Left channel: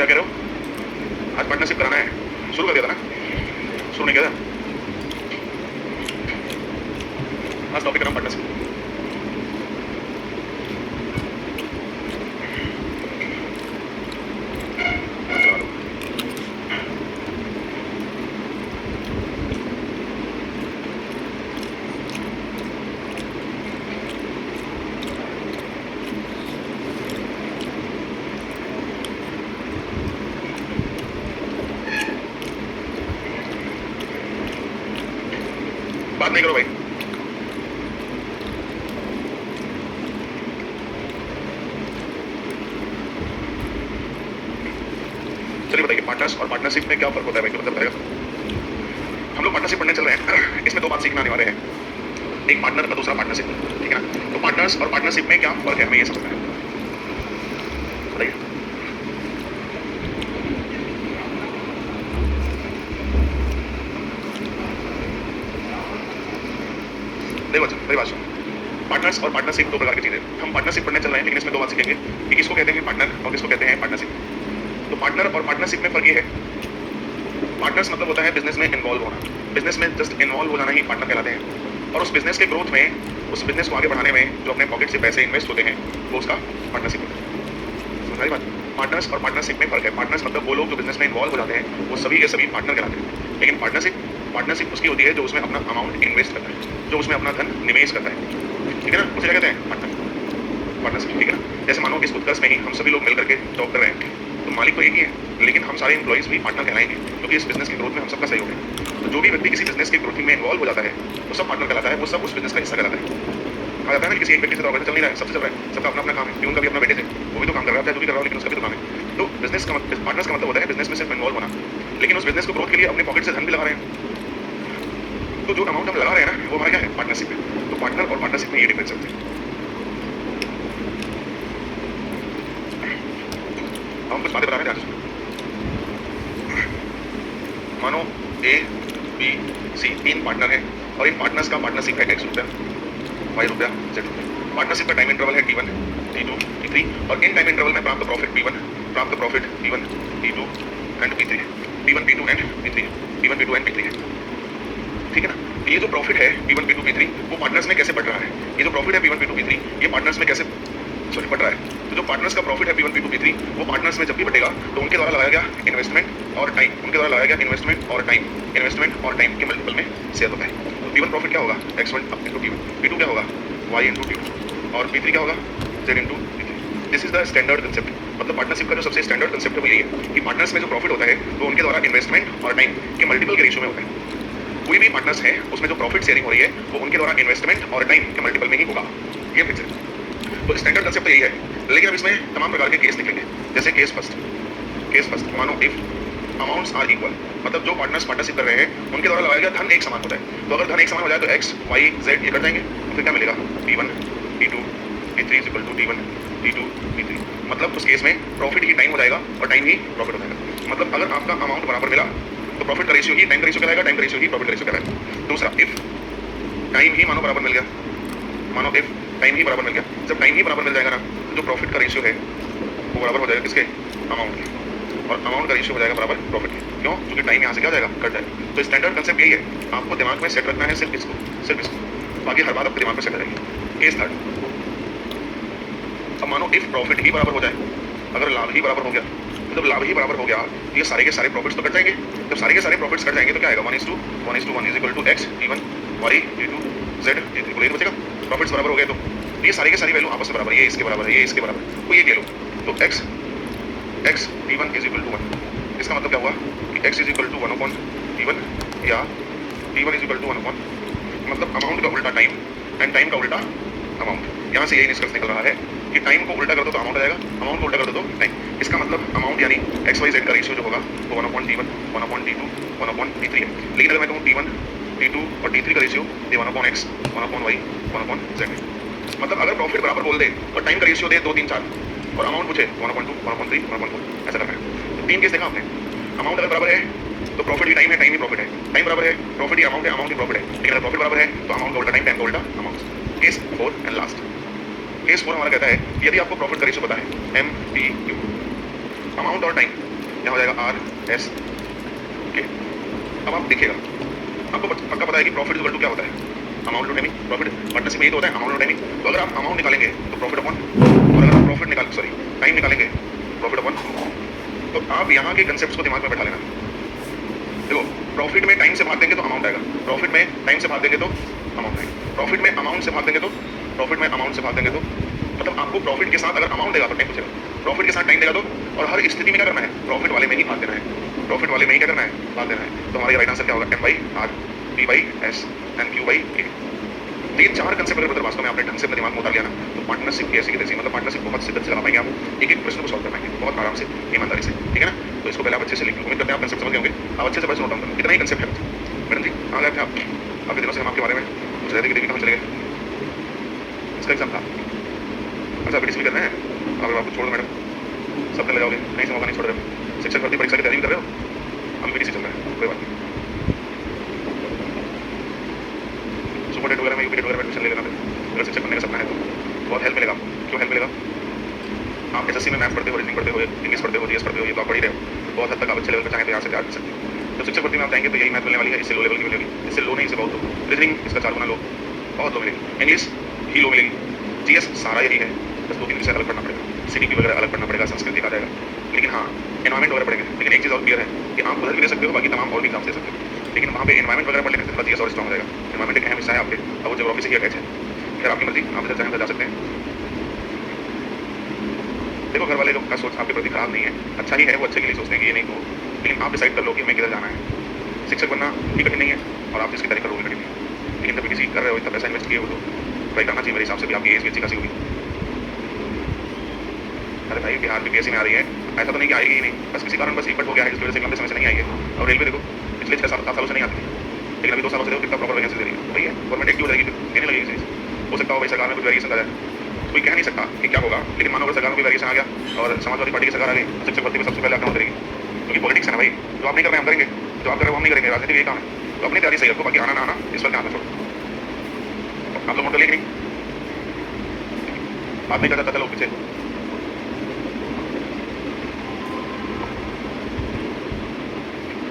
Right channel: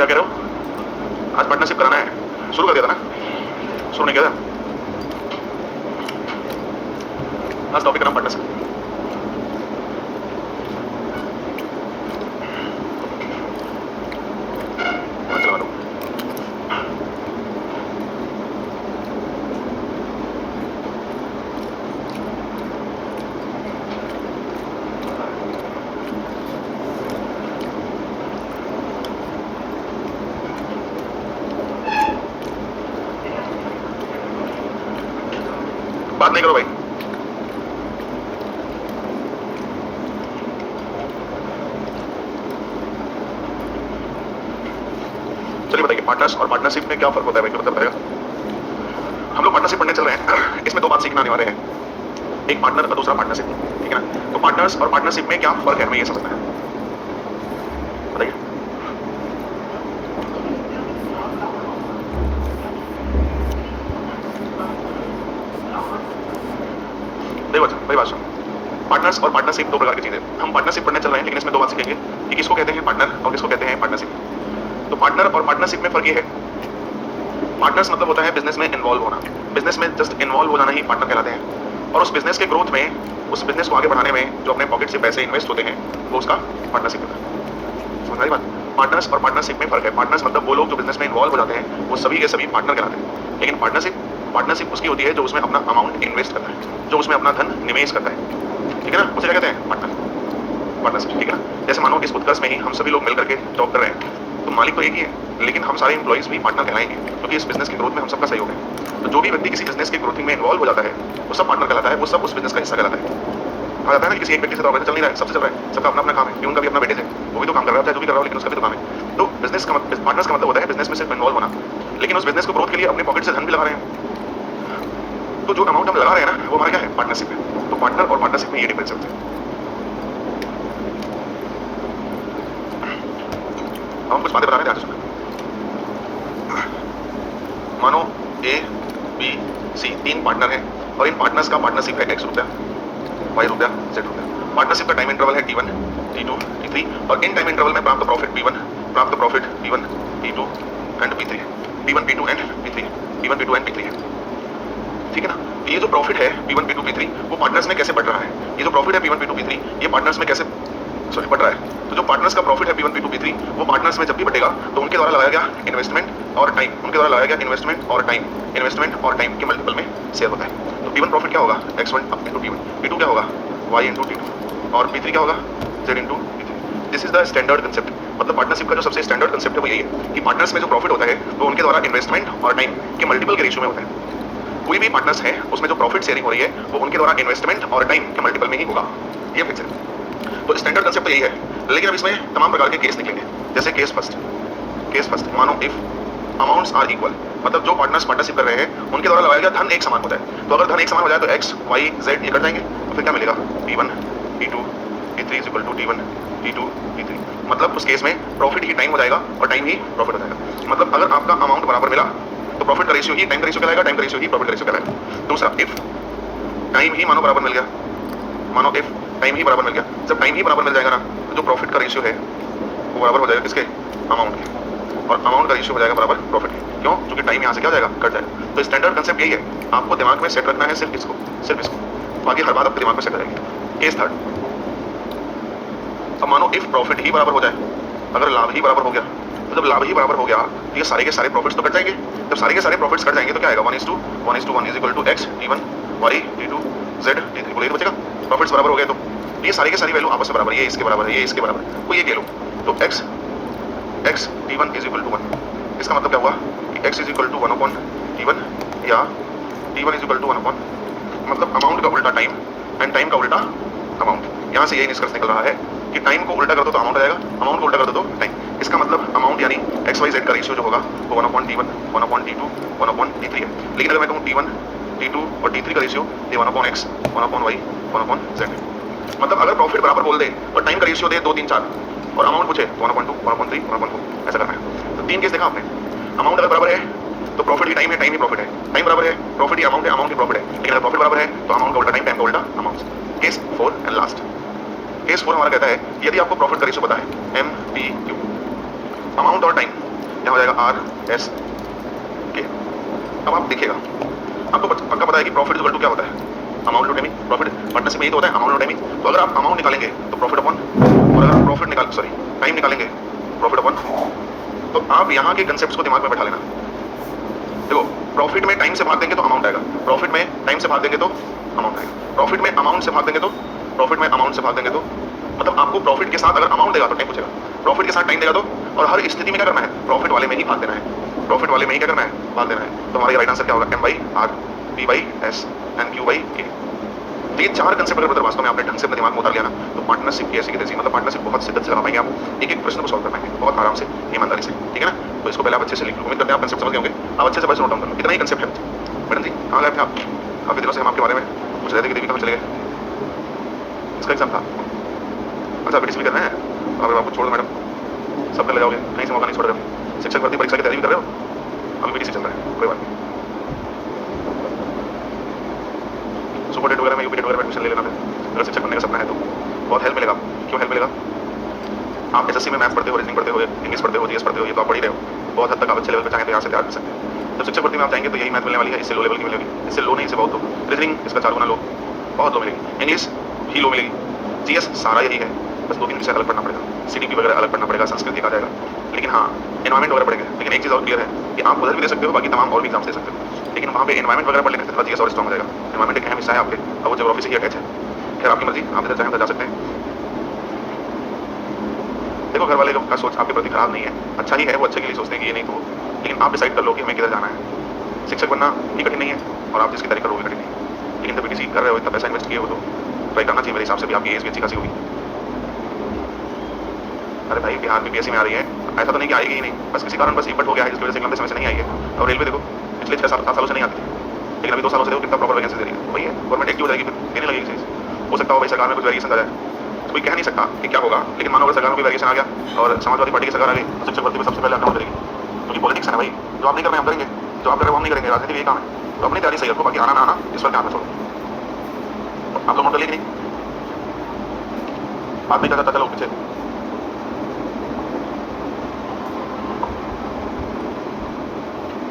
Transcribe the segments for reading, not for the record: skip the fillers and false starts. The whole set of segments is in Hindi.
क्या कह रहे हो? आज पार्टनरशिप कराना है, शुरू कर दिया था ना? शुरू नहीं किया था? आज टॉपिक नाम पार्टनरशिप। चलवा दो। बात नहीं करो भाई। चलिए बताइए, पार्टनर्स और पार्टनरशिप में क्या फर्क होता है भाई? तो बताएगा। हम लोग पार्टनरशिप पढ़ने चल रहे हैं, इसमें दो बात सीखने आने वाले हैं, एक पार्टनर और दूसरा पार्टनरशिप, ठीक है ना? तो पार्टनर्स और पार्टनरशिप में क्या फर्क है, हमें ये समझना है। बताइए। देखो अच्छा मेरी बात सुनो, पार्टनर्स और पार्टनरशिप दो प्रकार की चीजें। हम पार्टनरशिप पढ़ने चल रहे हैं, लेकिन इसमें दो बात सीखेंगे कि किसको कहते हैं पार्टनर और किसको कहते हैं पार्टनरशिप। तो पार्टनर और पार्टनरशिप में फर्क ये है, पार्टनर्स मतलब होता है बिजनेस में इन्वॉल्व होना, बिजनेस में जस्ट इन्वॉल्व हो जाना ही पार्टनर कहलाते हैं। और उस बिजनेस के ग्रोथ में, उस बिजनेस को आगे बढ़ाने में जो अपने पॉकेट से पैसे इन्वेस्ट होते हैं, वो उसका पार्टनरशिप होता है। समझ आई बात? पार्टनर्स और पार्टनरशिप में फर्क है। पार्टनर्स मतलब वो लोग जो बिजनेस में इन्वॉल्व हो जाते हैं, वो सभी के सभी पार्टनर कहलाते हैं। लेकिन पार्टनरशिप उसकी होती है जो उसमें अपना अमाउंट इन्वेस्ट करता है, जो उसमें अपना धन निवेश करता है, ठीक है ना? उसे क्या कहते हैं? पार्टनरशिप, ठीक है ना? जैसे मानो इस उत्कर्ष में ही हम सभी लोग मिल करके जॉब कर रहे हैं, तो मालिक तो एक ही है, लेकिन हम सारे एम्प्लॉइज भी पार्टनर कहलाएंगे, क्योंकि इस बिजनेस के ग्रोथ में हम सबका सहयोग है। तो जो भी व्यक्ति किसी बिजनेस के ग्रोथिंग में इन्वॉल्व हो जाता है, वो सब पार्टनर कहलाता है, वो सब उस बिजनेस का हिस्सा कहलाता है। कहा जाता है ना कि किसी एक व्यक्ति से तो ऑर्गेनाइजेशन चल नहीं रहा है, सबसे चल रहा है, सबका अपना अपना काम है। प्यून का भी अपना बेटे थे, वो भी तो काम कर रहा था, जो भी कर रहा हो, लेकिन उसका भी तो काम है। तो बिजनेस का पार्टनर्स का मतलब होता है बिजनेस में सिर्फ इन्वॉल्व होना, लेकिन उस बिजनेस को ग्रोथ के लिए अपने पॉकेट से धन भी लगा रहे हैं। तो जो अमाउंट हम लगा रहे हैं ना, वो हमारा क्या है? पार्टनरशिप है। तो पार्टनर और पार्टनरशिप में ये डिफरेंस होते हैं। हम कुछ बातें बता रहे हैं, ध्यान से सुनना। मानो ए बी सी तीन पार्टनर हैं, और इन पार्टनर्स का पार्टनरशिप है X रुपया, Y रुपया, Z रुपया। पार्टनरशिप का टाइम इंटरवल है T1, T2, T3, और इन टाइम इंटरवल में प्राप्त प्रॉफिट P1, प्राप्त profit P1, P2 and P3 है। P1, P2 and P3, P1, P2 and P3 है, ठीक है ना? तो ये जो प्रॉफिट है P1, P2, P3, वो पार्टनर्स में कैसे बढ़ रहा है? ये जो प्रॉफिट है P1, P2, P3, ये पार्टनर्स में कैसे बढ़ रहा है? तो जो पार्टनर्स का प्रॉफिट है P1, P2, P3, वो पार्टनर्स में जब भी बढ़ेगा तो उनके द्वारा लगाया गया इन्वेस्टमेंट और टाइम, उनके द्वारा लगाया गया इन्वेस्टमेंट और टाइम के मल्टीपल में शेयर होता है। तो P1 प्रॉफिट क्या होगा? X1 up into P1, P2 क्या होगा? Y इनटू T2, और P3 क्या होगा? Z into P3। This is the standard concept. मतलब पार्टनरशिप का जो सबसे स्टैंडर्ड कंसेप्ट है वो यही है कि पार्टनर्स में जो प्रॉफिट होता है वो उनके द्वारा इन्वेस्टमेंट और टाइम के मल्टीपल के रेशियो में होता है। कोई भी पार्टनर्स है उसमें जो प्रॉफिट शेयरिंग हो रही है वो उनके द्वारा इन्वेस्टमेंट और टाइम के मल्टीपल में ही होगा। ये फिक्स है। तो स्टैंडर्ड कंसेप्ट यही है, लेकिन अब इसमें तमाम प्रकार के केस निकलेंगे। जैसे केस फर्स्ट, मानो इफ अमाउंट्स आर इक्वल, मतलब जो पार्टनर्स पार्टनरशिप कर रहे हैं उनके द्वारा लगाया गया धन एक समान होता है। तो अगर धन एक समान हो जाए तो X, Y, Z ये कट जाएंगे, तो फिर क्या मिलेगा? P1, P2, P3 is equal to T1, T2, P3। मतलब उस केस में प्रॉफिट ही टाइम हो जाएगा और टाइम ही प्रॉफिट हो जाएगा। मतलब अगर आपका अमाउंट बराबर मिला तो प्रॉफिट का रेशियो ही टाइम का रेशियो कहलाएगा, टाइम का रेशियो ही प्रॉफिट का रेशियो कहलाएगा। दूसरा, इफ टाइम ही मानो बराबर मिल गया, मानो इफ टाइम ही बराबर मिल गया, जब टाइम ही बराबर मिल जाएगा ना, तो जो प्रॉफिट का रेशियो है वो बराबर हो जाएगा किसके? अमाउंट के, और अमाउंट का रेशियो हो जाएगा बराबर प्रॉफिट के। क्यों? क्योंकि टाइम यहाँ से क्या हो जाएगा? कट जाएगा। तो स्टैंडर्ड कंसेप्ट यही है, आपको दिमाग में सेट रखना है सिर्फ इसको, बाकी हर बात आपके दिमाग में सेट रहेगी। केस थर्ड, अब मानो इफ प्रॉफिट ही बराबर हो जाए, अगर लाभ ही बराबर हो गया, तो जब लाभ ही बराबर हो गया तो ये सारे के सारे प्रॉफिट्स तो कट जाएंगे। जब सारे के सारे प्रॉफिट्स कट जाएंगे तो क्या आएगा? 1:1 is equal to X T1, Y T2, Z T3, बोले बचेगा। प्रॉफिट्स बराबर हो गए तो ये सारी के सारी वैल्यू आपस में बराबर, ये इसके बराबर है, ये इसके बराबर है, तो ये कह लो। तो X T1 is equal to 1, इसका मतलब क्या हुआ कि X is equal to 1/T1 या T1 इज इक्वल टू 1/, मतलब अमाउंट का उल्टा टाइम एंड टाइम का उल्टा अमाउंट। यहाँ से यही निष्कर्ष निकल रहा है कि टाइम को उल्टा कर दो तो अमाउंट आ जाएगा, अमाउंट को उल्टा कर दो तो टाइम। इसका मतलब अमाउंट यानी XYZ का रेशियो जो होगा वो 1/T1, 1/T2, 1/T3 है। लेकिन अगर मैं कहूँ T1, T2 और T3 का रेशियो ये 1/X, 1/Y, 1/Z है। मतलब अगर प्रॉफिट बराबर बोल दे तो टाइम का रेशियो दे 2, 3, 4, और अमाउंट पूछे 1/2, 1/3, 1/4, ऐसा करना है। तो तीन केस देखा आपने। अमाउंट अगर बराबर है तो प्रॉफिट ही टाइम है, टाइम ही प्रॉफिट है, टाइम बराबर है प्रॉफिट ही अमाउंट है, अमाउंट ही प्रॉफिट है। लेकिन अगर प्रॉफिट बराबर है तो अमाउंट का उल्टा टाइम, टाइम का उल्टा amount. Case 4 and last, case 4 हमारा कहता है यदि आपको प्रॉफिट का रेशियो पता है MPQ, अमाउंट और टाइम यहाँ हो जाएगा आर एस के। अब आप देखिएगा, आपको पक्का पता है कि प्रॉफिट इक्वल टू क्या होता है, amount to timing. Profit partnership में यही तो होता है, अमाउंट टू टाइमिंग। तो अगर आप अमाउंट निकालेंगे तो प्रॉफिट अपॉन, और अगर आप प्रॉफिट टाइम निकालेंगे प्रॉफिट अपॉन। तो आप यहाँ के कंसेप्ट को दिमाग में बैठा लेना। देखो, प्रॉफिट में टाइम से भाग देंगे तो अमाउंट आएगा, प्रॉफिट में टाइम से भाग देंगे तो अमाउंट आएगा, प्रॉफिट में अमाउंट से भाग देंगे तो प्रॉफिट में अमाउंट से भाग देंगे तो मतलब आपको प्रॉफिट के साथ अगर अमाउंट देगा तो टाइम पूछेगा, प्रॉफिट के साथ टाइम देगा तो, और हर स्थिति में क्या करना है, प्रॉफिट वाले में ही भाग देना है, प्रॉफिट वाले में ही क्या करना है, भाग देना है। तो हमारा राइट आंसर क्या होगा, M by R, P by S and Q by A. ये चार कंसेप्ट अगर ब्रदर वास्तव में आपने ढंग से अपने दिमाग में उतार लिया ना, तो पार्टनरशिप की ऐसी की तैसी, मतलब पार्टनरशिप बहुत शिद्दत से लगा पाएंगे, आप एक एक प्रश्न को सॉल्व कर पाएंगे बहुत आराम से, ईमानदारी से, ठीक है ना। तो इसको पहले आप अच्छे से लिख लो, उम्मीद करते हैं आप कंसेप्ट समझ गए होंगे। आप अच्छे से बस नोट डाउन कर लो, इतना ही कंसेप्ट है। मैडम जी कहाँ गए थे आप, काफी दिनों से हम आपके बारे में पूछ रहे थे कि देवी कहाँ चले गए, इसका एग्जाम था। अच्छा बीटीसी भी कर रहे हैं, अगर आपको छोड़ दो मैडम, सब कर ले जाओगे, कहीं से मौका नहीं छोड़ रहे हो। शिक्षक भर्ती परीक्षा की तैयारी भी कर रहे हो, अभी बीटीसी चल रहा है, कोई बात नहीं। सुपर डेट वगैरह में, यूपी डेट वगैरह में एडमिशन ले लेना फिर, अगर शिक्षक बनने का सपना है तो बहुत हेल्प मिलेगा। क्यों हेल्प मिलेगा, आप एसएससी में मैथ्स पढ़ते हो, रीजनिंग पढ़ते हो, इंग्लिश पढ़ते हो, जीएस पढ़ते हो, ये तो आप पढ़ ही रहे हो, बहुत हद तक आप अच्छे लेवल पर चाहें तो यहाँ से तैयार कर सकते हैं। जब शिक्षक भर्ती में आप जाएंगे तो यही मैथ मिलने वाली है, इससे लो लेवल की मिलेगी, इससे लो नहीं, इससे बहुत लो। रीजनिंग इसका 4 गुना लो, बहुत लो मिलेगी। इंग्लिश ही लो मिलेगी, जीएस सारा यही है, बस 2-3 विषय अलग पढ़ना पड़ेगा, सीडीपी वगैरह अलग पढ़ना पड़ेगा, संस्कृत आ जाएगा। लेकिन हाँ, एनवायरमेंट वगैरह पढ़ेंगे। लेकिन एक चीज़ और क्लियर है कि आप उधर भी दे सकते हो, बाकी तमाम और भी एग्जाम्स दे सकते हो, लेकिन वहाँ पे एनवायरमेंट वगैरह पढ़ लेने से थोड़ा जीएस और स्ट्रॉन्ग हो जाएगा। एनवायरमेंट एक अहम हिस्सा है आपके, अब वो ज्योग्राफी से ही अटैच है। खैर आपकी मर्जी, आप इधर चाहें तो जा सकते हैं। देखो घर वाले लोग का सोच आपके प्रति खराब नहीं है, अच्छा ही है, वो अच्छे के लिए सोचते हैं कि ये नहीं हो, लेकिन आप डिसाइड कर लो कि हमें किधर जाना है। शिक्षक बनना भी कठिन नहीं है, और आप जिसकी तैयारी करो वो भी कठिन नहीं है, लेकिन जब बीटीसी कर रहे हो, इतना पैसा इन्वेस्ट किए हो तो ट्राई करना चाहिए मेरे हिसाब से भी। आपकी एज भी अच्छी खासी होगी। अरे भाई बिहार बीपीएससी में आ रही है, ऐसा तो नहीं कि आएगी ही नहीं, बस किसी कारण बस इम्पट हो गया है जिसकी वजह से लंबे समय से नहीं आई है। और रेलवे देखो पिछले 6-7 सालों से नहीं आती थी, लेकिन अभी 2 सालों से देखो कितना प्रॉपर वैकेंसी दे रही है। वही है, गवर्नमेंट एक्टिव हो जाएगी, फिर देने लगेगी चीज़। हो सकता हो भाई सरकार में कुछ वेरिएशन आ जाए, कोई कह नहीं सकता कि क्या होगा, लेकिन मानो अगर सरकार में कोई वेरिएशन आ गया और समाजवादी पार्टी की सरकार आ गई तो शिक्षक भर्ती में सबसे पहले अकाउंट करेगी, क्योंकि पॉलिटिक्स है ना भाई। जो आप नहीं कर रहे हम करेंगे, जो आप कर रहे हो हम नहीं करेंगे, राजनीति यही काम है। तो अपनी तैयारी सही रखो, बाकी आना ना आना इस पर ध्यान रखो। आप लोग नोट कर लिए कि नहीं, बात नहीं कर सकता लोग पीछे।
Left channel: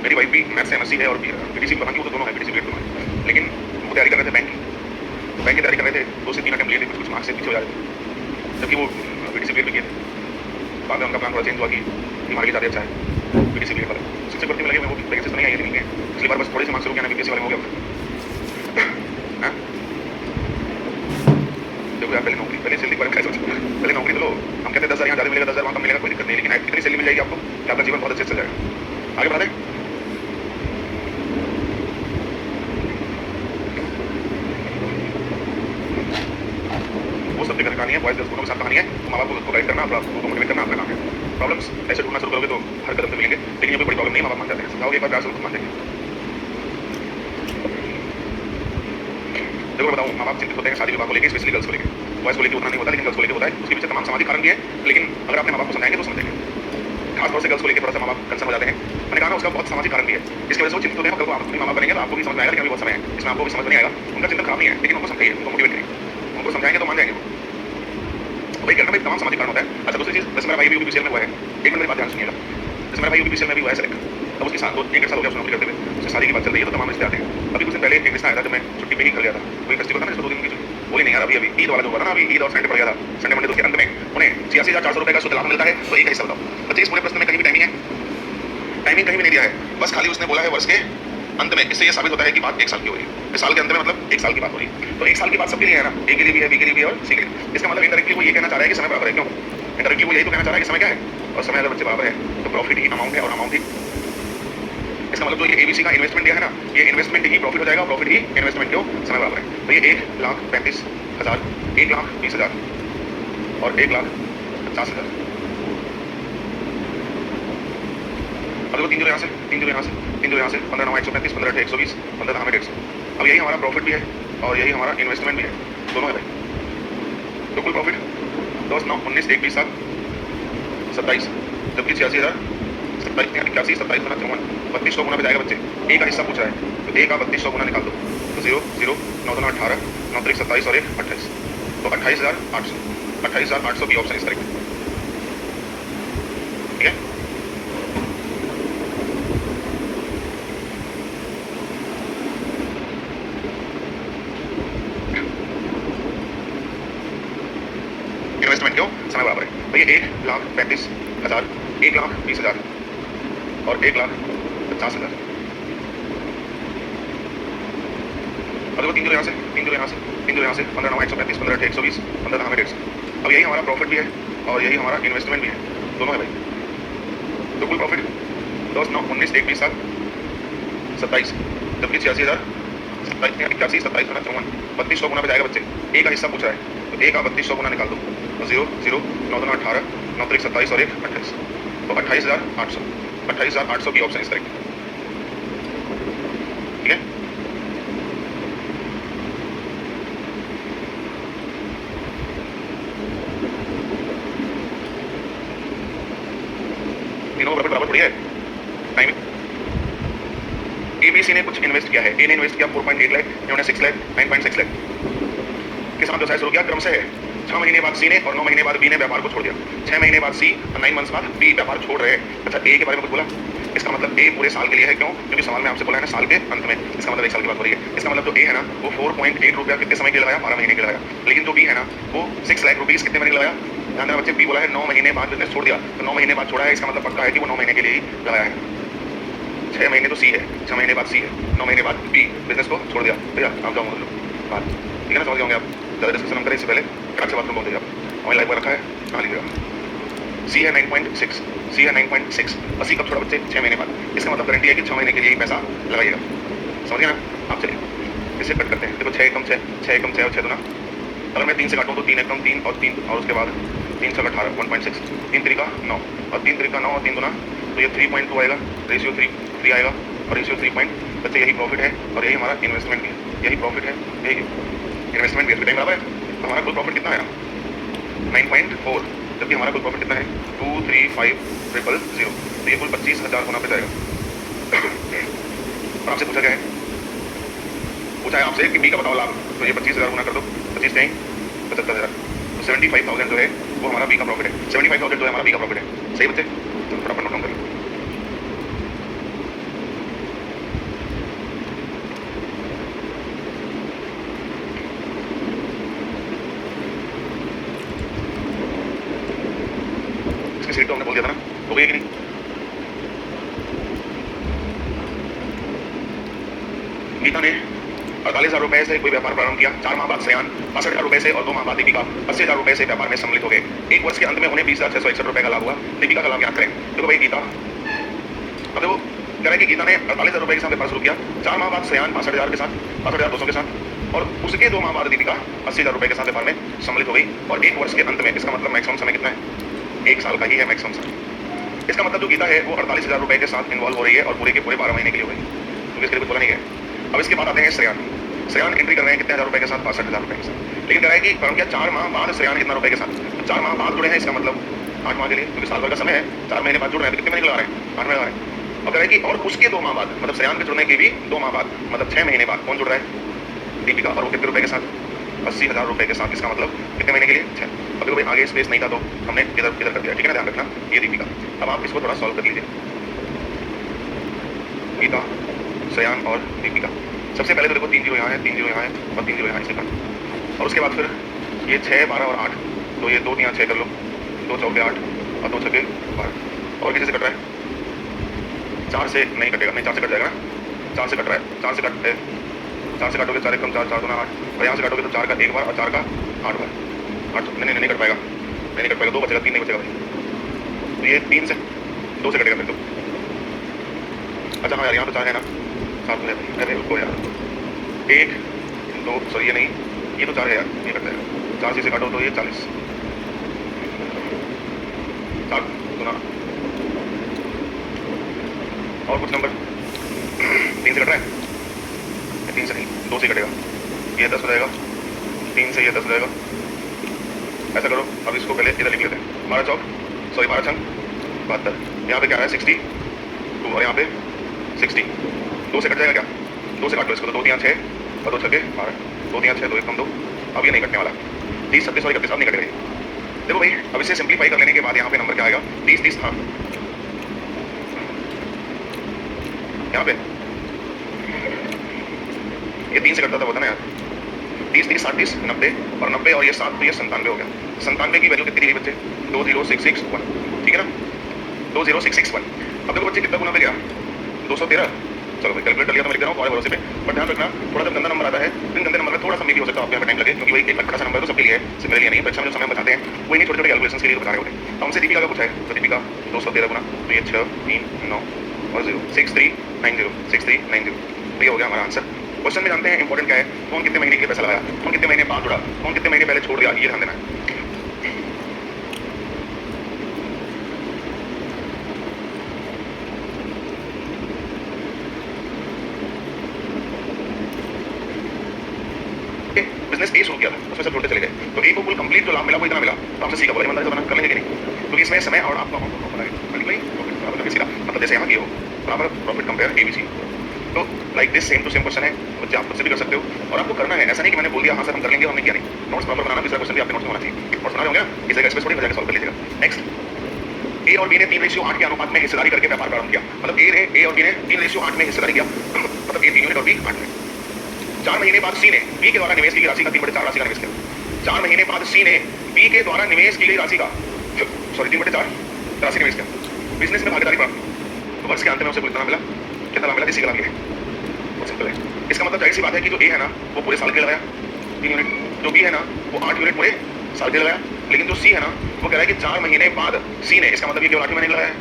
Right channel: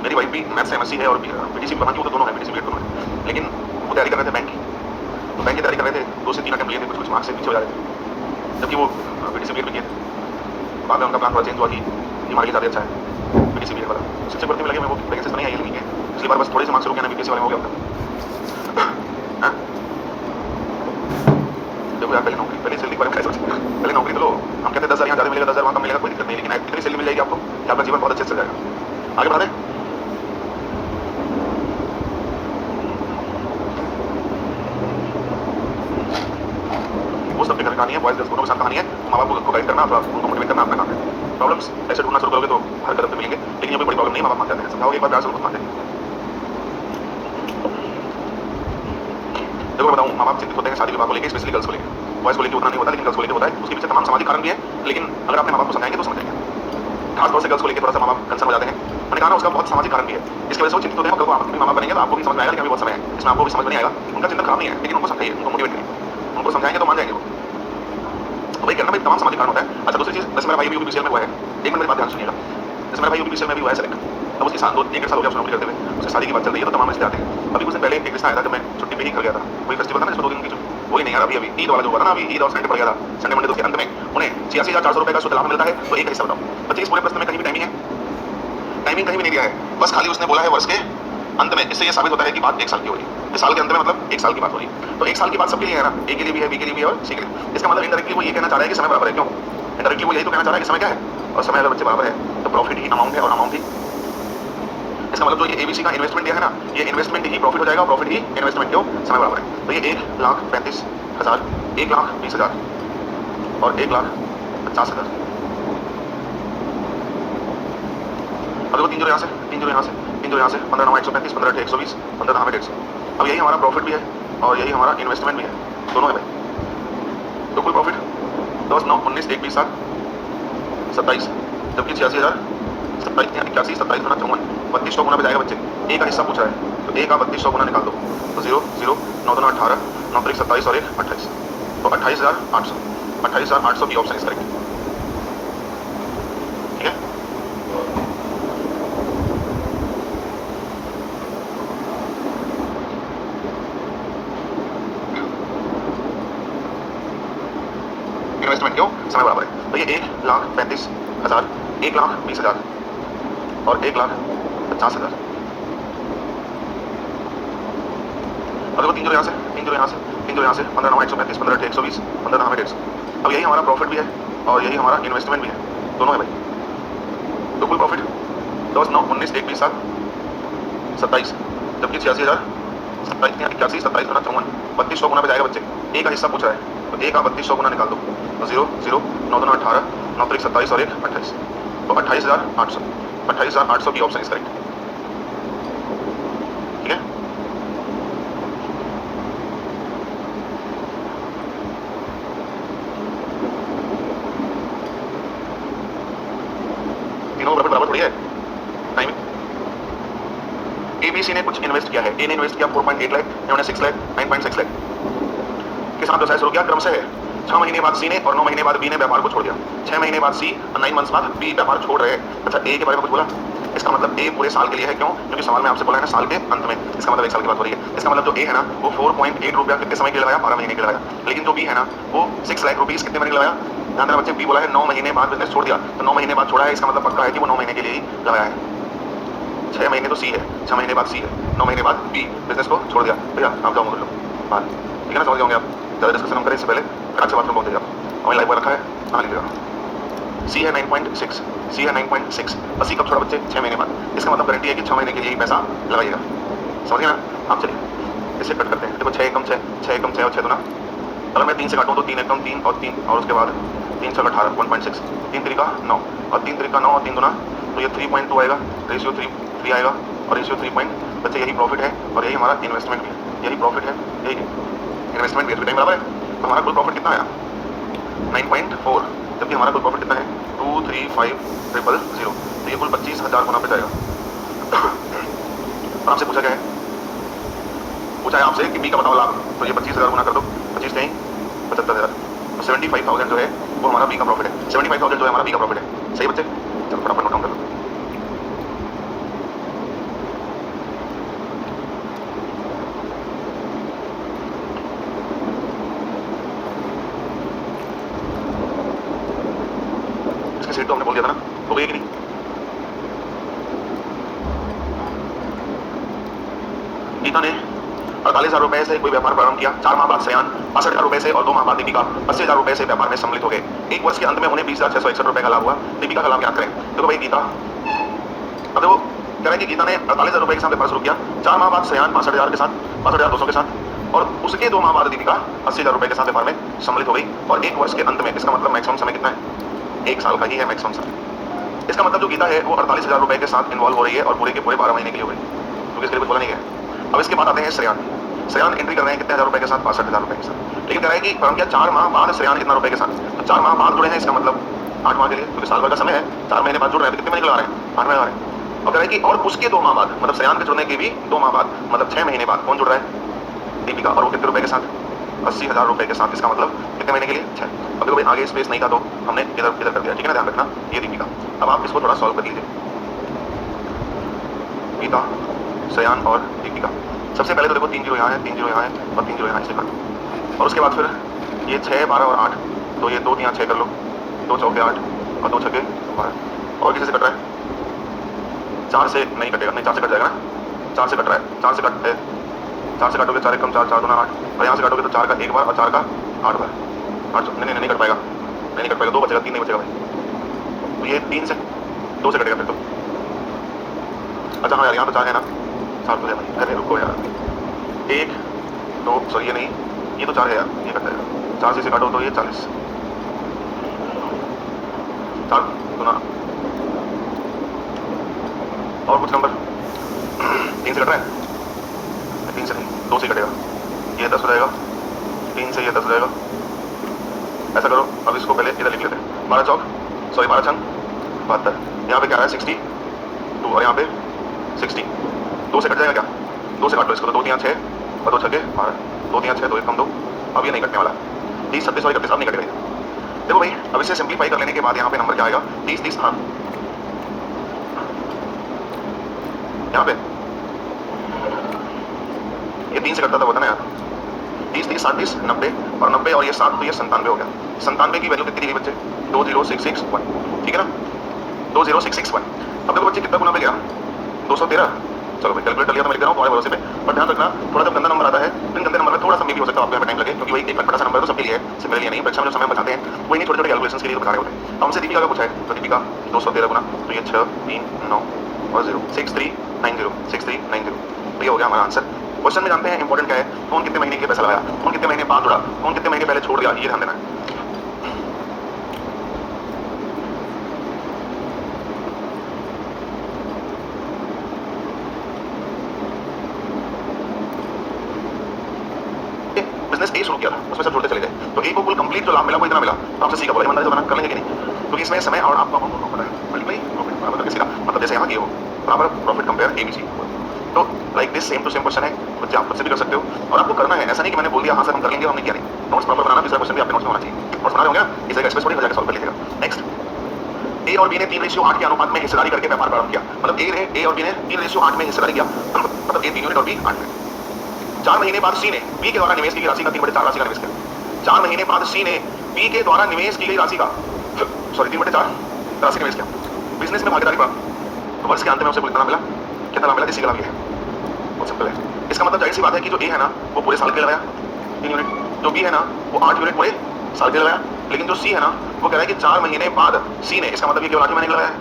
मेरी वाइफ भी मैथ से एमएससी है और बीटीसी बना की, वो तो दोनों है, बीटीसी बीएड दोनों है, लेकिन वो तैयारी कर रहे थे बैंक की, तो बैंक की तैयारी कर रहे थे, 2 से 3 अटेम्प्ट लिए थे, कुछ मार्क्स से पीछे हो जा रहे थे, जबकि वो बीटीसी बीएड भी किए थे। बाद में उनका प्लान थोड़ा चेंज हुआ कि ये मार्केट ज़्यादा अच्छा है बीटीसी बीएड वाला। शिक्षक भर्ती में लगे, मैं वो वैकेंसी नहीं आई है, लेकिन पिछली बार बस थोड़े से मार्क्स रुक गया ना, बीपीएससी वाले में हो गया। देखो यार, पहले नौकरी, पहले सैलरी के बारे में क्या सोचो, पहले नौकरी तो लो। हम कहते हैं 10,000 यहाँ ज़्यादा मिलेगा, 10,000 वहाँ कम मिलेगा, कोई दिक्कत नहीं, लेकिन इतनी सैलरी मिल जाएगी आपको कि आपका जीवन बहुत अच्छे से चल जाएगा। आगे बढ़ा दें। वो सब देखने कहानी है, बॉयज गर्ल्स दोनों के साथ कहानी है। माँ बाप को गाइड करना, उनको मोटिवेट करना अपना काम है। प्रॉब्लम्स ऐसे ढूंढना शुरू करोगे तो हर कदम पे मिलेंगे, लेकिन ये कोई बड़ी प्रॉब्लम नहीं, माँ बाप मान जाते हैं, समझाओगे एक बार प्यार से उनको मान जाएंगे। देखो मैं बताऊँ, माँ बाप चिंतित होते हैं शादी विवाह को लेकर, स्पेशली गर्ल्स को लेकर। बॉयज को लेकर उतना नहीं होता, लेकिन गर्ल्स को लेकर होता है। उसके पीछे तमाम सामाजिक कारण भी है, लेकिन अगर आपने माँ बाप को समझाएंगे तो समझेंगे। खासतौर से गर्ल्स को लेकर थोड़ा सा माँ बाप कंसर्न हो जाते हैं, मैंने कहा ना उसका बहुत सामाजिक कारण भी है, इसकी वजह से वो चिंतित होते हैं। कल को आप भी माँ बाप बनेंगे तो आपको भी समझ में आएगा, लेकिन अभी बहुत समय है, इसमें आपको भी समझ में नहीं आएगा। उनका चिंतन खराब नहीं है, लेकिन उनको समझाइए, उनको मोटिवेट करिए, उनको समझाएंगे तो मान जाएंगे वो। वही करना भाई, तमाम सामाजिक कारण होता है। अच्छा दूसरी चीज़, जैसे मेरा भाई भी यूपीसीएल में हुआ है, एक मिनट मेरी बात ध्यान सुनिएगा। जैसे मेरा भाई यूपीसीएल में भी हुआ है सेलेक्ट, अब उसके साथ 1-1.5 साल हो गया उसने नौकरी करते हुए, उसकी शादी की बात चल रही है, तो तमाम रिश्ते आते हैं। अभी कुछ दिन पहले एक रिश्ता आया था, जब मैं छुट्टी पे ही घर गया था, वही फेस्टिवल था ना, इसमें 2 दिन की बोली नहीं यार, अभी ईद वाला जो हुआ था ना, अभी ईद और संडे पड़ गया था, संडे मंडे, तो उसके अंत में उन्हें 86,400 रुपये का शुद्ध लाभ मिलता है। तो एक हिस्सा बताओ, बच्चे इस पूरे प्रश्न में कहीं भी टाइमिंग है, टाइमिंग कहीं भी नहीं दिया है, बस खाली उसने बोला है वर्ष के अंत में। इससे ये साबित होता है कि बात 1 साल की हो रही है, इस साल के अंत में मतलब 1 साल की बात हो रही है। तो 1 साल की बात सबके लिए है ना, ए के लिए भी है, बी के लिए भी है और सी के लिए। इसका मतलब इनडायरेक्टली वो ये कहना चाह रहा है कि समय बराबर है। क्यों इनडायरेक्टली वो यही तो कहना चाह रहा है कि समय क्या है, और समय अगर बच्चे बराबर है तो प्रॉफिट ही अमाउंट है और अमाउंट ही। इसका मतलब जो ये एबीसी का इन्वेस्टमेंट दिया है ना, ये इन्वेस्टमेंट ही प्रॉफिट हो जाएगा, प्रॉफिट ही इन्वेस्टमेंट। क्यों, समय बराबर है। तो ये 1,35,000, 1,20,000 और 1,50,000। अब देखो 3 जोड़े यहाँ से, 3 जोड़े यहाँ से, 3 जोड़े यहाँ से, 15 9 135, 15 8 120, 15 10 150। अब यही हमारा प्रॉफिट भी है और यही हमारा इन्वेस्टमेंट भी है, दोनों है भाई। तो कुल प्रॉफिट 10 9 19 1 20 7 27, जबकि 86,000 27 81 27 गुना 54, 3200 गुना पे जाएगा बच्चे। ए का हिस्सा पूछ रहा है, तो ए का 3200 गुना निकाल दो, तो 0 0 9 2 18 9 3 27 और 1 28, तो 28,800, 28,800 बी ऑप्शन इज करेक्ट। ठीक है, ये 1,35,000, 1,20,000 और 1,50,000। और देखो 3 जीरो यहाँ से, 3 जीरो यहाँ से, 3 जीरो यहाँ से, 15 9 135, 15 8 120, 15 10 150। अब यही हमारा प्रॉफिट भी है और यही हमारा इन्वेस्टमेंट भी है, दोनों है भाई। तो कुल प्रॉफिट 10 9 19 1 20 7 27, जबकि 86,000 81 27 गुना 54, 3200 गुना पे जाएगा बच्चे। ए का हिस्सा पूछ रहा है तो ए का 3200 गुना निकाल दो, तो 0 0 9 2 18 9 3 27 और 1 28, तो 28,800, 28,800 की ऑप्शन इज करेक्ट। ठीक है, तीनों प्रॉफिट बराबर थोड़ी है। टाइमिंग एबीसी ने कुछ इन्वेस्ट किया है, ए ने इन्वेस्ट किया 4.8 लाख, इन्होंने 6 लाख 9.6 लाख के साथ व्यवसाय शुरू किया। क्रम से है 6 महीने बाद सी ने और 9 महीने बाद बी ने व्यापार को छोड़ दिया। 6 महीने बाद सी और 9 मंथ्स बाद बी व्यापार छोड़ रहे हैं। अच्छा, ए के बारे में कुछ बोला? इसका मतलब ए पूरे साल के लिए है। क्यों? क्योंकि सवाल में आपसे बोला है ना साल के अंत में, इसका मतलब 1 साल की बात हो रही है। इसका मतलब जो ए है ना वो 4.8 रुपया कितने समय के लिए लगाया? 12 महीने के लिए लगाया। लेकिन जो बी है ना वो 6 लाख रुपीज कितने महीने लगाया? ध्यान देना बच्चे, बी बोला है 9 महीने बाद बिजनेस छोड़ दिया, तो 9 महीने बाद छोड़ा है, इसका मतलब पक्का है कि वो 9 महीने के लिए ही लगाया है। 6 महीने तो सी है, 6 महीने बाद सी है, 9 महीने बाद बी बिजनेस को छोड़ दिया। भैया आप जाओ बोल लो बात, ठीक है ना? समझ गए होंगे आप। ज़्यादा डिस्कशन हम करें इससे पहले फटाक से बात में बोल दीजिए आप। हमें लाइव रखा है, कहाँ लिखिएगा? सी है 9.6, सी है 9.6, और सी कब छोड़ा बच्चे? 6 महीने बाद। इसका मतलब गारंटी है कि 6 महीने के लिए ही पैसा लगाइएगा। समझिए ना आप? चलिए इसे कट करते हैं। देखो 6 एकम 6, 6 एकम 6 और 6 दूना, अगर मैं 3 से काटूँ तो 3 एकम 3 और 3 और उसके बाद 3 से 18 1.6, 3 3 का 9 और 3 3 का 9 और 3 दूना, तो ये 3.2 आएगा, रेशियो 3 आएगा और रेशियो 3 पॉइंट। बच्चे यही प्रॉफिट है और यही हमारा इन्वेस्टमेंट भी है। यही प्रॉफिट है, यही इन्वेस्टमेंट भी है। टाइम बराबर है। तो हमारा कुल प्रॉफिट कितना आया? 9.4, जबकि हमारा कुल प्रॉफिट कितना है? 235,000। तो ये कुल 25,000 गुना पे जाएगा। और आपसे पूछा क्या है? पूछा है आपसे कि बी का बताओ लाभ, तो ये 25,000 गुना कर दो, 25 से 75,000, तो 75,000 जो है वो हमारा बी का प्रॉफिट है। 75,000 जो है हमारा बी का प्रॉफिट है। सही बच्चे? चलो फटाफट नोट डाउन कर लो। इसकी सीट तो हमने बोल दिया था ना, हो गई कि नहीं? गीता ने 48,000 रुपए से कोई व्यापार प्रारंभ किया। 4 माह बाद श्रेयान 62,000 रुपए से और 2 माह बाद दीपिका 80,000 रुपए से व्यापार में सम्मिलित हो गए। 1 वर्ष के अंत में उन्हें 20,661 रुपए का लाभ हुआ। दीपिका का लाभ याद करें। देखो भाई गीता, अब वो कह रहा है कि गीता ने 48,000 रुपए के साथ व्यापार शुरू किया। 4 माह बाद श्रेयान 65,000 के साथ, 65,200 के साथ, और उसके 2 माह बाद दीपिका 80,000 रुपए के साथ व्यापार में सम्मिलित हो गई। और 1 वर्ष के अंत में, इसका मतलब मैक्सिमम समय कितना है? 1 साल का ही है मैक्सिमम समय। इसका मतलब जो गीता है वो 48,000 रुपए के साथ इन्वॉल्व हो रही है और पूरे के पूरे 12 महीने के लिए हो रही है, क्योंकि इसके लिए कुछ बोला नहीं है। अब इसके बाद आते हैं श्रेयान। श्रेयान एंट्री कर रहे हैं कितने हजार रुपए के साथ? 62,000 रुपए के साथ। लेकिन कह रहा है कि क्या 4 माह बाद श्रेयान कितना रुपए के साथ? तो 4 माह बाद जुड़े हैं, इसका मतलब 8 माह के लिए, क्योंकि साल भर का समय है। 4 महीने बाद जुड़ रहे हैं तो कितने महीने लगा रहे हैं? 8 महीने लगा रहे हैं। और कह रहा है कि और उसके 2 माह बाद, मतलब श्रेयान के जुड़ने के भी 2 माह बाद, मतलब 6 महीने बाद कौन जुड़ रहा है? दीपिका। और वो कितने रुपए के साथ? 80,000 रुपए के साथ। इसका मतलब कितने महीने के लिए? 6। अब देखो भाई आगे स्पेस नहीं था तो हमने इधर इधर कर दिया, ठीक है ना? ध्यान रखना ये दीपिका। अब आप इसको थोड़ा सॉल्व कर लीजिए। गीता, श्रेयान और दीपिका। सबसे पहले तो देखो 3 जीरो यहाँ है, 3 जीरो यहाँ है और 3 जीरो यहाँ, इसे कर दो। और उसके बाद फिर ये 6 12 और 8, तो ये 2 3 6 कर लो, 2 चौके 8 और 2 छक्के 12। और किसी से कट रहा है? 4 से नहीं कटेगा, नहीं 4 से कट जाएगा ना, 4 से कट रहा है, 4 से कट 4 से काटोगे 4 एकम 4, 4 दूना 8, और यहाँ से काटोगे तो 4 का 1 बार और 4 का 8 बार। 8 नहीं कट पाएगा, नहीं कट पाएगा, 2 बचेगा, 3 नहीं बचेगा भाई। तो ये 3 से 2 से कटेगा फिर तो। अच्छा हाँ यार, यहाँ तो 4 है ना, 4 तो है भाई। अरे रुको यार, 1 2 सॉरी ये नहीं, ये तो 4 है यार, ये कट जाएगा। 4 से काटो तो ये 40, 4 दूना और कुछ नंबर 3 से कट रहा है, 3 से नहीं 2 से कटेगा, ये 10 हो जाएगा, 3 से ये 10 हो जाएगा। ऐसा करो, अब इसको पहले इधर लिख लेते हैं। 12 चौक सॉरी 12 छंग 72, यहाँ पे क्या है 62 और यहाँ पे 60। 2 से कट जाएगा क्या? 2 से काट लो इसको, तो 2 3 6 और 2 छक्के 12, 2 3 6 2 1 कम 2। अब ये नहीं कटने वाला, 30 36 और 31 अब नहीं कटेगा ये। देखो भाई अब इसे सिंप्लीफाई कर लेने के बाद यहाँ पे नंबर क्या आएगा? 30 30 हाँ यहाँ पे ये 3 से कटता था, होता ना यार, 30, 60, 90 और 90 और ये 7 तो ये 97 हो गया। 97 की वैल्यू कितनी दी बच्चे? 20661, ठीक है ना, 20661। अब देखो बच्चे कितना गुना में गया? 213। चलो मैं कैलकुलेट कर लिया तो मैं लिख रहा हूँ तुम्हारे भरोसे पे, पर ध्यान रखना थोड़ा सा गंदा नंबर आता है, फिर गंदे नंबर में थोड़ा सा मे भी हो सकता है आपको यहाँ पे टाइम लगे, क्योंकि वही एक बड़ा सा नंबर है तो सबके लिए है, सिर्फ मेरे लिए नहीं है। परीक्षा में जो समय बचाते हैं वही नहीं, छोटे छोटे कैलकुलेशन के लिए बता रहे होते हैं। अब हमसे दीपिका का पूछा है, तो दीपिका 213 गुना तो ये 6, 3, 9 और 0, 6390, 6390, तो ये हो गया हमारा आंसर। क्वेश्चन में जानते हैं इंपॉर्टेंट क्या है, कौन कितने महीने के लिए पैसा लगाया, कौन कितने महीने बाद जुड़ा, कौन कितने महीने पहले छोड़ दिया, ये ध्यान देना है। बिजनेस ए शुरू किया था, उसमें सब जोड़ते चले गए, तो ए को कुल कंप्लीट जो लाभ मिला वो इतना मिला, तो आपसे सी का बोला ईमानदारी से बना कर लेंगे कि नहीं, क्योंकि इसमें समय और आपका अमाउंट दोनों पता है, मल्टीप्लाई प्रॉफिट बराबर करके सीधा, मतलब जैसे यहाँ ये हो बराबर प्रॉफिट कंपेयर एबीसी। तो like this same to same question है, बच्चे आप खुद से भी कर सकते हो और आपको करना है, ऐसा नहीं कि मैंने बोल दिया हाँ सर हम कर लेंगे, हमने किया नहीं। नोट्स प्रॉपर बनाना, दूसरा क्वेश्चन भी आपके नोट्स में होना चाहिए, नोट्स बना होंगे इस जगह एक्सप्रेस थोड़ी हो जाएगा, सॉल्व कर लीजिएगा। नेक्स्ट, ए और बी ने 3:8 के अनुपात में हिस्सेदारी करके व्यापार प्रारंभ किया, मतलब ए और बी ने 3:8 में हिस्सेदारी किया, मतलब ए 3 यूनिट और बी 8 यूनिट। 4 महीने बाद सी ने बी के द्वारा निवेश की गई राशि का 3/4 राशि का निवेश किया। 4 महीने बाद सी ने बी के द्वारा निवेश की गई राशि का 3/4 राशि निवेश किया। बिजनेस में भागीदारी बढ़ा, तो वर्ष के अंत में उसे कितना मिला, कितना मिला, इसी का लाभ है, बहुत सिंपल है। इसका मतलब जाहिर सी बात है कि जो ए है ना वो पूरे साल के लिए लगाया 3 यूनिट, जो बी है ना वो 8 यूनिट पूरे साल के लिए लगाया, लेकिन जो सी है ना वो कह रहा है कि 4 महीने बाद सी ने, इसका मतलब ये केवल 8 महीने का लगाया,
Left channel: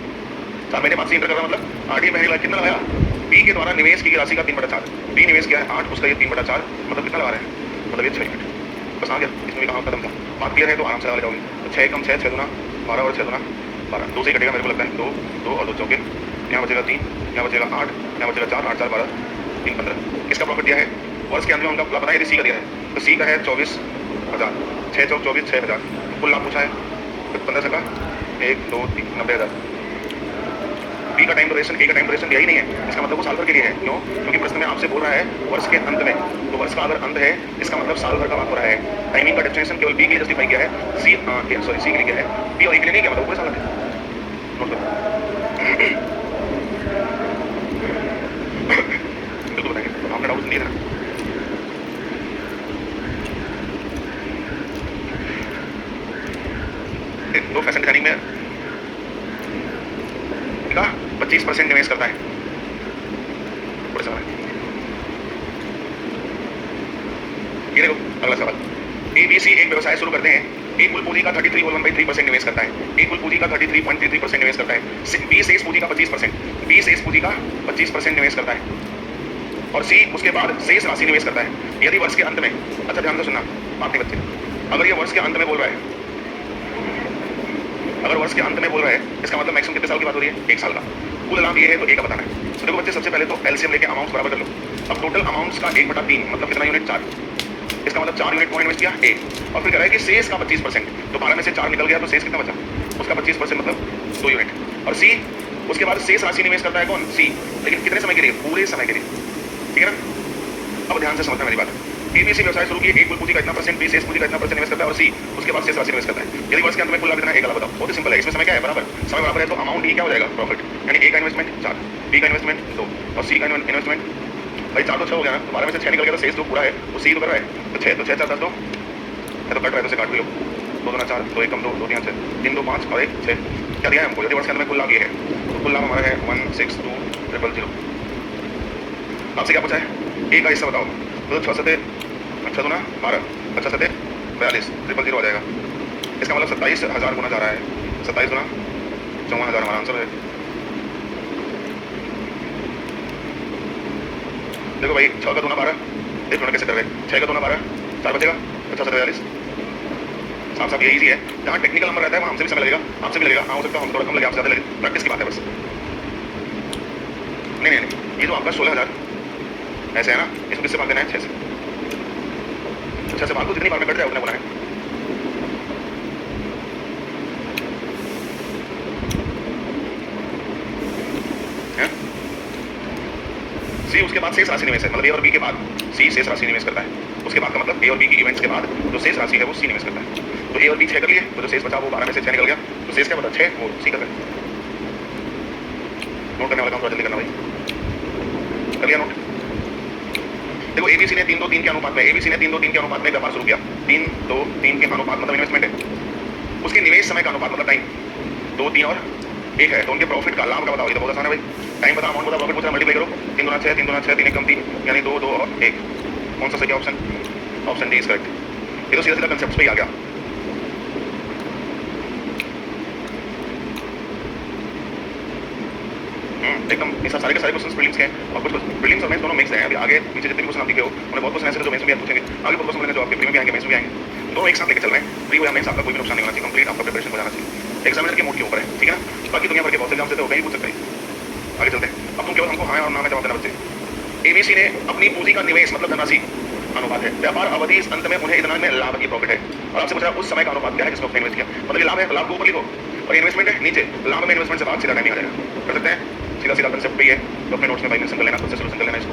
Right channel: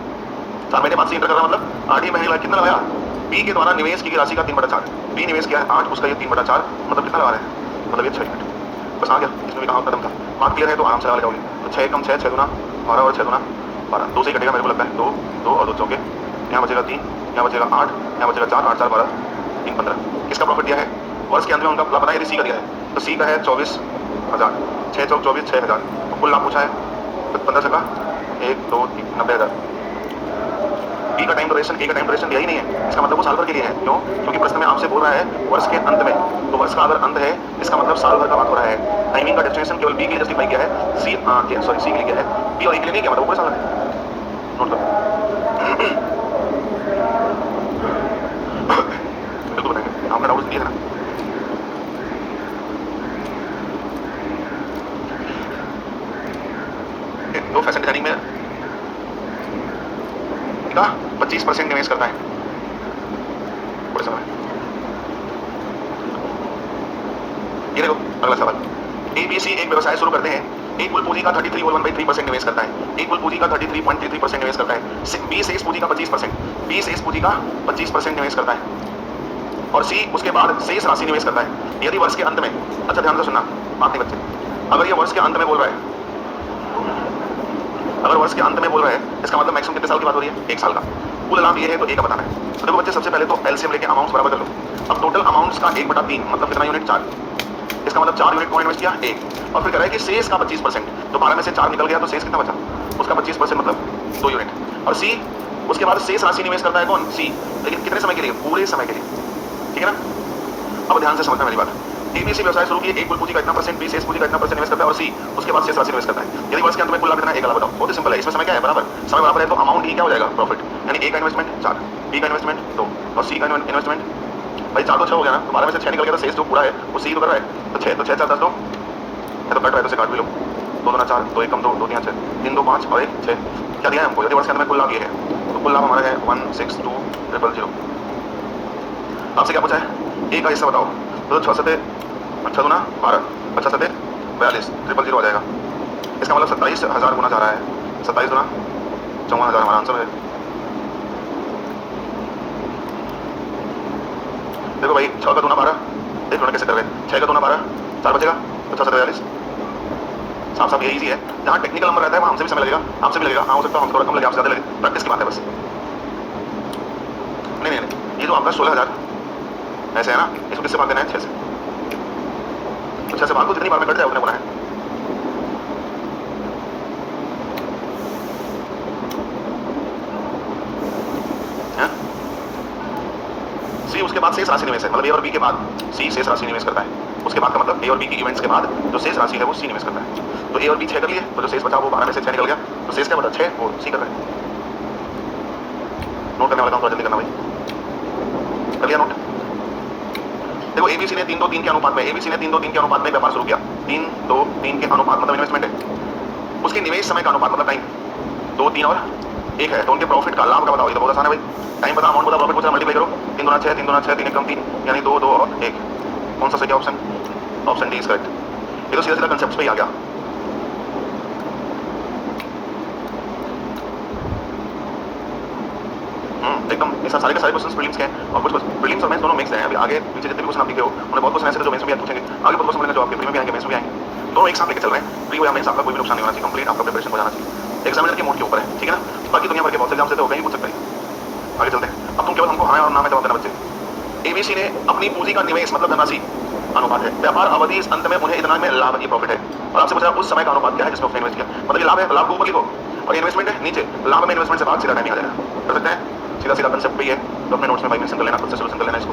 4 महीने बाद सी इंटर कर रहा है, मतलब 8 ही महीने कितना लगाया, बी के द्वारा निवेश की गई राशि का 3/4, बी निवेश किया है 8, उसका ये 3/4, मतलब कितना लगा रहे हैं, मतलब ये 6 यूनिट। बस आ गया, इसमें भी कहा कदम का बात क्लियर है तो आराम से लगा जाओगे। तो 6 कम 6, 6 दूना 12 और 6 दूना 12, 2 से कटेगा मेरे को लगता है, 2 2 और 2 चौके, यहाँ बचेगा 3, यहाँ बचेगा 8, यहाँ बचेगा 4, 8 4 12, 3 15। किसका प्रॉफिट दिया है वर्ष के अंत में, उनका लाभ बताया, सी का दिया है, तो सी का है 24,000, 6 चौक 24, 6,000, तो कुल लाभ पूछा है 15 का 1 2 3 90,000। बी का टाइम ड्यूरेशन, ए का टाइम ड्यूरेशन दिया ही नहीं है, इसका मतलब वो साल भर के लिए है। क्यों? क्योंकि प्रश्न में आपसे बोल रहा है वर्ष के अंत में, तो वर्ष का अगर अंत है इसका मतलब साल भर का बात हो रहा है। टाइमिंग का डेफिनेशन केवल बी के लिए जस्टिफाई किया है, सी के लिए किया है, बी और ए के लिए नहीं किया, मतलब पूरे साल का। नोट करो, बिल्कुल बताएंगे, आपका डाउट नहीं है ना। तो फैशन डिजाइनिंग में 25% निवेश करता है पूरे समय। ये देखो अगला सवाल, एबीसी एक व्यवसाय शुरू करते हैं, ए कुल पूंजी का 33.13% निवेश करता है, ए कुल पूंजी का 33.33% निवेश करता है, बी शेष पूंजी का 25%, बी शेष पूंजी का 25% निवेश करता है और सी उसके बाद शेष राशि निवेश करता है। यदि वर्ष के अंत में, अच्छा ध्यान से सुनना बात नहीं बच्चे, अगर ये वर्ष के अंत में बोल रहा है, अगर वर्ष के अंत में बोल रहा है इसका मतलब मैक्सिमम कितने साल की बात हो रही है, 1 साल का। कुल लाभ ये है तो ए का बताना है। तो देखो बच्चे सबसे पहले तो एलसीएम लेके अमाउंट बराबर कर लो। अब टोटल अमाउंट्स का 1/3 मतलब कितना यूनिट, 4, इसका मतलब 4 यूनिट को इन्वेस्ट किया ए, और फिर कह रहा है कि शेष का 25%, तो 12 में से 4 निकल गया तो शेष कितना बचा, उसका 25% मतलब 2 यूनिट। और सी उसके बाद शेष राशि निवेश करता है कौन, सी, लेकिन कितने समय के लिए, पूरे समय के लिए, ठीक है ना। अब ध्यान से समझना मेरी बात, एबीसी व्यवसाय शुरू किए, ए कुल पूंजी का इतना परसेंट, बी शेष पूंजी का इतना परसेंट निवेश करता है और सी उसके बाद शेष राशि निवेश करता है। यदि वर्ष के अंत में कुल लाभ कितना है, 1 लाख बताओ, बहुत ही सिंपल है। इसमें समय क्या है, बराबर, समय बराबर है तो अमाउंट ही क्या हो जाएगा, प्रॉफिट, यानी ए का इन्वेस्टमेंट 4, बी का इन्वेस्टमेंट 2 और सी का इन्वेस्टमेंट, भाई 4 तो 6 हो गया ना, तो 12 में से 6 निकल गया तो शेष जो पूरा है वो सी तो कर रहा है, तो 6 तो 6 4 10 2, या तो कट रहा है तो से काट भी लो, 2 2 4, 2 1 कम 2 2 3 6, 3 2 5 और 1 6, क्या दिया है हमको। यदि वर्ष के अंत में कुल लाभ ये है तो कुल लाभ हमारा है 162,000। आपसे क्या पूछा है, ए का हिस्सा बताओ, तो 6 7 अच्छा दूना 12, अच्छा 7 42, 000 हो जाएगा। इसका मतलब 27,000 गुना जा रहा है, 27 गुना 54,000 हमारा आंसर है। देखो भाई 6 का दूना 12, एक कैसे कर रहे, 6 का दूना 12, 4 बचेगा, 50 42, साफ साफ ये इजी है। जहाँ टेक्निकल नंबर रहता है वहाँ हमसे भी समय लगेगा, आपसे भी लगेगा, हाँ हो सकता है हम थोड़ा कम लगे, आपसे ज़्यादा लगे, प्रैक्टिस की बात है बस। नहीं नहीं नहीं, ये तो आपका 16,000 ऐसे है ना, इसको किससे भाग देना है, 6 से, तो 6 से भाग को जितनी बार में कट जाए उतने बोला है। सी उसके बाद शेष राशि निवेश है, मतलब ए और बी के बाद सी शेष राशि निवेश करता है, उसके बाद का मतलब ए और बी की इवेंट्स के बाद जो शेष राशि है वो सी निवेश करता है। तो ए और बी 6 कर लिए, तो जो शेष बचा वो 12 में से 6 निकल गया, तो शेष क्या बचा 6, वो सी कर रहा है। नोट करने वाला काम थोड़ा जल्दी करना भाई, कर लिया नोट। देखो एबीसी ने 3-2-3 के अनुपात में, एबीसी ने 3-2-3 के अनुपात में व्यापार शुरू किया, 3-2-3 के अनुपात मतलब इन्वेस्टमेंट है, उसके निवेश समय का अनुपात मतलब टाइम 2-3 और 1 है, तो उनके प्रॉफिट का लाभ का बताओ। ये तो बहुत आसान है भाई, टाइम बता, अमाउंट बता, प्रॉफिट पूछा, मल्टीप्लाई करो, 3 दूना 6, 3 दूना 6, 3 एक कम 3, यानी 2 2 और 1। कौन सा सही option? Option D is correct. ये तो सीधा सीधा कंसेप्ट पे ही आ गया। एकदम ये सारे के सारे क्वेश्चंस प्रीलिम्स के हैं और कुछ प्रीलिम्स और मेंस दोनों मिक्स हैं। अभी आगे पीछे जितने भी क्वेश्चन आप दिखे हो उन्हें बहुत क्वेश्चन ऐसे जो मेंस में भी पूछेंगे, आगे बहुत क्वेश्चन जो आपके प्री में भी आएंगे, मेंस में भी आएंगे, दोनों एक साथ लेके चल रहे हैं। प्री या मेंस आपका कोई भी नुकसान नहीं होना चाहिए, कंप्लीट आपका प्रिपरेशन हो जाना चाहिए, एग्जामिनर के मोड के ऊपर है, ठीक है ना। बाकी दुनिया भर के बहुत से एग्जाम से तो कहीं पूछ सकते हैं। आगे चलते हैं, अब तुम केवल हमको हाँ और ना में जवाब देना बच्चे। एबीसी ने अपनी पूंजी का निवेश मतलब धनराशि अनुपात है, व्यापार अवधि अंत में उन्हें इतना में लाभ की प्रॉफिट है, और आपसे पूछा उस समय का अनुपात क्या है जिसमें उसने इन्वेस्ट किया, मतलब ये लाभ है, लाभ को ऊपर लिखो और इन्वेस्टमेंट है नीचे, लाभ में इन्वेस्टमेंट से बाद सीधा टाइम आ जाएगा। कर सकते हैं, सीधा सीधा कंसेप्ट पे ही है, तो अपने नोट्स में भाई मेंशन कर लेना, खुद से सोल्यूशन कर लेना इसको।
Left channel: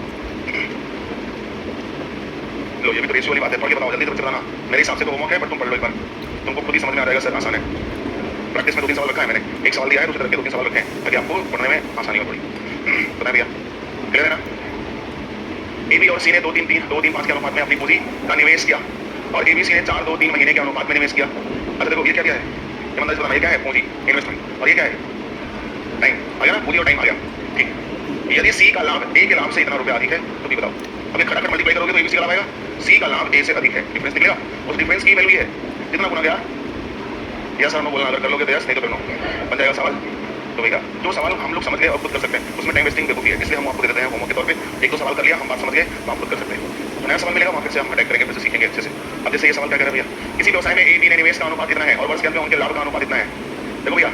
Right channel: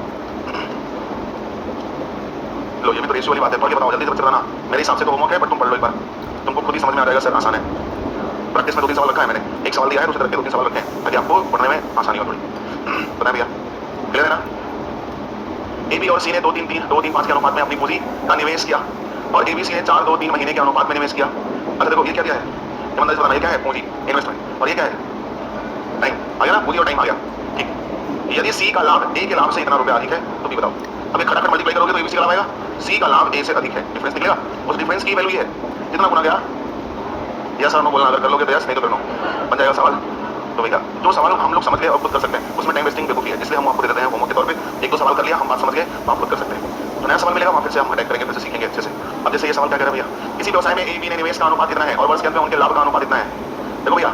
लो ये भी तो रेशियो वाली बात है, पढ़ के बताओ जल्दी से बच्चे बताना। मेरे हिसाब से तो होमवर्क है पर तुम पढ़ लो एक बार, तुमको खुद ही समझ में आ जाएगा सर, आसान है। प्रैक्टिस में 2-3 सवाल रखा है मैंने, एक सवाल दिया है दूसरे तरह के 2-3 सवाल रखे हैं ताकि आपको पढ़ने में आसानी हो थोड़ी। पता है भैया, क्लियर है ना। ए बी और सी ने 2-3-5 के अनुपात में अपनी पूंजी का निवेश किया और एबीसी ने 4-2-3 महीने के अनुपात में निवेश किया। अच्छा देखो ये क्या है, ईमानदारी से बताना, ये क्या है? पूंजी, इन्वेस्टमेंट, और ये क्या है? टाइम। आ गया ना, पूंजी और टाइम आ गया, ठीक। यदि सी का लाभ ए के लाभ से इतना रुपया अधिक है तो भी बताओ। अब ये खटाखट मल्टीप्लाई करोगे तो एबीसी का लाभ आएगा, सी का लाभ ए से अधिक है, डिफरेंस निकलेगा, उस डिफरेंस की वैल्यू है कितना गुना गया, यस और नो बोलना, अगर कर लोगे तो यस, नहीं तो फिर नो, बन जाएगा सवाल। तो भैया जो सवाल हम लोग समझ गए और खुद कर सकते हैं, उसमें टाइम वेस्टिंग बेवकूफी है, इसलिए हम आपको दे देते हैं होमवर्क के तौर पे। 1-2 सवाल कर लिया, हम बात समझ गए तो आप खुद कर सकते हैं, तो नया सवाल मिलेगा वहाँ फिर से हम अटैक करेंगे, फिर से सीखेंगे अच्छे से। अब जैसे ये सवाल क्या कह रहे हैं भैया, किसी व्यवसाय में ए बी ने निवेश का अनुपात इतना है और वर्ष के अंत में उनके लाभ का अनुपात इतना है। देखो भैया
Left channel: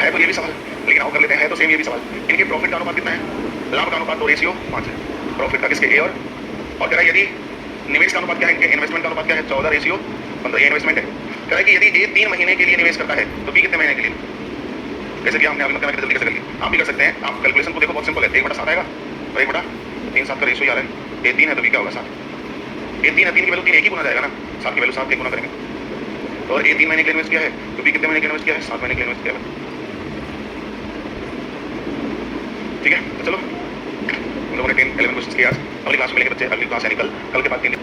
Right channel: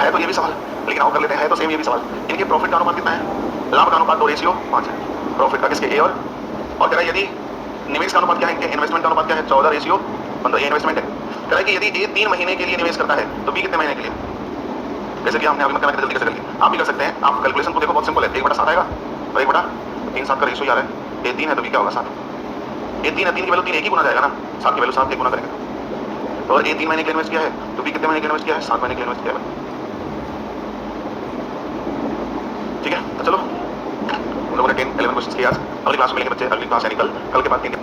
है तो ये भी सवाल, लेकिन आओ कर लेते हैं, है तो सेम ये भी सवाल। इनके प्रॉफिट का अनुपात कितना है, लाभ का अनुपात तो रेशियो 5 है, प्रॉफिट का किसके, ए और कह रहा है यदि निवेश का अनुपात क्या है, इनके इन्वेस्टमेंट का अनुपात क्या है, 14:15, ये इन्वेस्टमेंट है। कह रहा है कि यदि ए 3 महीने के लिए निवेश करता है तो बी कितने महीने के लिए, कैसे किया हमने, अभी मत करना जल्दी कैसे कर लिया, आप भी कर सकते हैं। आप कैलकुलेशन को देखो, बहुत सिंपल है, 1/7 आएगा और 1/3 का रेशियो यार है, ए 3 है तो बी क्या होगा 7, ए 3 है, 3 की वैल्यू 3 एक ही गुना जाएगा ना, 7 की वैल्यू 7 एक गुना करेंगे, और ए 3 महीने के लिए इन्वेस्ट किया है तो बी कितने महीने के लिए इन्वेस्ट किया है, 7 महीने के लिए इन्वेस्ट किया है, ठीक है। तो चलो हम लोगों ने 10-11 क्वेश्चन किए आज, अगली क्लास में मिलेंगे बच्चे, अगली क्लास यानी कल के बाद 3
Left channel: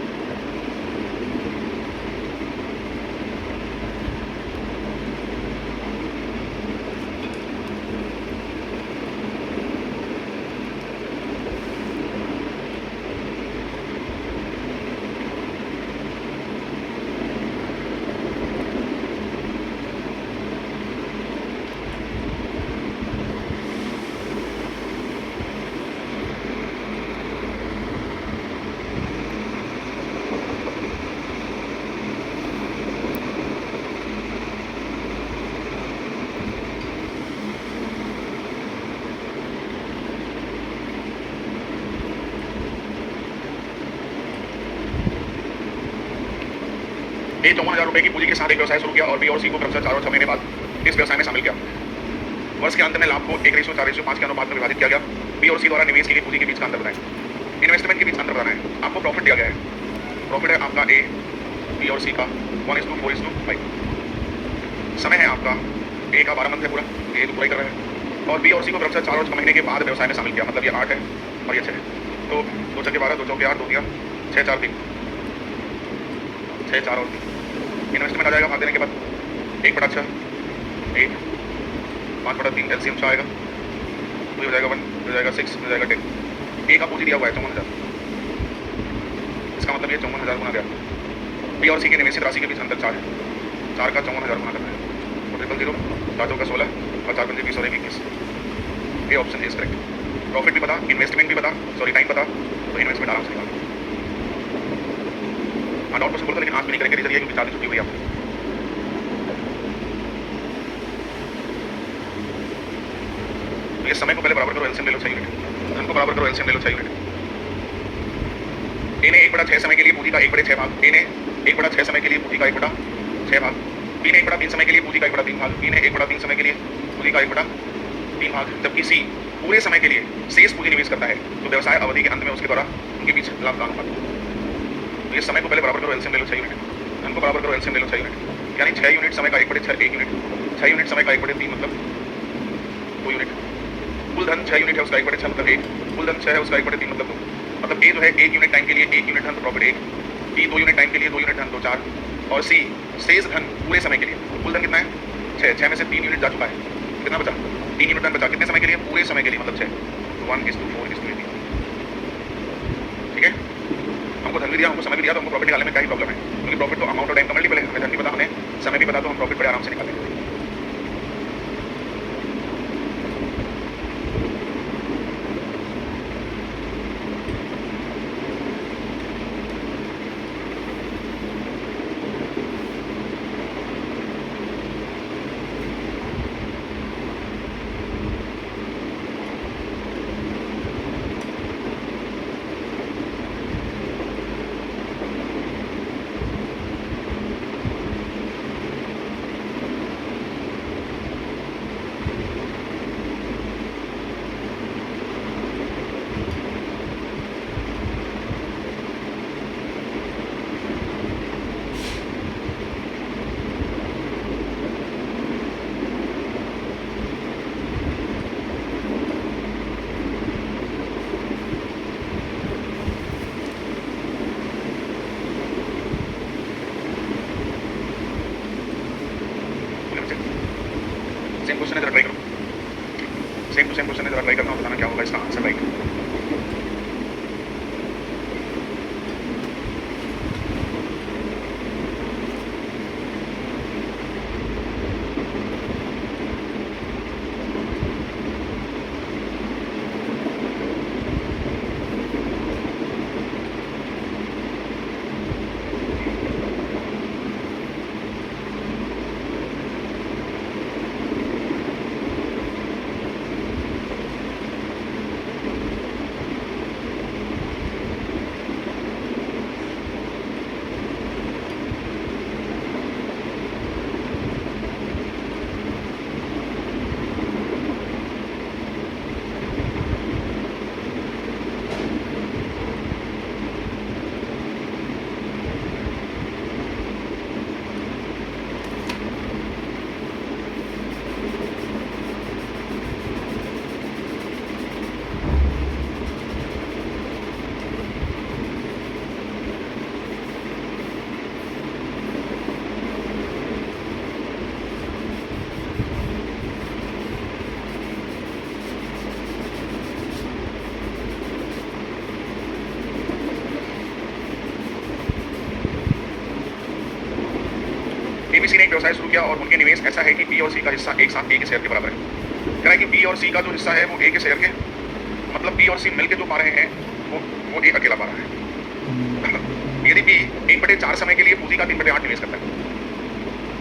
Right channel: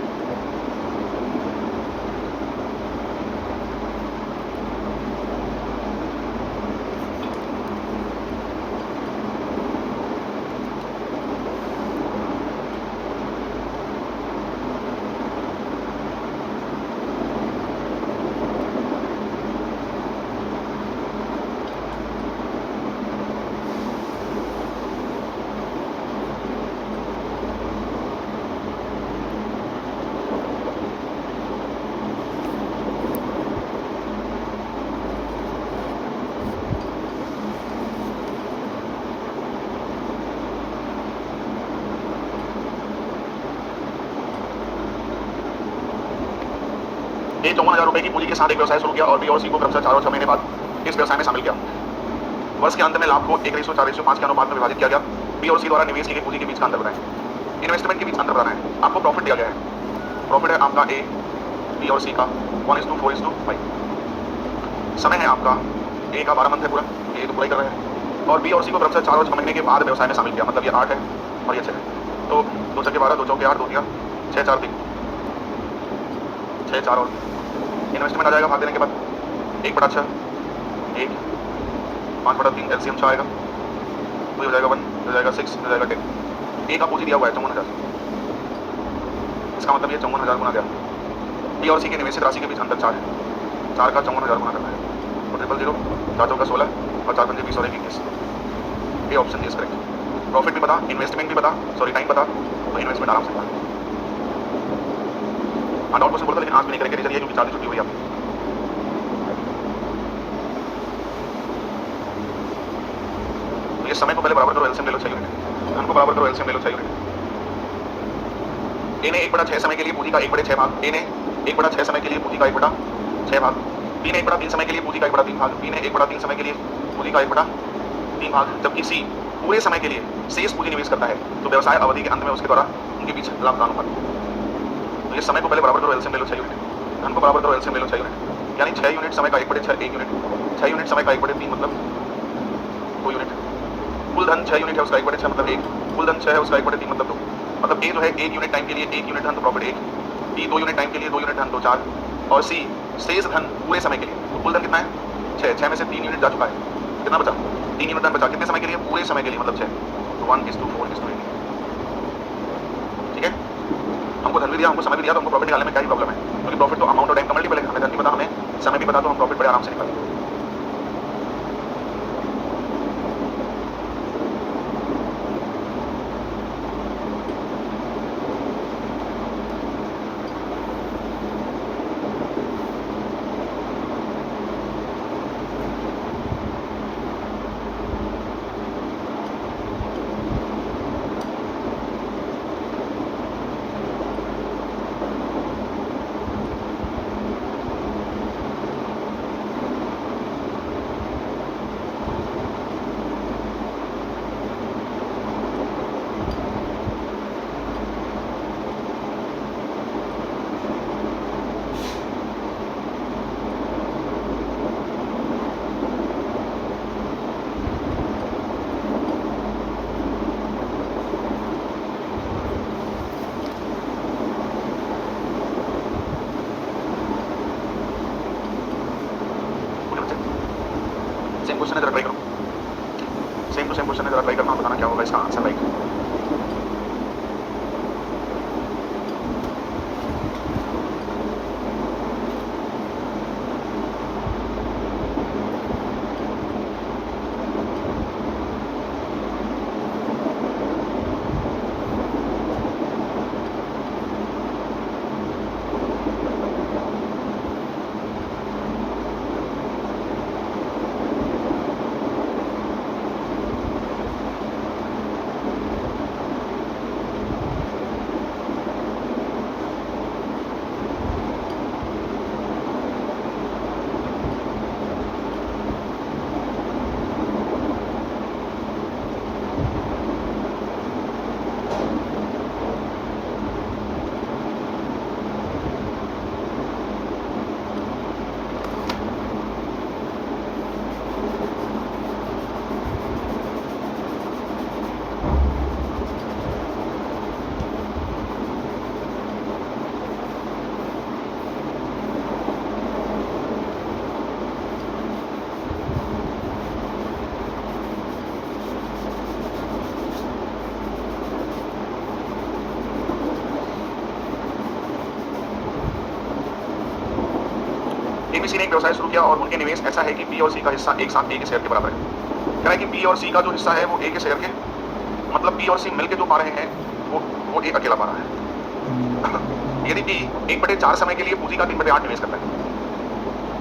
ए 54,000 रुपए की पूंजी के साथ एक व्यवसाय शुरू किया और बी और सी को क्रमशः 4 और 6 महीने बाद इस व्यवसाय में शामिल किया। वर्ष के अंत में लाभ को 1:4:5 के अनुपात में विभाजित किया गया। बी और सी द्वारा निवेश की गई पूंजी के बीच का अंतर बताएं, इन्वेस्टमेंट के बीच अंतर बताना है। आपको प्रॉफिट दिया गया है, प्रॉफिट है आपका ए, बी और सी का 1:4:5, समय है आपका ए का 12 मंथ है पूरा, ए तो पूरा ही कर रहा है, और बी और सी को क्रमशः 4 और 6 महीने के बाद व्यवसाय में शामिल किया, मतलब ये 8 है और ये 6 है, तो 2 चौके 12, 2 चौके 8, 2 3 6 4 3 6 4 और 3। इन्वेस्टमेंट आ जाएगा भाग देने के बाद 1/6, 8, 5/3, एलसीएम 6 आएगा, वही हो जाएगा 1, हो जाएगा 6, हो जाएगा 10। ए का पूंजी दिया हुआ है 54,000, इसका मतलब ये 54,000 गुना गया। बी और सी के निवेशित राशि के बीच अंतर 4 है, 4 का 54,000 गुना करना है, और 000, 4 चौका 16 और 4 पंजे 20 और 21, ये ऑप्शन इज करेक्ट। प्रॉफिट भी पता, इन्वेस्टमेंट भी पता, सॉरी टाइम पता, तो इन्वेस्टमेंट आराम से निकाल। हाँ डाउट क्वेश्चन बोलता, लेकिन आज भी नहीं करेंगे, रीजन ये क्योंकि 4 दिन छुट्टी हुई आपकी। तो ये समय को पहले बराबर करो, एलसीएम ले लो 6 यूनिट, धन को बराबर करो, एलसीएम ले लो 6 यूनिट। ए ने 1/6 समय के लिए पूंजी का 1/6 भाग, ए ने 1/6 समय के लिए पूंजी का 1/6 भाग, बी ने 1/3 समय के लिए पूंजी का 1/3 भाग, बी ने 1/3 समय के लिए पूंजी का 1/3 भाग, जबकि सी पूरे समय के लिए शेष पूंजी निवेश करता है, तो व्यवसाय अवधि के अंत में उसके द्वारा उनके बीच लाभ का अनुपात। तो ये समय को पहले बराबर करो, एलसीएम ले लो 6 यूनिट, धन को बराबर करो, एलसीएम ले लो 6 यूनिट, यानी 6 यूनिट समय का 1/6 1 यूनिट, 6 यूनिट समय का 1/3 मतलब 2 यूनिट, कुल धन 6 यूनिट है उसका 1/6 मतलब 1, कुल धन 6 है उसका 1/3 मतलब 2, मतलब ए जो है 1 यूनिट टाइम के लिए 1 यूनिट धन तो प्रॉफिट 1, बी 2 यूनिट टाइम के लिए 2 यूनिट धन तो 4, और सी शेष धन पूरे समय के लिए। तो कुल धन कितना है 6, 6 में से 3 यूनिट जा चुका है, कितना बचा 3 यूनिट धन बचा, कितने समय के लिए पूरे समय के लिए, मतलब 6, तो 1:4:18। ठीक है, हमको धन भी दिया, हमको समय भी दिया, तो हमको प्रॉफिट निकालने में क्या ही प्रॉब्लम है, क्योंकि प्रॉफिट तो अमाउंट और टाइम का मल्टीपल है, हमें धन भी पता, हमें समय भी पता, तो हम प्रॉफिट बड़े आराम से निकाल लेंगे। सेम क्वेश्चन है, जरा ट्राई करो, सेम टू सेम क्वेश्चन है, जरा ट्राई करना और बताना क्या होगा इसका आंसर राइट। एबीसी ने एक व्यवसाय शुरू किया और उनके निवेश ऐसा है कि बी और सी का हिस्सा एक साथ ए के शेयर के बराबर है। कह रहा है कि बी और सी का जो हिस्सा है वो ए के शेयर के, मतलब बी और सी मिलकर जो पा रहे हैं वो ए अकेला पा रहा है। यदि बी 1/4 समय के लिए पूंजी का 3/8 निवेश करता है,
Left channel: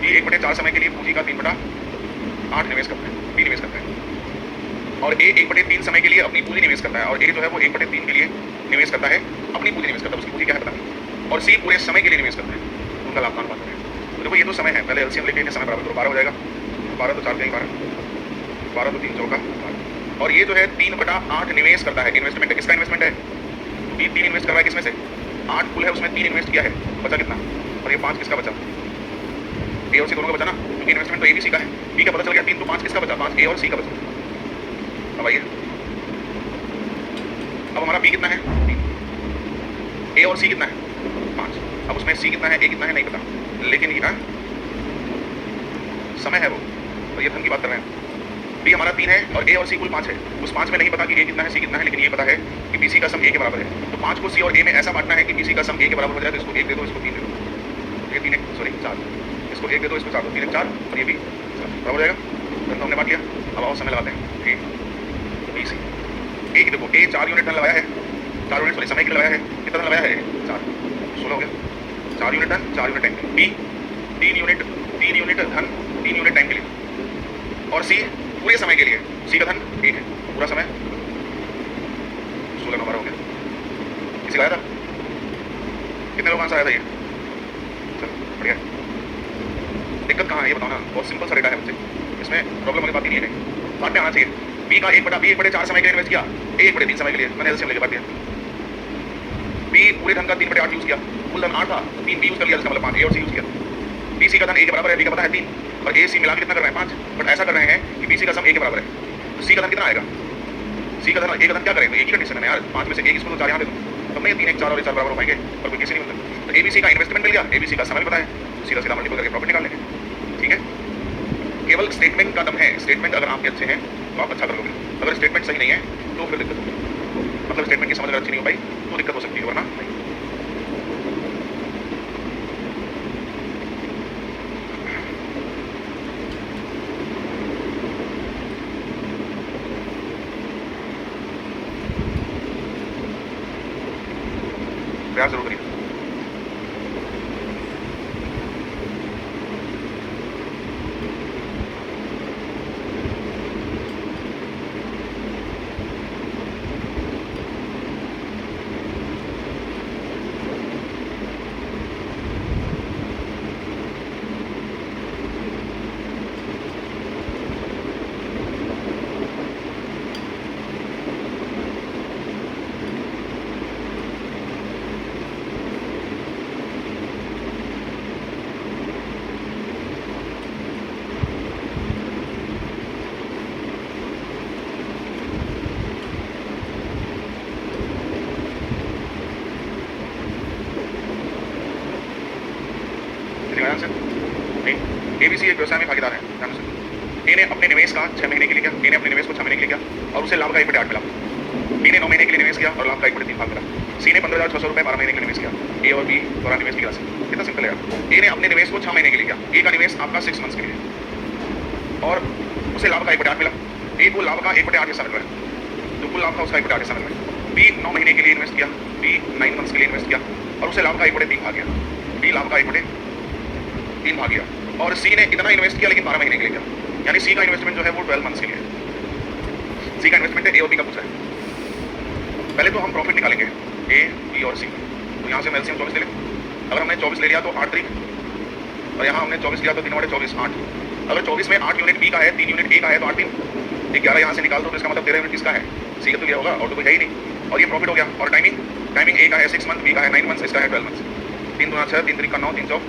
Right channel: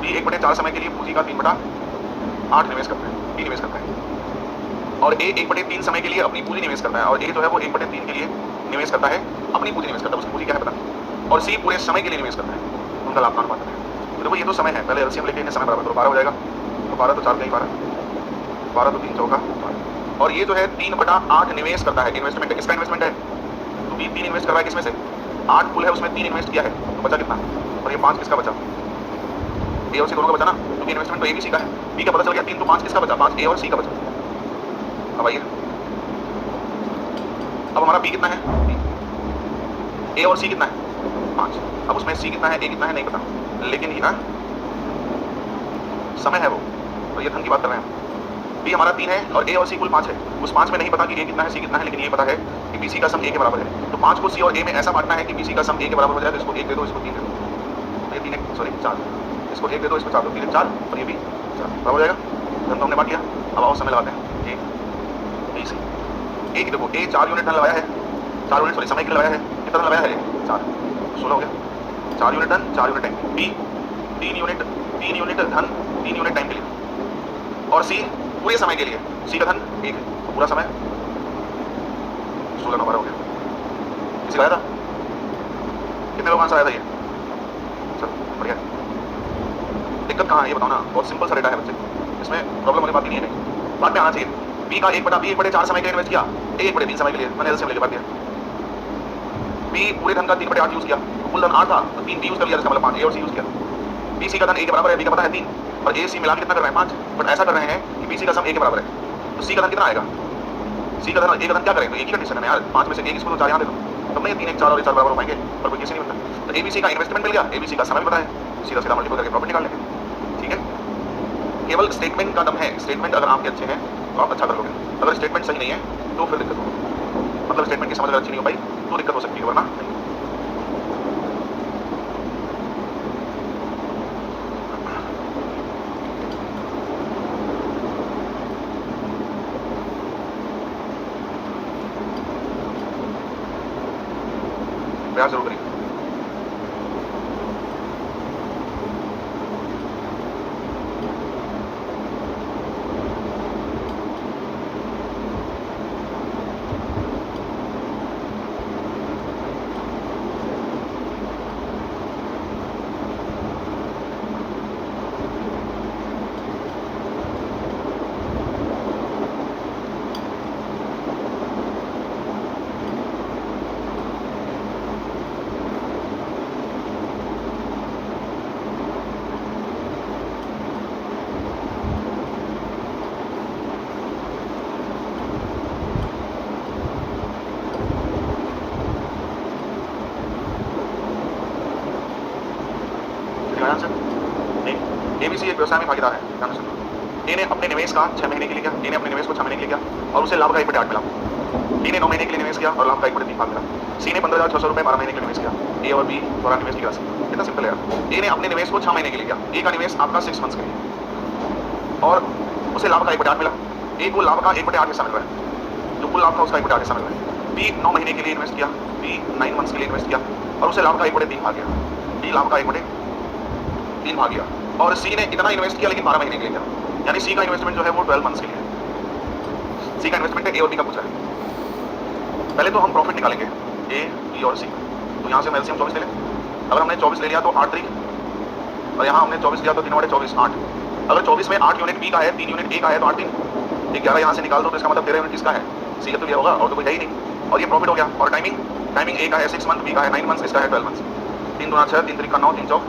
बी 1/4 समय के लिए पूंजी का 3/8 निवेश करता है, बी निवेश करता है, और ए 1/3 समय के लिए अपनी पूंजी निवेश करता है, और ए जो है वो 1/3 के लिए निवेश करता है, अपनी पूंजी निवेश करता है, उसकी पूंजी क्या है पता नहीं, और सी पूरे समय के लिए निवेश करता है, उनका लाभ का अनुपात है। तो देखो ये तो समय है, पहले एलसीएम लेके इन्हें समय बराबर करो, 12 हो जाएगा, तो 12 तो 4 कहीं 12, 12 तो 3 चौका 12, और ये जो है 3/8 निवेश करता है, इन्वेस्टमेंट है, किसका इन्वेस्टमेंट है, तो बी 3 इन्वेस्ट कर रहा है, किसमें से 8 कुल है उसमें 3 इन्वेस्ट किया है, तो बचा कितना, और ये 5 किसका बचा, ए और सी दोनों का बचा ना, क्योंकि इन्वेस्टमेंट तो ए भी सी का है, बी का पता चल गया 3, तो 5 किसका बचा, 5 ए और सी का बचा। अब आइए, अब हमारा बी कितना है 3, ए और सी कितना है 5, अब उसमें सी कितना है ए कितना है नहीं पता, लेकिन ये समय है वो, तो ये धन की बात कर रहे हैं। बी हमारा 3 है और ए और सी कुल 5 है, उस 5 में नहीं पता कि ए कितना है सी कितना है, लेकिन ये पता है कि बी सी का सम ए के बराबर है, तो 5 को सी और ए में ऐसा बांटना है कि बी सी का सम ए के बराबर हो जाए, तो इसको 1 दे दो, इसको 3 दे दो, ये 3 सॉरी 4, इसको 1 दे दो, इसको 4 दो, 3 4 और ये भी 4 बराबर हो जाएगा, धन तो हमने बांट लिया। अब आओ समय लगाते हैं, ए बी सी, ए की देखो ए 4 यूनिट धन लगाया है, 4 यूनिट सॉरी समय के लिए लगाया है, कितना धन लगाया है 4, 16 हो गया, 4 यूनिट धन 4 यूनिट टाइम, बी 3 यूनिट धन 3 यूनिट टाइम के लिए, और सी पूरे समय के लिए, सी का धन 1 है, तो पूरा समय 16 हो गया, किसी लगाया था, कितने लोग आंसर आया था ये, चलो बढ़िया। दिक्कत कहाँ है ये बताओ ना, बहुत सिंपल सा डेटा है बच्चे, इसमें प्रॉब्लम वाली बात ही नहीं है, बात में आना चाहिए। बी का 1/4 समय के लिए इन्वेस्ट किया, ए 1/3 समय के लिए, मैंने एलसीएम लेके बात किया, बी पूरे धन का 3/8 यूज किया, तो कुल धन 8 था, तो 3 बी यूज कर लिया, जिसका मतलब 5 ए और सी यूज किया, बी सी का धन ए के बराबर है, बी का पता है 3, और ए सी मिला के कितना कर रहे हैं 5, बट ऐसा कर रहे हैं कि बी सी का सम ए के बराबर है, तो सी का धन कितना आएगा सी का धन, ए का धन क्या करें, तो एक ही कंडीशन है ना यार, 5 में से एक इसको तो 4 यहाँ दे दो, तब नहीं 3 1 4 और 4 बराबर हो पाएंगे, पर कोई केस नहीं बनता। तो एबीसी का इन्वेस्टमेंट मिल गया, एबीसी का समय भी पता है, सीधा सीधा मल्टीपल करके प्रॉफिट निकाल लेंगे। ठीक है, केवल स्टेटमेंट का दम है, स्टेटमेंट अगर आपके अच्छे हैं तो आप अच्छा कर लोगे, अगर स्टेटमेंट सही नहीं है तो फिर दिक्कत होगी, मतलब स्टेटमेंट की समझ अगर अच्छी नहीं हो पाई तो दिक्कत हो सकती है, वरना नहीं। प्रयास जरूर करिए। एबीसी एक व्यवसाय में भागीदार है, ध्यान से सुनो। ए ने अपने निवेश का 6 महीने के लिए किया, ए ने अपने निवेश को 6 महीने के लिए किया और उसे लाभ का 1/8 मिला। बी ने 9 महीने के लिए निवेश किया और लाभ का 1/3 भाग मिला। सी ने 15,600 रुपए 12 महीने के लिए निवेश किया। ए और बी द्वारा निवेश की राशि कितना सिंपल है यार। ए ने अपने निवेश को 6 महीने के लिए किया, ए का निवेश आपका 6 मंथ्स के लिए और उसे लाभ का 1/8 मिला। ए को लाभ का 1/8 हिस्सा मिल रहा है, जो कुल लाभ था उसका 1/8 हिस्सा मिल रहा है। बी 9 महीने के लिए इन्वेस्ट किया, बी 9 मंथ्स के लिए इन्वेस्ट किया और उसे लाभ का 1/3 भाग गया, बी लाभ का 1/3 भाग गया। और सी ने इतना इन्वेस्ट किया लेकिन 12 महीने के लिए किया, यानी सी का इन्वेस्टमेंट जो है वो 12 मंथ्स के लिए है। सी का इन्वेस्टमेंट है, ए और बी का पूछा है। पहले तो हम प्रॉफिट निकालेंगे ए, बी और सी, तो यहाँ से हम एलसीएम 24 ले लें। अगर हमने 24 ले लिया तो 8 तारीख, और यहाँ हमने 24 लिया तो 3/24 8। अगर 24 में 8 यूनिट बी का है, 3 यूनिट ए का है, तो 8 3 11 यहाँ से निकाल दो तो इसका मतलब 13 यूनिट किसका है, सी का तो ये होगा और तो कोई है ही नहीं, और ये प्रॉफिट हो गया। और टाइमिंग ए का है 6 मंथ, बी का है 9 मंथ्स, इसका है 12 मंथ्स। 3 दूना 6, 3 3 9, 3 4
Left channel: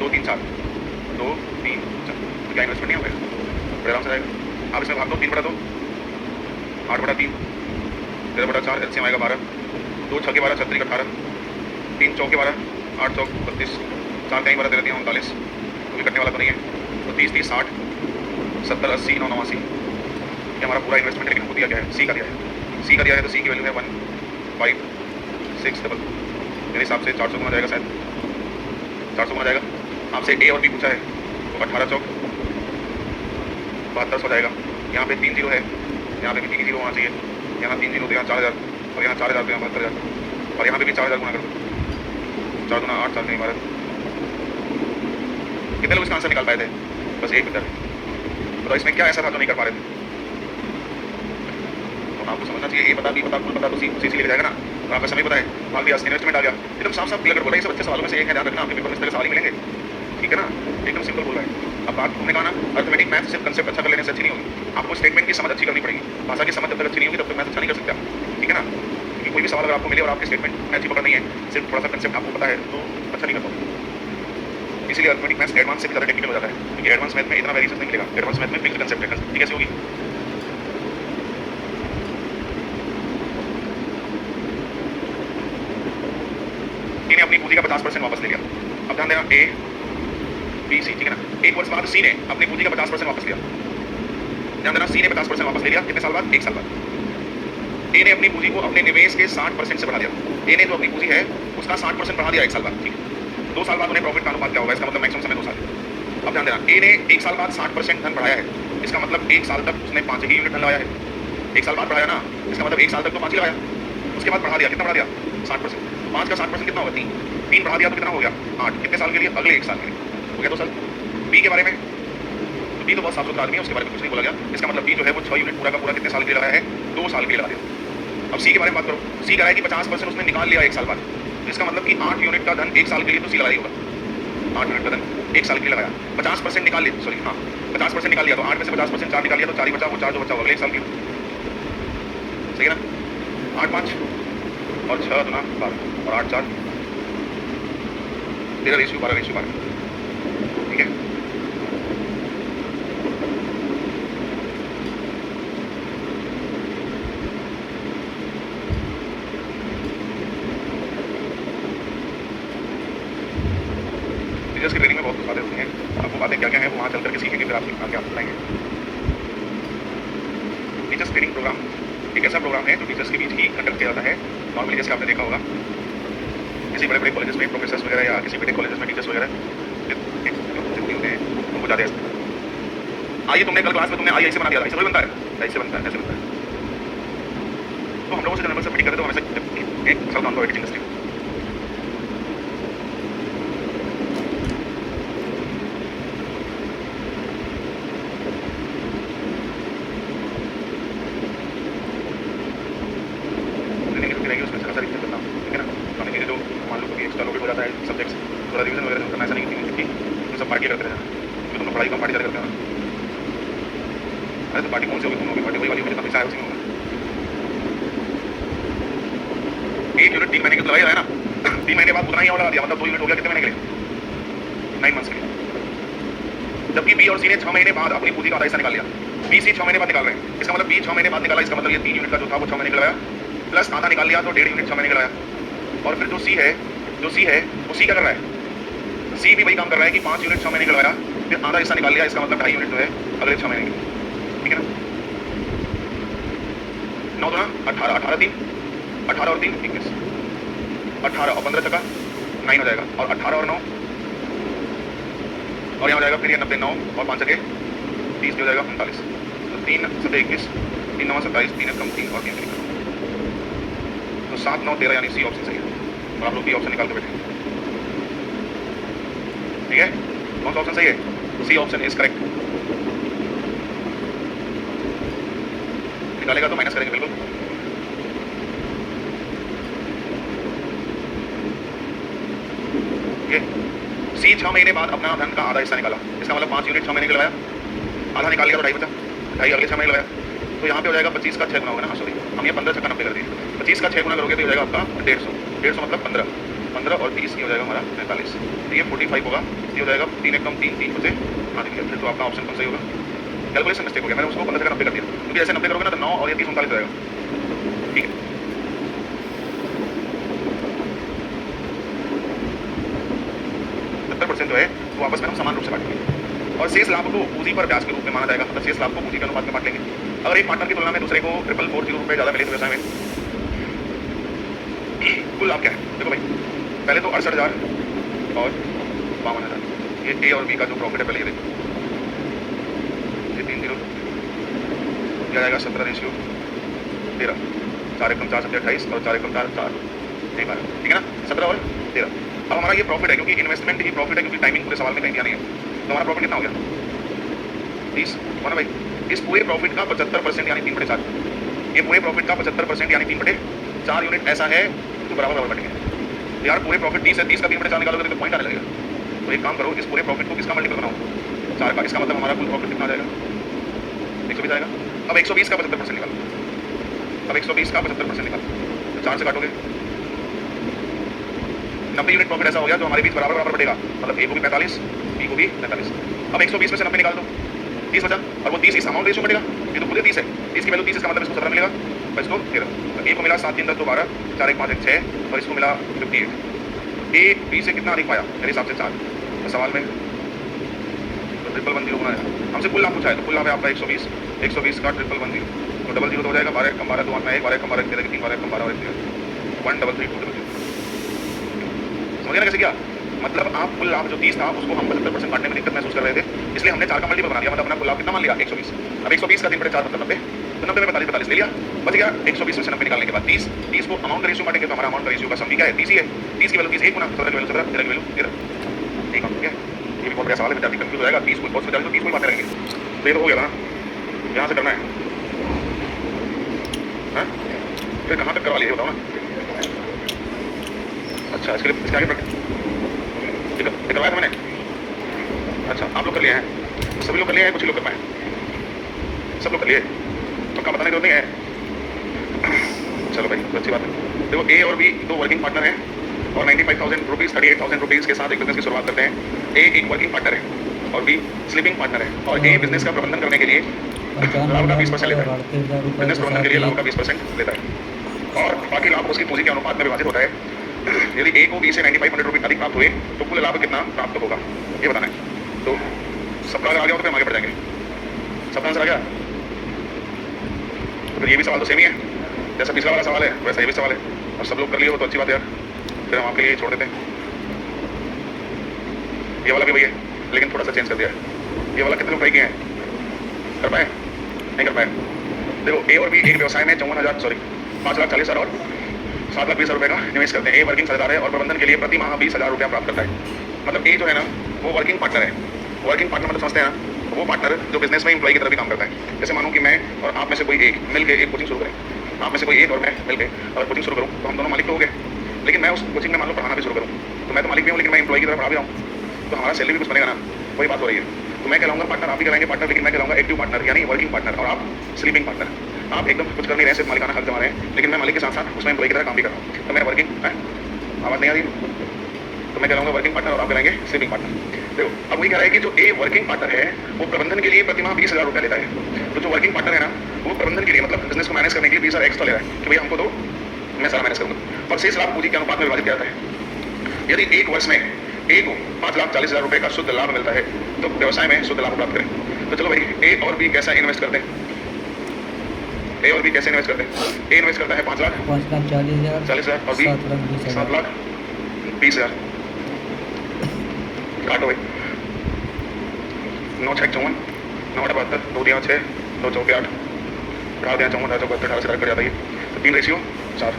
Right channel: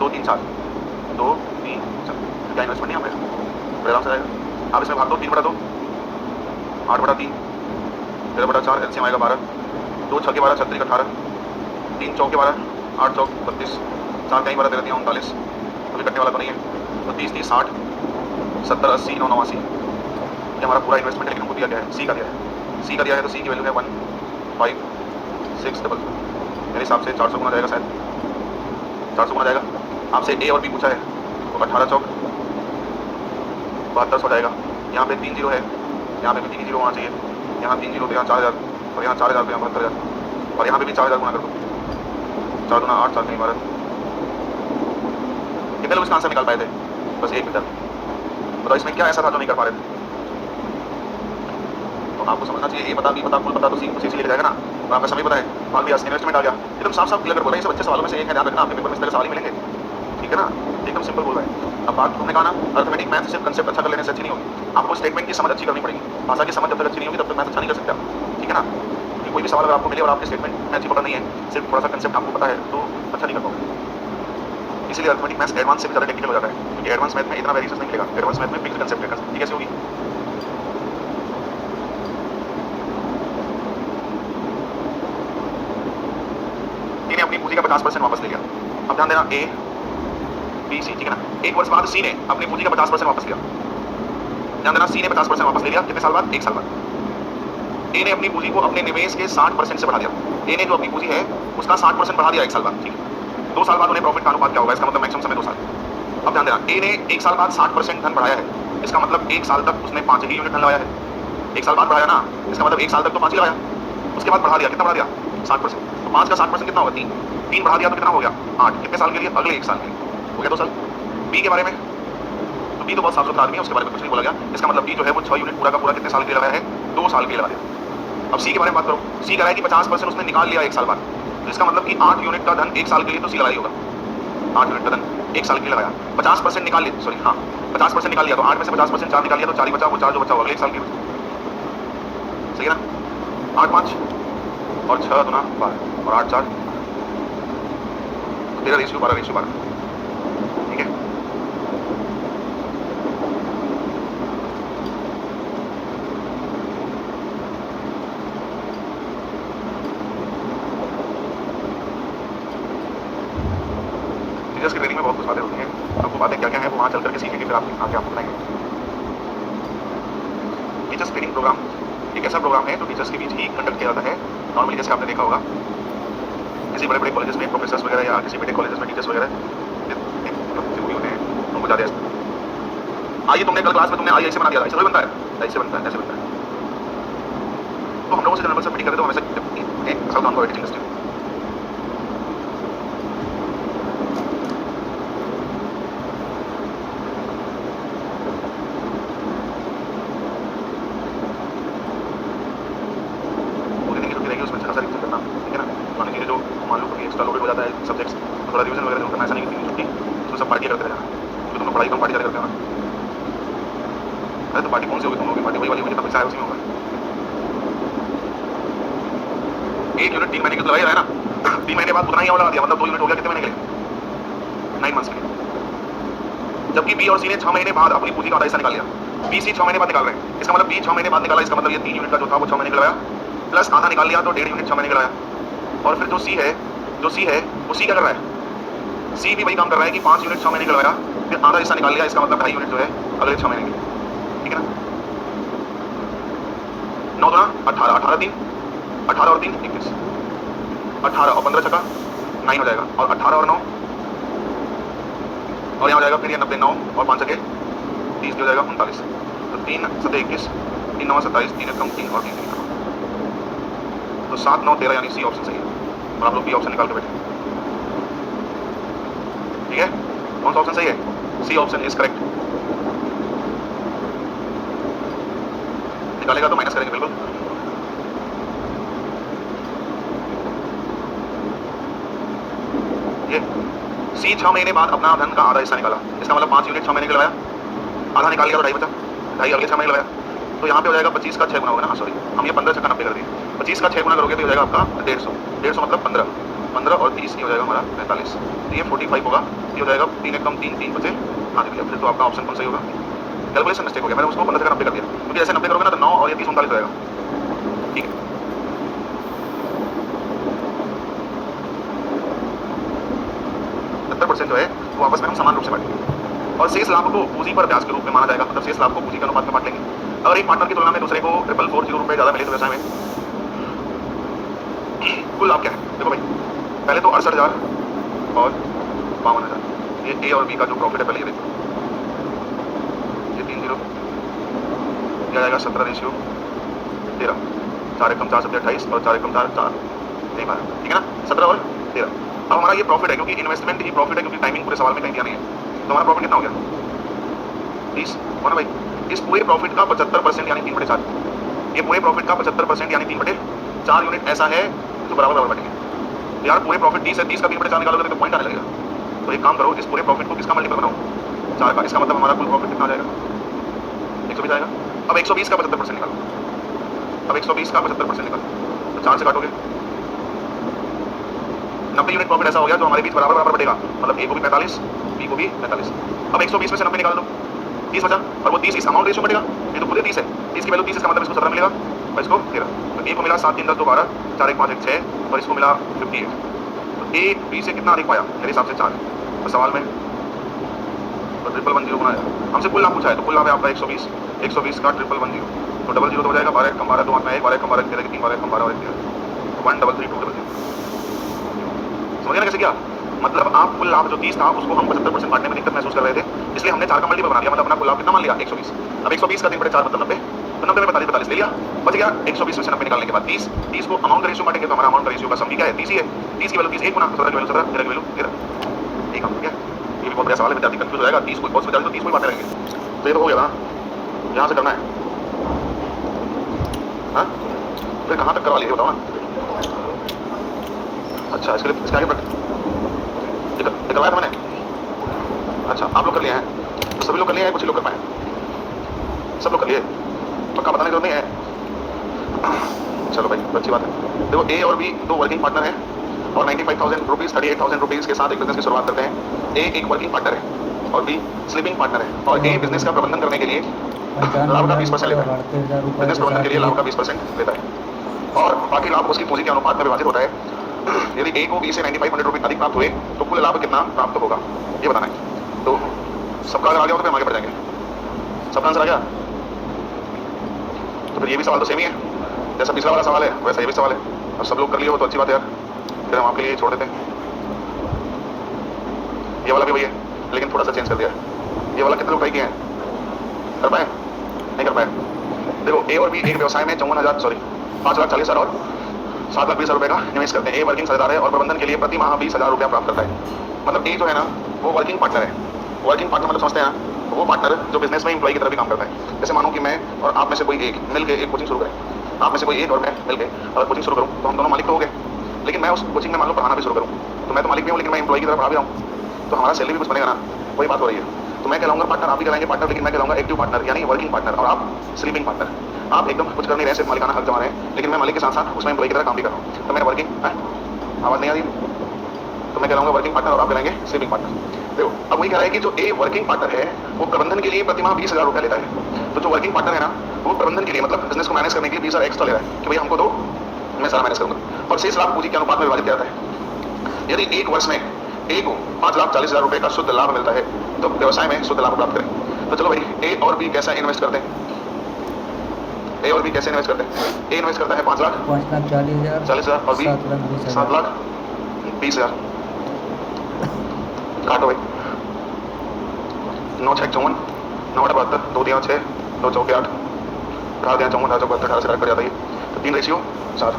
2 3 4 2 3 4, तो क्या इन्वेस्टमेंट नहीं आ पाएगा, बड़े आराम से जाएगा। आप इसमें भाग दो, 3/2 8/3 13/4 एलसीएम आएगा 12, 2 6 के 12 36 18, 3 चौके 12 8 चौक 32, 4 कहीं 12 13 39, कभी कटने वाला तो नहीं है, तो 30 30 60 70 80 9 89, ये हमारा पूरा इन्वेस्टमेंट है। लेकिन हमको दिया क्या है, सी का दिया है, सी का दिया है तो सी की वैल्यू है 1 5 6 डबल, मेरे हिसाब से 400 गुना जाएगा, शायद 400 गुना जाएगा। आपसे ए और बी पूछा है तो 18 चौक 72 हो जाएगा। यहाँ पे 3 जीरो है, यहाँ पे भी 3 जीरो होना चाहिए, यहाँ 3 जीरो तो यहाँ 4000 और यहाँ 4000 तो यहाँ 72,000 और यहाँ पे भी 4000 गुना कर दो, 4 दूना 8 4 कहीं 12। कितने लोग इसका आंसर निकाल पाए थे, बस एक विद्यार्थी। बताओ इसमें क्या ऐसा था जो नहीं कर पा रहे थे। तो आपको समझना चाहिए, ए पता बी पता कुल पता तो सी लेके जाएगा ना, और आपका समय पता है, भाग दिया इन्वेस्टमेंट आ गया, एकदम साफ साफ क्लियर बोला। ये सब अच्छे सवालों में से एक है, ध्यान रखना, आपके पेपर में इस तरह सवाल ही मिलेंगे, ठीक है ना, एकदम सिंपल बोल रहा है। अब बात तुमने कहा ना, अर्थमेटिक मैथ सिर्फ कंसेप्ट अच्छा कर लेने से अच्छी नहीं होगी, आपको स्टेटमेंट की समझ अच्छी करनी पड़ेगी। भाषा की समझ जब तक अच्छी नहीं होगी तब तक मैथ अच्छा नहीं कर सकते आप, ठीक है ना। क्योंकि कोई भी सवाल अगर आपको मिले और आपके स्टेटमेंट में अच्छी पकड़ नहीं है, सिर्फ थोड़ा सा कंसेप्ट आपको पता है तो अच्छा नहीं कर पाओगे। इसलिए अर्थमेटिक मैथ एडवांस से ज़्यादा टेक्निकल हो जाता है, क्योंकि एडवांस मैथ में इतना वेरिएशन नहीं मिलेगा, एडवांस मैथ में फिक्स्ड कंसेप्ट है, कंसेप्ट कैसे होगी। ने अपनी पूंजी का 50% वापस ले लिया। अब ध्यान देना, ए बी सी, ठीक है ना। 1 वर्ष बाद सी ने अपनी पूंजी का 50% वापस लिया। ध्यान देना, सी ने 50% वापस ले लिया, कितने साल बाद, 1 साल बाद। ए ने अपनी पूंजी को अपने निवेश के 60% से बढ़ा दिया। ए ने जो अपनी पूंजी है उसका 60% बढ़ा दिया 1 साल बाद, ठीक है। 2 साल बाद उन्हें प्रॉफिट का अनुपात क्या होगा, इसका मतलब मैक्सिमम समय 2 साल है। अब ध्यान देना, ए ने 1 साल बाद 60% धन बढ़ाया है, इसका मतलब 1 साल तक उसने 5 ही यूनिट धन लगाया है। 1 साल बाद बढ़ाया ना, इसका मतलब 1 साल तक तो 5 ही लगाया, उसके बाद बढ़ा दिया, कितना बढ़ा दिया, 60%। तो 5 का 60% कितना होगा, 3 बढ़ा दिया तो कितना हो गया, 8। कितने साल के लिए, अगले 1 साल के लिए, हो गया 2 साल। बी के बारे में, तो बी तो बहुत साफ सुथरा आदमी है, उसके बारे में कुछ नहीं बोला गया। इसका मतलब बी जो है वो 6 यूनिट पूरा का पूरा कितने साल के लिए लगाया है, 2 साल के लिए लगा दिया। अब सी के बारे में बात करो, सी कह रहा है कि 50% उसने निकाल लिया 1 साल बाद, तो इसका मतलब कि 8 यूनिट का धन 1 साल के लिए तो सी लगा ही होगा। 8 यूनिट का धन 1 साल के लिए लगाया, 50% निकाल लिया, सॉरी हाँ 50% निकाल लिया, तो 8 में से 50% 4 निकाल लिया तो 4 ही बचा, वो 4 जो बचा वो अगले 1 साल के लिए बचा, सही है ना। 8 5 और 6 दूना 12 और 8 4 13:12, ठीक है। चल करके सीखेंगे, फिर आपके आगे आपको बताएंगे। टीचर्स ट्रेनिंग प्रोग्राम एक ऐसा प्रोग्राम है जो टीचर्स के बीच ही कंडक्ट किया जाता है। नॉर्मली जैसे आपने देखा होगा किसी बड़े बड़े कॉलेजेस में प्रोफेसर्स वगैरह या किसी बड़े कॉलेजेस में टीचर्स वगैरह जरूरी होते हैं, उनको ज़्यादा आइए तुमने कल क्लास में तुमने आई ऐसे बना दिया, ऐसे बनता है, ऐसे बनता है, ऐसे बनता है। तो हम लोगों से जनरल से मीटिंग करते तो हमेशा एक असल काम को एडिटिंग इंडस्ट्री थोड़ा रिवीजन वगैरह जो करना, ऐसा नहीं कि 3 दिन छुट्टी उसमें सब पार्टी करते रहना, क्योंकि तुम लोग पढ़ाई कम पार्टी ज़्यादा करते हो ना। अरे तो पार्टी कौन सी होगी, तुम लोग की पार्टी वही वाली होगी जितना पैसा है उसी में होगा। 1 यूनिट 3 महीने की लगाई है ना, 3 महीने बाद उतना ही और लगा दिया, मतलब 2 यूनिट हो गया कितने महीने के लिए, 9 मंथ्स के लिए। जबकि बी और सी ने 6 महीने बाद अपनी पूंजी का आधा हिस्सा निकाल लिया, बी सी 6 महीने बाद निकाल रहे हैं। इसका मतलब बी 6 महीने बाद निकाला, इसका मतलब ये 3 यूनिट का जो था वो 6 महीने का लगाया, प्लस आधा निकाल लिया तो 1.5 यूनिट 6 महीने का लगाया। और फिर जो सी है वो सी क्या कर रहा है, सी भी वही काम कर रहा है कि 5 यूनिट 6 महीने का लगाया, फिर आधा हिस्सा निकाल लिया, इसका मतलब 2.5 यूनिट जो है अगले 6 महीने के, ठीक है ना। 9 2 18, 18 3 18 और 3 21, 18 और 15 छक्का 9 हो जाएगा, और 18 और 9 और यहाँ हो जाएगा फिर ये 90 9 और 5 छक्के 30 हो जाएगा 39। तो 3 7 21, 3 9 27, 3 कम 3 और 3 3 तो 7 9 13, यानी सी ऑप्शन सही है। और आप लोग बी ऑप्शन निकाल के बैठे, ठीक है। कौन सा ऑप्शन सही है, सी ऑप्शन इज करेक्ट। निकालेगा तो माइनस करेंगे बिल्कुल। ये सी 6 महीने बाद अपना धन का आधा हिस्सा निकाला, इसका मतलब 5 यूनिट 6 महीने के लगाया, आधा निकाल लिया तो 2.5 बचा, 2.5 अगले 6 महीने लगाया, तो यहाँ पे हो जाएगा 25 का 6 गुना होगा ना, सॉरी हम ये 15 छक्का 90 कर दिए, 25 का 6 गुना करोगे तो हो जाएगा आपका 150, 150 मतलब 15 और 30 ये हो जाएगा हमारा 45, तो ये 45 होगा, ये हो जाएगा 3 1 कम 3 3 बचे, हाँ जी भैया। फिर तो आपका ऑप्शन कौन सही होगा, कैलकुलेशन मिस्टेक हो गया, मैंने उसको 15 छक्का 90 कर दिया, क्योंकि ऐसे 90 करोगे ना तो 9 और ये 30 39 हो जाएगा, ठीक है। % जो है वो आपस में हम समान रूप से बांटेंगे, और शेष लाभ को पूंजी पर ब्याज के रूप में माना जाएगा, मतलब शेष लाभ को पूंजी के अनुपात में बांट लेंगे। अगर एक पार्टनर की तुलना में दूसरे को 440 रुपए ज़्यादा मिले तो व्यवसाय में कुल लाभ क्या है, देखो भाई पहले तो 68,000 और 52,000, ये ए और बी का जो प्रॉफिट है पहले ये देखो, ये 3 0 यह आएगा 17:13, 4 1 4 7 28 और 4 1 4 4 नहीं 12, ठीक है ना, 17 और 13। अब हमारा ये प्रॉफिट है, क्योंकि इन्वेस्टमेंट ही प्रॉफिट है, क्योंकि टाइमिंग पूरे सवाल में कहीं दिया नहीं है, तो हमारा प्रॉफिट कितना हो गया 30 हो ना भाई। इस पूरे प्रॉफिट का 75% यानी 3/4, ये पूरे प्रॉफिट का 75% यानी 3/4 यूनिट ऐसा है जो बराबर बटेंगे। यार पूरे प्रॉफिट 30 है, 30 का 3/4 निकालोगे तो पॉइंट आने लगेगा। तो एक काम करो, इस पूरे प्रॉफिट को किसका मल्टीपल बनाओ, 4 का, इसका मतलब हमारा कुल प्रॉफिट कितना आ जाएगा 120 आएगा। अब 120 का 75% निकालो, अब 120 का 75% निकालो, तो 4 से काटोगे 90 यूनिट प्रॉफिट ऐसा हो गया जो हमारे बीच बराबर बटेगा, मतलब ए को भी 45 बी को भी 45। अब 120 में से 90 निकाल दो, 30 बचा, और वो 30 इस अमाउंट रेशियो बढ़ेगा, ये तो खुद ही 30 है, 30 की वैल्यू 30, इसका मतलब इसको 17 मिलेगा और इसको 13, तो ए को मिला 7 3 10 2 12, 4 1 5 1 6 और इसको मिला 58, तो ए बी से कितना अधिक पाया मेरे हिसाब से 4। तो सवाल में तो 10010 बनाया, हमसे कुल लाभ पूछा है, तो कुल लाभ है आपका 120 का 10010, तो 00 तो हो जाएगा 12 कम 12 2 8 में 1, 12 कम 12 13 3 12 कम 12 और 1 13, 133 समझ गया ना कैसे किया। मतलब आप कुल लाभ जो 30 था उसको हम 75% बांटने में दिक्कत महसूस कर रहे थे, इसलिए हमने 4 का मल्टीपल बना दिया, मतलब अपना कुल लाभ कितना मान लिया 120। अब 120 का 3/4 मतलब 90, तो 90 में 45 ले लिया, बच गया 120 में से 90 निकालने के बाद 30 को अमाउंट का रेशियो बांटेंगे, तो हमारा अमाउंट का रेशियो का सम भी क्या है 30 ही है, 30 की वैल्यू 30 1 गुना 17 की वैल्यू 17 13 की वैल्यू 13, ठीक है। ये भी बहुत बड़ा सवाल है, विद्यार्थी कंफ्यूज हो जाएगा, 30 को बहुत विद्यार्थी तो 30 को ही बांटने रहेंगे, तो ये तो हो गया ना, यहाँ से करना है, हाँ फिर कहाँ तक करवा लीजिए बताओ ना। अच्छा इसके लिए इसके आगे करवाया था मैंने, अच्छा आप लोग कर लिए हैं, सभी लोग कर लिए हैं, कुछ ही लोग कर पाए, सब लोग कर लिए, पक्का बताने की जरूरत नहीं है। चलो भाई तो अच्छी बात है। देखो ए और बी दो वर्किंग पार्टनर हैं और 95,000 रुपीज़ 38,000 रुपीज़ के साथ एक बिजनेस की शुरुआत करते हैं। ए एक वर्किंग पार्टनर है और बी स्लीपिंग पार्टनर है, और ए बिजनेस का प्रबंधन करने के लिए लाभ का 20% लेता है, बिजनेस प्रबंधन के लिए लाभ का 20% लेता है, और बाकी लाभ उसकी पूंजी के अनुपात में विभाजित होता है। यदि ए को बी से 9500 रुपये अधिक प्राप्त हुए तो कुल लाभ कितना प्राप्त होगा ये बताना है। तो सबका अगर आ गया हो तो फिर हम आगे बढ़ जाएंगे। सबका आंसर आ गया तो फिर ये भी सवाल तो सेम ही है, जैसा पिछला वाला सवाल है वैसा ये भी सवाल है। अब सब लोग कर लिए हो तो अच्छी बात है यार, फिर हम आपके लिए छोड़ देते हैं। ये वाला भी वही है लेकिन थोड़ा सा चेंज कर दिया है। ये वाला कितने लोग ट्राई किए हैं? कर पाए? नहीं कर पाए। देखो ए और बी एक व्यवसाय में 5,40,000 और 7,20,000 रुपए का निवेश करते हैं। ए वर्किंग साझेदार है और प्रबंधन के लिए प्रति माह 20,000 रुपया प्राप्त करता है। मतलब ए जो है ना वो वर्किंग पार्टनर है। वर्किंग पार्टनर मतलब समझते हैं ना, वो पार्टनर जो बिजनेस में एम्प्लॉय की तरह भी काम करता है। जैसे मानो कि मैं और आप में से कोई एक मिलकर एक कोचिंग शुरू करें, आप में से कोई एक और मैं मिलकर अगर कोचिंग शुरू करूँ तो हम दोनों मालिक तो हो गए, लेकिन मैं उस कोचिंग में मान लो पढ़ाना भी शुरू करूँ तो मैं तो मालिक भी हूँ लेकिन मैं एम्प्लॉय की तरह पढ़ा भी रहा हूँ, तो हमारा सैलरी भी कुछ बनेगा ना, वही बात हो रही है। तो मैं कहलाऊंगा पार्टनर, आप भी कहलाएंगे पार्टनर, लेकिन मैं कहलाऊंगा एक्टिव पार्टनर यानी वर्किंग पार्टनर और आप स्लीपिंग पार्टनर। आप एकदम कुछ कर नहीं रहे, सिर्फ मालिकाना हक जमा रहे हैं, लेकिन मैं मालिक के साथ साथ उसमें एम्प्लॉय की तरह काम भी कर रहा हूँ, तो मैं वर्किंग आवाज़ नहीं आ रही, तो मैं कहलाऊंगा वर्किंग पार्टनर और आप कहलाएंगे स्लीपिंग पार्टनर। देखो अब वही कह रहा है कि जो ए वर्किंग पार्टनर है वो प्रबंधन के लिए प्रति माह 20,000 रुपया लेता है। तो जो वर्किंग पार्टनर है ना वो प्रबंधन के लिए मतलब बिजनेस को मैनेज करने के लिए 20,000 एक्स्ट्रा ले रहा है कि भाई हमको दो, मैं सारा मैनेज करूंगा, और शेष लाभ पूंजी के अनुपात में विभाजित किया जाता है। यदि एक वर्ष में ए को 5,40,000 रुपए का शुद्ध लाभ मिलता है तो व्यवसाय में शुद्ध लाभ प्राप्त करें। तो चलो भाई ए और बी कैसा इन्वेस्ट करते हैं? ए और बी कैसे इन्वेस्ट करते हैं? ए इन्वेस्ट करता है 5,40,000 और बी 7,20,000। काटो भाई, 9 6 54, 9 8 72, 2 3 6, 2 4 8, 18 3 54, 18 72, 18 से कट जाता है। तो 3 रेशियो 4,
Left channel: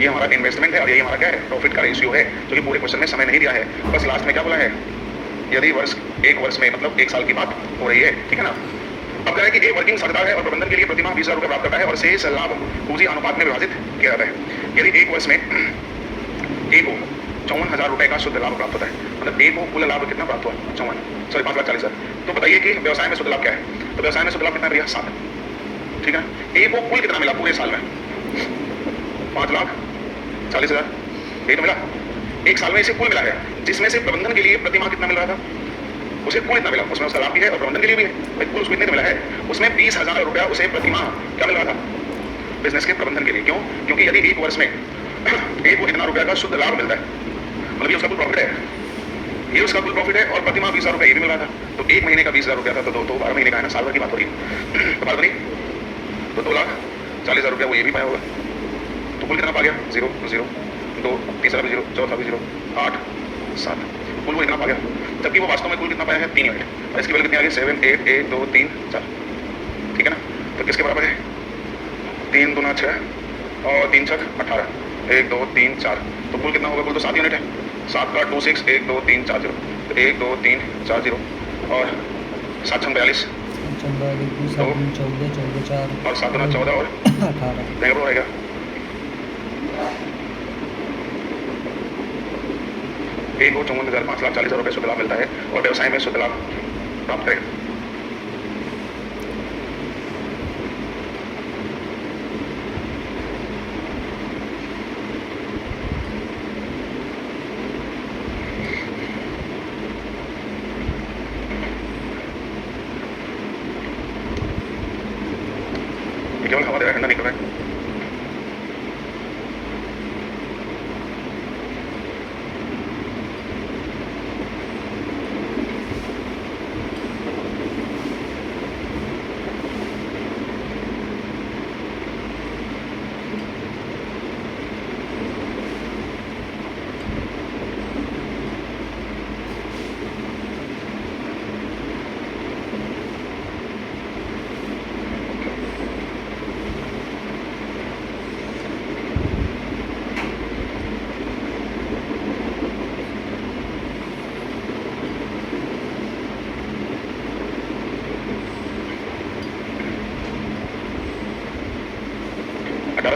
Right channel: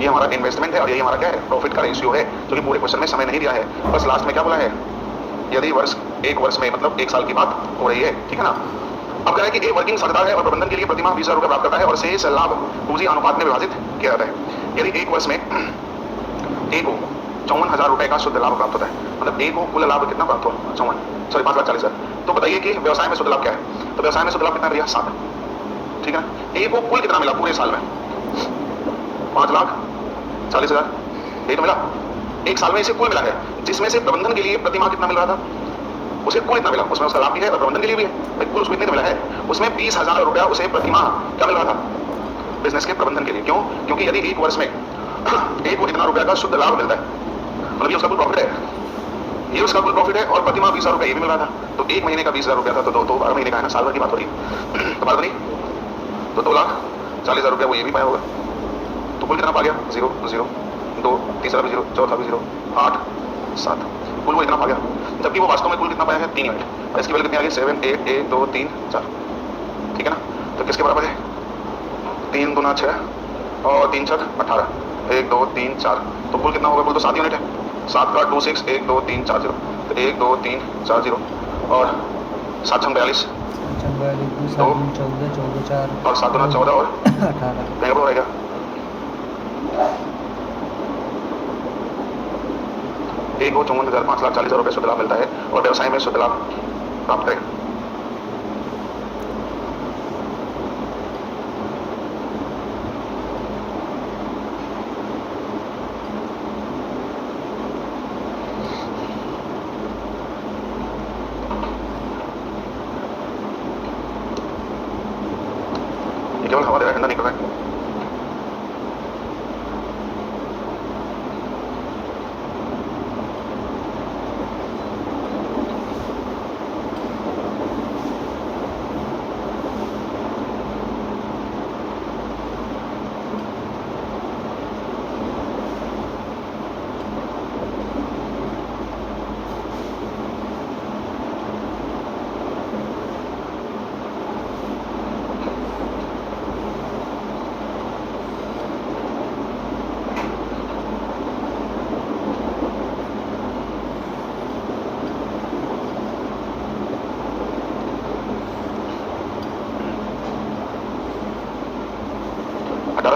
ये हमारा इन्वेस्टमेंट है और यही हमारा क्या है प्रॉफिट का रेशियो है, जो कि पूरे क्वेश्चन में समय नहीं दिया है, बस लास्ट में क्या बोला है यदि एक वर्ष में मतलब 1 साल की बात हो रही है, ठीक है ना। अब क्या है कि ए वर्किंग साझेदार है और प्रबंधन के लिए प्रति माह 20,000 रुपये प्राप्त करता है और शेष लाभ पूंजी अनुपात में विभाजित किया जाता है। यदि एक वर्ष में ए को 54,000 रुपए का शुद्ध लाभ प्राप्त होता है, मतलब ए को कुल लाभ कितना प्राप्त हुआ 5,40,000। तो बताइए कि व्यवसाय में शुद्ध लाभ क्या है? तो व्यवसाय में शुद्ध लाभ कितना भैया 7, ठीक है ना। ए को कुल कितना मिला पूरे साल में? 5,40,000 यही तो मिला। 1 साल में इसे कुल मिला है, जिसमें से प्रबंधन के लिए प्रति माह कितना मिल रहा था, उसे कुल इतना मिला, उसमें उसका लाभ भी है और प्रबंधन के लिए भी है, कुल उसको इतने मिला है, उसमें 20,000 रुपया उसे प्रति माह क्या मिल रहा था बिजनेस के प्रबंधन के लिए। क्यों? क्योंकि यदि एक वर्ष में ए को इतना रुपया का शुद्ध लाभ मिलता है, मतलब ये उसका कुल प्रॉफिट है, ये उसका कुल प्रॉफिट है और प्रति माह 20,000 रुपया ये भी मिल रहा था, तो 1 महीने का 20,000 रुपया था, तो 12 महीने का है ना, साल भर की बात हो रही है, तो बात बनी, तो 2,40,000 रुपया वो ये भी पाया होगा। तो कुल कितना पा गया 0 0 2, तीसरा भी 0, चौथा भी 0, 8 7, कुल वो इतना पा गया, जबकि वो वास्तव में कुल कितना पाया है 3 यूनिट, और इसकी वैल्यू कितनी आ गई 7 8 1 2 3 4, ठीक है ना। तो किसके बराबर है 3 दूना 6 और 3 छक 18, 1 2 3 4, तो कुल कितना होगा? कुल तो 7 यूनिट है, 7 का 2 6 1 2 3 4 0, तो 1 2 3 4 0 और 7 6 42 2 और 7 दूना 14 और 18 हो रहेगा। ए को 54,540,000 रुपये शुद्ध लाभ मिलता है और व्यवसाय में शुद्ध लाभ प्राप्त करें। केवल हवा दे रहा है, ठंडा नहीं कर रहा है।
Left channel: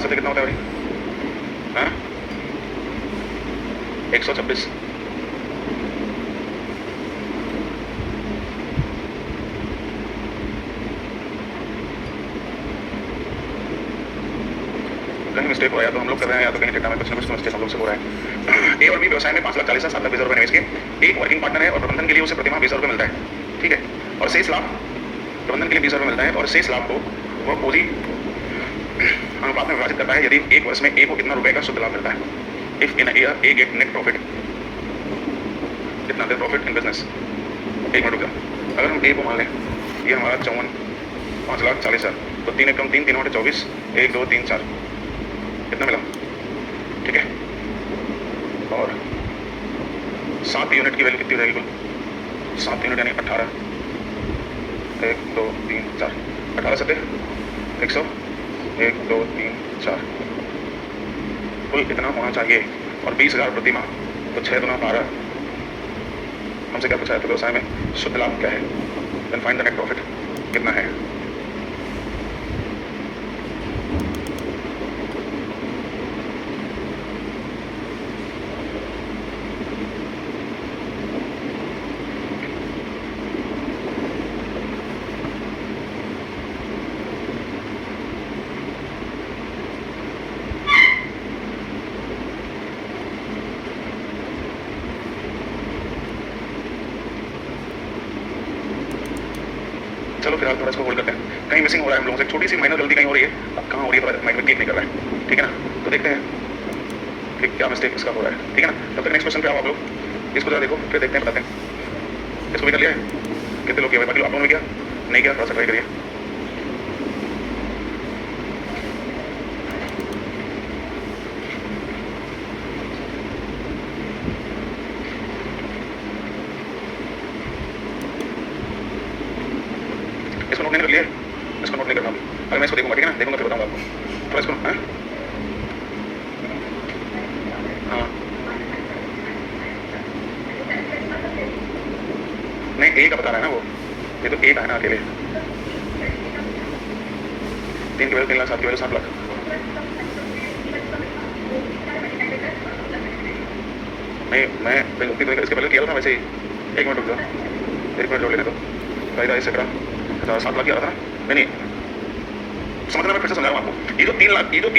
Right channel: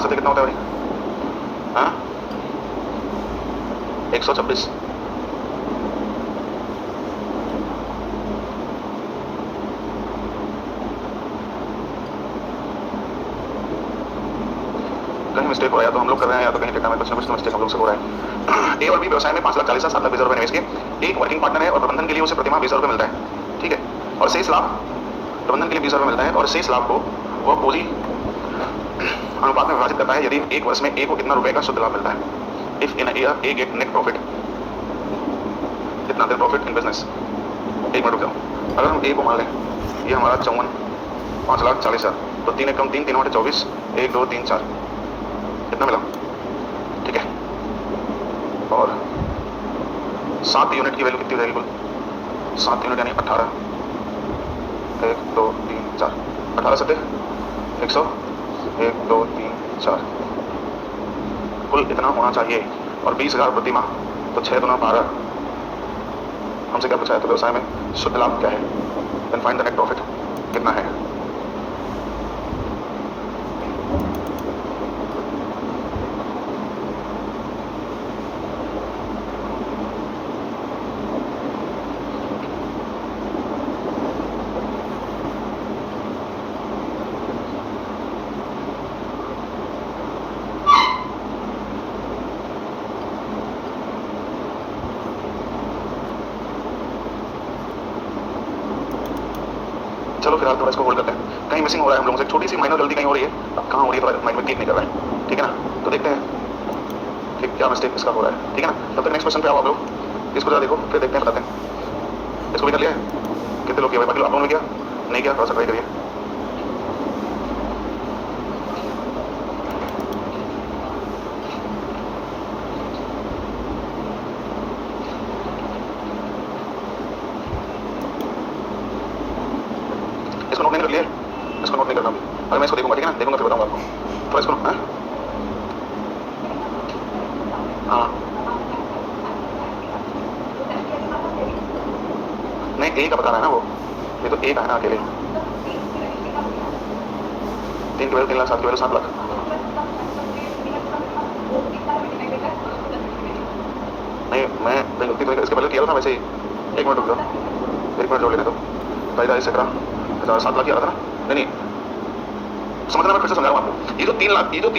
से कितना होता है भाई? हाँ 126। कहीं मिस्टेक हो रहा है, या तो हम लोग कर रहे हैं या तो कहीं डेटा में कुछ ना कुछ मिस्टेक हम लोग से हो रहा है। ए और बी व्यवसाय में 5,40,000 7,20,000 रुपये निवेश के, एक वर्किंग पार्टनर है और प्रबंधन के लिए उसे प्रति माह 20,000 रुपये मिलता है, ठीक है, और शेष लाभ प्रबंधन के लिए 20,000 रुपये मिलता है और शेष लाभ को वह पूंजी अनुपात में विभाजित करता है। यदि एक वर्ष में ए को कितना रुपए का शुद्ध लाभ मिलता है, if in year A get net profit, इतना देर प्रॉफिट इन बिजनेस, एक मिनट रुक जाओ। अगर हम ए को मान लें, ये हमारा 54,05,40,000, तो 3 एकम 3, 3 बटे 24, 1 2 3 4, कितना मिला? ठीक है, और 7 यूनिट की वैल्यू कितनी हो जाएगी कुल? 7 यूनिट यानी 18, 1 2 3 4, 18 सत्ते 100, 1 2 3 4, कुल इतना होना चाहिए। और 20,000 प्रति माह, तो 6 दूना 12। हमसे क्या पूछा है? तो व्यवसाय में शुद्ध लाभ क्या है? Then find the net profit कितना है। चलो फिलहाल थोड़ा इसको होल्ड करते हैं, कहीं मिसिंग हो रहा है हम लोगों से, छोटी सी माइनर गलती कहीं हो रही है। अब कहाँ हो रही है थोड़ा माइंड में क्लिक नहीं कर रहा है, ठीक है ना? तो देखते हैं कि क्या मिस्टेक इसका हो रहा है, ठीक है ना? तब तक नेक्स्ट क्वेश्चन पे आओ आप लोग, इसको जरा देखो, फिर देखते हैं, बताते हैं। इसको भी कर लिया है? कितने लोग किया भाई? बाकी लोग आप लोगों ने किया नहीं किया? थोड़ा सा ट्राई करिए। इसको नोट नहीं कर लिए? इसको नोट नहीं करना अभी, अगर मैं इसको देखूंगा, ठीक है ना? देखूंगा फिर बताऊंगा आपको। थोड़ा इसको हाँ नहीं, ए का बता रहा है ना वो, ये तो ए का है ना अकेले। 3 की वैल्यू 3 लाख, 7 की वैल्यू 7 लाख। नहीं मैं गलती तो इसके पहले किया था वैसे ही। 1 मिनट रुक जाओ, 1 मिनट जोड़ लेने दो। 2,50,000 17 7 लाख किया था ना? नहीं समझना, मैं फिर से समझा रहा हूँ आपको। ये जो 3